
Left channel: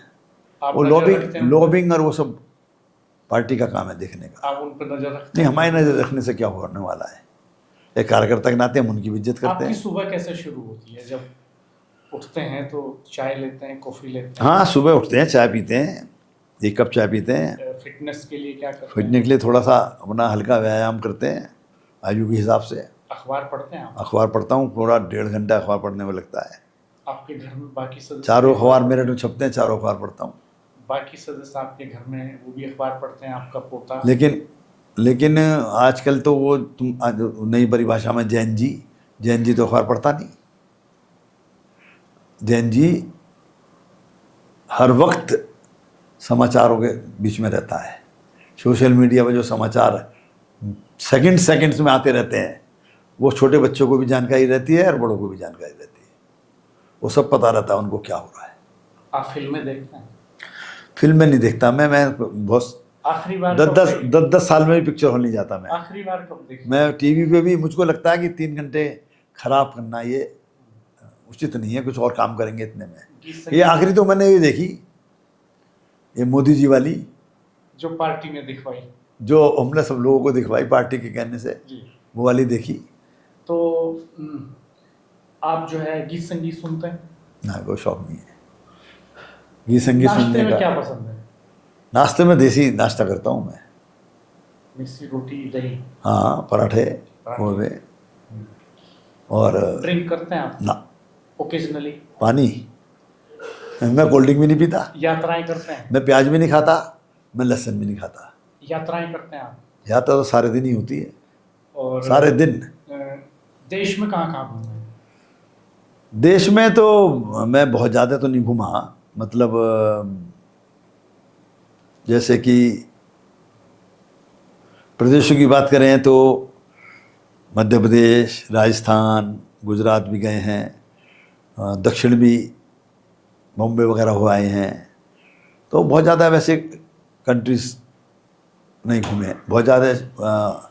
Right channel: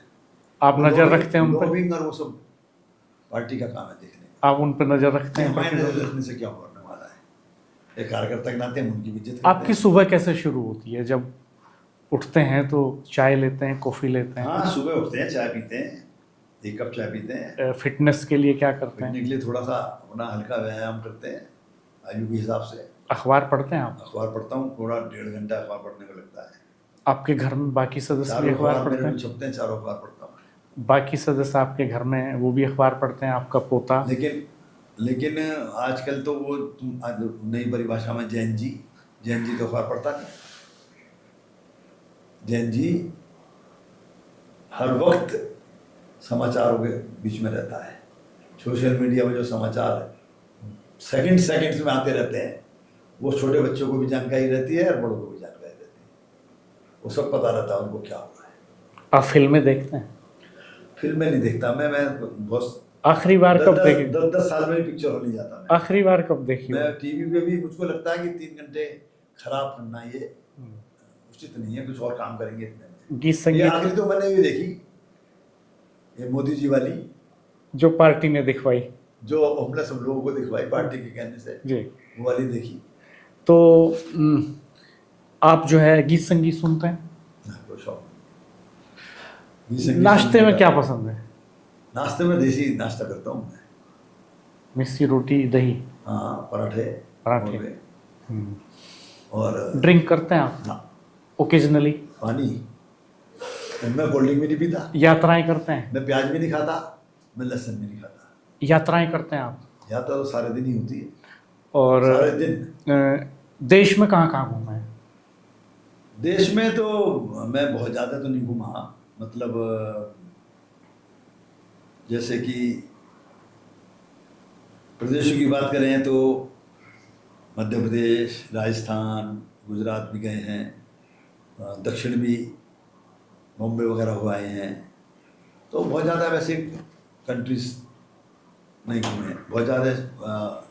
आप वो। नजर रखते हैं उन पे? लॉबिंग और वो सब पार्टी का काम है देखने का। आप उन पर नजर रखते नहीं, हैं? हमारी नजर रखने से क्या होने वाला है। एक कार्यकर्ता के नाते हम उनकी भी इज्जत करते आपकी हैं। सुबह कैसे शुरू होती है? जब उठते हैं तो चाय लेते हैं, कॉफी लेते हैं? हाँ, सुबह उठते हैं, चाय पीते हैं, 1 कप चाय पीते हैं। फिटनेस के लिए क्या करते हैं? फिटने के लिए थोड़ा सा अपना हल्का व्यायाम करते हैं आयु के हिसाब से। अखबार पढ़ते हैं आप? अखबार पढ़ता हूँ, पूरा 1.5 घंटा अखबार पढ़ने में लगता है। आपके घर में बाकी सदस्य चारों भी अखबार मेरे पढ़ते में हैं? छपते हैं, चारों अखबार पढ़ता हूँ। बाकी सदस्य आपके घर में वो भी अखबार पढ़ते हैं? आपका पोता? लेकिन आजकल तो वो तुम आज नई परिभाषा में जैन जी तो अखबार पढ़ता नहीं। जैन जी हर वक्त समाचारों के बीच में रहता है। सोशल मीडिया में जो समाचार सेकंड्स में आते रहते हैं, वो छोटे बच्चों को भी जानकारी रहती है और बड़ों को भी जानकारी रहती है। वो सब पता रहता है उनको क्या हो रहा है। आप फिल्में देखते हैं? फिल्में नहीं देखता मैं बहुत आखिरी बार कब देखे? 10 साल में भी पिक्चर हॉल नहीं जाता मैं। आखिरी बार कब देखी? मैं टीवी पे भी, मुझको लगता है कि 3 घंटे खराब करना ये उचित नहीं है। कुछ और काम करेंगे इतने में। गीत ये संगीत आखिरी तो मैंने ये देखी, ये मोदी जी वाली, जो पार्टी ने दिखवाई, जो हमने सब लोगों को दिखवाई पार्टी के कहने से, जी। वो वाली देखी। तो आप जो है गीत संगीत सुनते हैं? ना, कोई शौक नहीं है गीत संगीत नाश्ते सुनने में का। क्या पसंद है? नाश्ते में देसी नाश्ता करता हूँ मैं। मिस्सी रोटी, दही? हाँ, पराठे पराठे। हुए। और ड्रिंक करते हैं आप? ना, ओकेजनली? पानी। मैं कोल्ड ड्रिंक भी नहीं पीता, यात्राएं करते हैं? मैं प्याज भी नहीं खाता, मैं लहसुन भी नहीं खाता। यात्राएं करते हैं आप? यात्रा तो सारे दिन ही होती है, और सारे दिन। देश में कहाँ कहाँ घूमे हैं? देश में तो मैं बहुत ज़्यादा तो नहीं घूमा। मतलब जैसे कि प्रदेशों की बात करें तो मध्य प्रदेश, राजस्थान, गुजरात भी गए हैं, दक्षिण भी बॉम्बे वगैरह हो आए हैं। तो बहुत ज़्यादा वैसे कंट्रीज नहीं घूमे हैं। बहुत ज़्यादा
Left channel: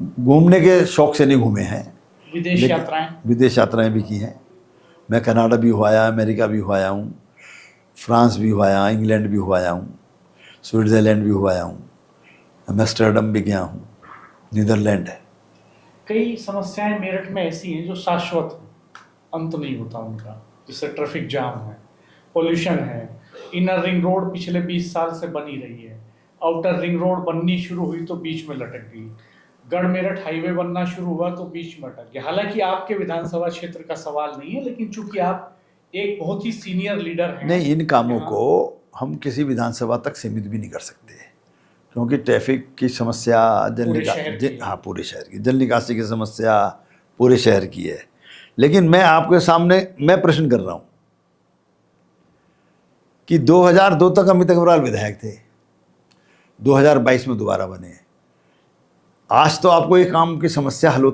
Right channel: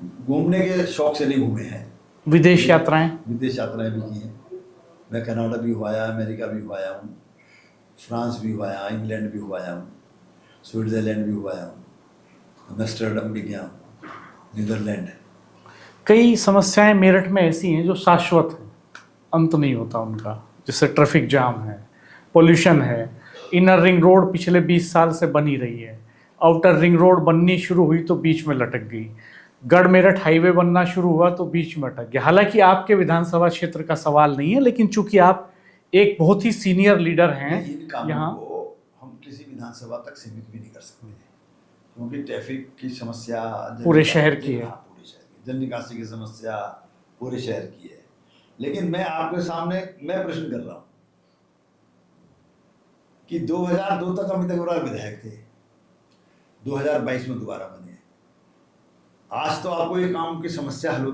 घूमने के शौक़ से नहीं घूमे हैं। विदेश यात्राएं? विदेश यात्राएं भी की हैं। मैं कनाडा भी हो आया, अमेरिका भी हो आया हूँ, फ्रांस भी हो आया, इंग्लैंड भी हो आया हूँ, स्विट्ज़रलैंड भी हो आया हूँ, एम्स्टर्डम भी गया हूँ, नीदरलैंड है। कई समस्याएं मेरठ में ऐसी हैं जो शाश्वत हैं, अंत नहीं होता उनका। जैसे ट्रैफिक जाम है, पोल्यूशन है। इनर रिंग रोड पिछले 20 साल से बनी रही है, आउटर रिंग रोड बननी शुरू हुई तो बीच में लटक गई, गढ़ मेरठ हाईवे बनना शुरू हुआ तो बीच में अटक गया। हालांकि आपके विधानसभा क्षेत्र का सवाल नहीं है, लेकिन चूंकि आप एक बहुत ही सीनियर लीडर हैं। नहीं, इन कामों को हम किसी विधानसभा तक सीमित भी नहीं कर सकते, क्योंकि ट्रैफिक की समस्या पूरे शहर की है। हाँ, पूरे शहर की। जल निकासी की समस्या पूरे शहर की है। लेकिन मैं आपके सामने मैं प्रश्न कर रहा हूँ कि 2002 तक अमित अग्रवाल विधायक थे, 2022 में दोबारा बने। आज तो आपको एक काम की समस्या हल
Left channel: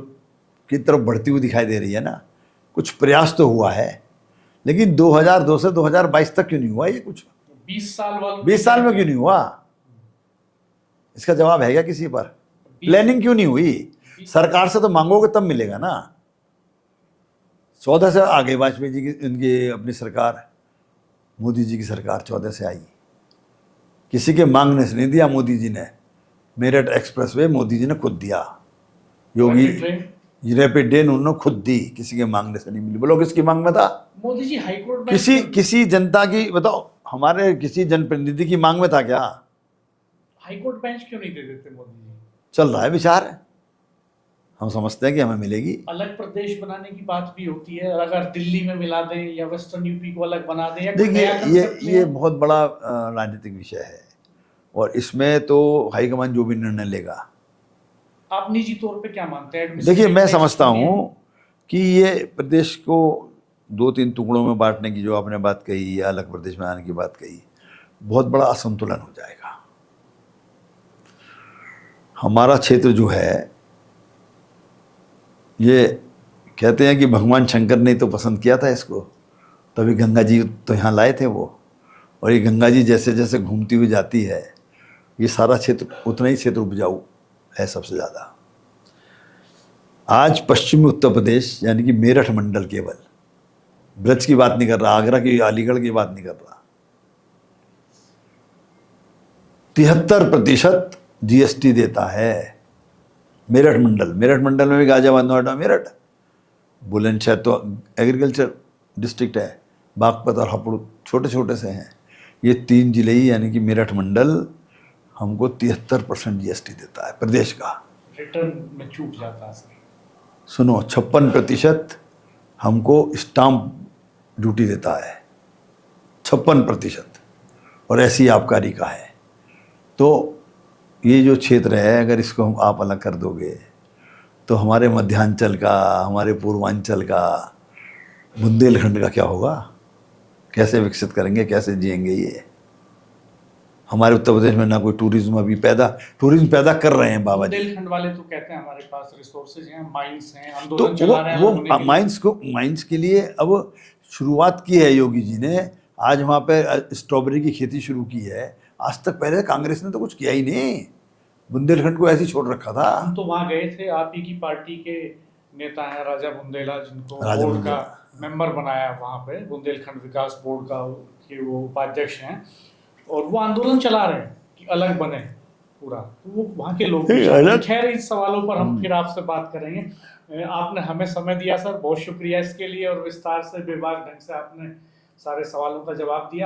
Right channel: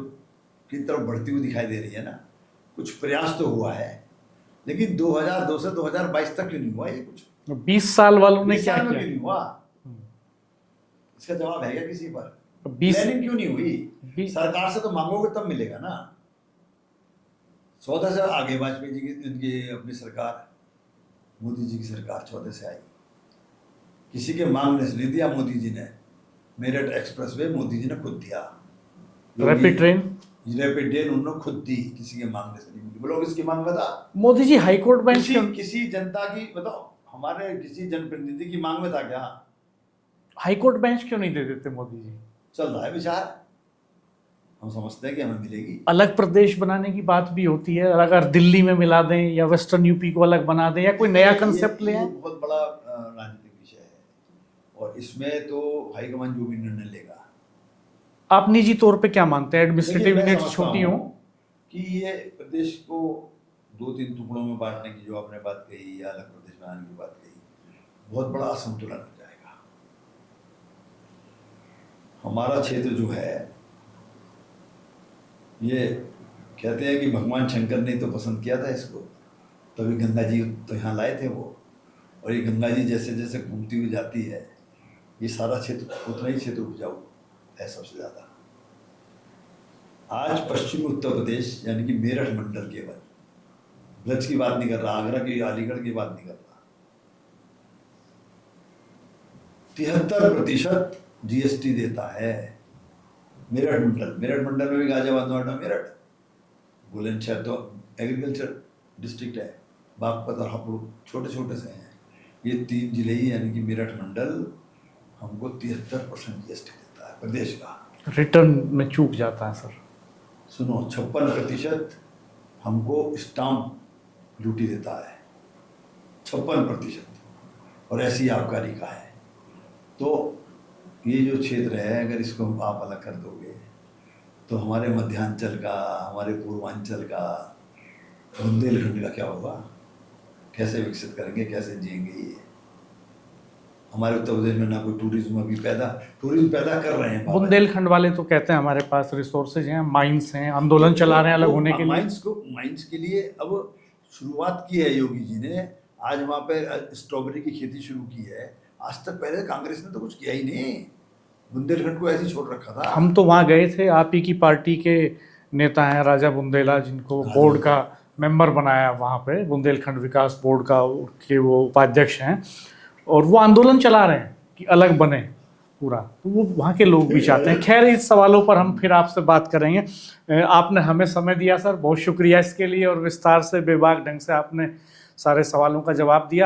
की तरफ बढ़ती हुई दिखाई दे रही है ना। कुछ प्रयास तो हुआ है, लेकिन 2002 से 2022 तक क्यों नहीं हुआ ये कुछ? 20 साल वालों ने 20 साल में क्या क्यों नहीं हुआ? इसका जवाब है क्या किसी पर? किया? प्लानिंग क्यों नहीं हुई? सरकार से तो मांगोगे तब मिलेगा ना। 14 से आ गई वाजपेयी जी की, इनकी अपनी सरकार, मोदी जी की सरकार 14 से आई। किसी के मांगने से नहीं दिया मोदी जी ने। मेरठ एक्सप्रेसवे मोदी जी ने खुद दिया। योगी रैपिड ट्रेन, रैपिड ट्रेन उन्होंने खुद दी, किसी के मांगने से नहीं मिली। बोलो किसकी मांग में था? मोदी जी हाईकोर्ट बेंच किसी जनता की, बताओ, हमारे किसी जनप्रतिनिधि की मांग में था क्या? हाईकोर्ट बेंच क्यों नहीं दे देते मोदी जी? चल रहा है विचार, हम समझते हैं कि हमें मिलेगी। अलग प्रदेश बनाने की बात भी होती है, अगर दिल्ली में मिला दें या वेस्टर्न यूपी को अलग बना दें, या कोई नया कंसेप्ट ये बहुत बड़ा राजनीतिक विषय है, और इसमें तो हाईकमान जो भी निर्णय लेगा आप निजी तौर पे क्या मानते हैं? देखिए, मैं Administrative समझता tax छूटी हूँ हो? कि ये प्रदेश को 2-3 टुकड़ों में बांटने की जो आपने बात कही या अलग प्रदेश में आने की बात कही, बहुत बड़ा असंतुलन हो जाएगा। हमारा क्षेत्र जो है, ये कहते हैं कि भगवान शंकर ने तो पसंद किया था इसको, तभी गंगा जी तो यहाँ लाए थे वो। और ये गंगा जी जैसे जैसे घूमती हुई जाती है, ये सारा क्षेत्र उतना ही क्षेत्र उपजाऊ है सबसे ज़्यादा। आज पश्चिमी उत्तर प्रदेश यानी कि मेरठ मंडल, केवल ब्रज की बात नहीं कर रहा, आगरा की, अलीगढ़ की बात नहीं कर रहा, 73% जीएसटी देता है मेरठ मंडल। मेरठ मंडल में भी गाजियाबाद, नोएडा, मेरठ, बुलंदशहर तो एग्रीकल्चर डिस्ट्रिक्ट है, बागपत और हापुड़ छोटे छोटे से हैं। ये 3 जिले ही यानी कि मेरठ मंडल हमको 73% जीएसटी देता है प्रदेश का। रिटर्न में चूक जाता है सर। सुनो, 56% हमको स्टाम्प ड्यूटी देता है, 56%, और ऐसी आबकारी का है। तो ये जो क्षेत्र है, अगर इसको हम आप अलग कर दोगे तो हमारे मध्यांचल का, हमारे पूर्वांचल का, बुंदेलखंड का क्या होगा? कैसे विकसित करेंगे, कैसे जिएंगे ये? हमारे उत्तर प्रदेश में ना कोई टूरिज्म अभी टूरिज्म पैदा कर रहे हैं बाबा जी। बुंदेलखंड वाले तो कहते हैं हमारे पास रिसोर्सेज हैं, माइंस हैं, आंदोलन चला रहे हैं अलग होने के लिए। माइंस के लिए अब शुरुआत की है योगी जी ने। आज वहाँ पे स्ट्रॉबेरी की खेती शुरू की है। आज तक पहले कांग्रेस ने तो कुछ किया ही नहीं, बुंदेलखंड को ऐसे ही छोड़ रखा था। हम तो वहाँ गए थे, आप ही की पार्टी के नेता हैं राजा बुंदेला, जिनको बोर्ड का मेंबर बनाया वहाँ पे, बुंदेलखंड विकास बोर्ड का के वो उपाध्यक्ष हैं, और वो आंदोलन चला रहे हैं कि अलग बने पूरा। तो वो वहाँ के लोग भी चाहते हैं। खैर, इस सवालों पर हम फिर आपसे बात करेंगे। आपने हमें समय दिया सर, बहुत शुक्रिया इसके लिए, और विस्तार से, बेबाक ढंग से आपने सारे सवालों का जवाब दिया।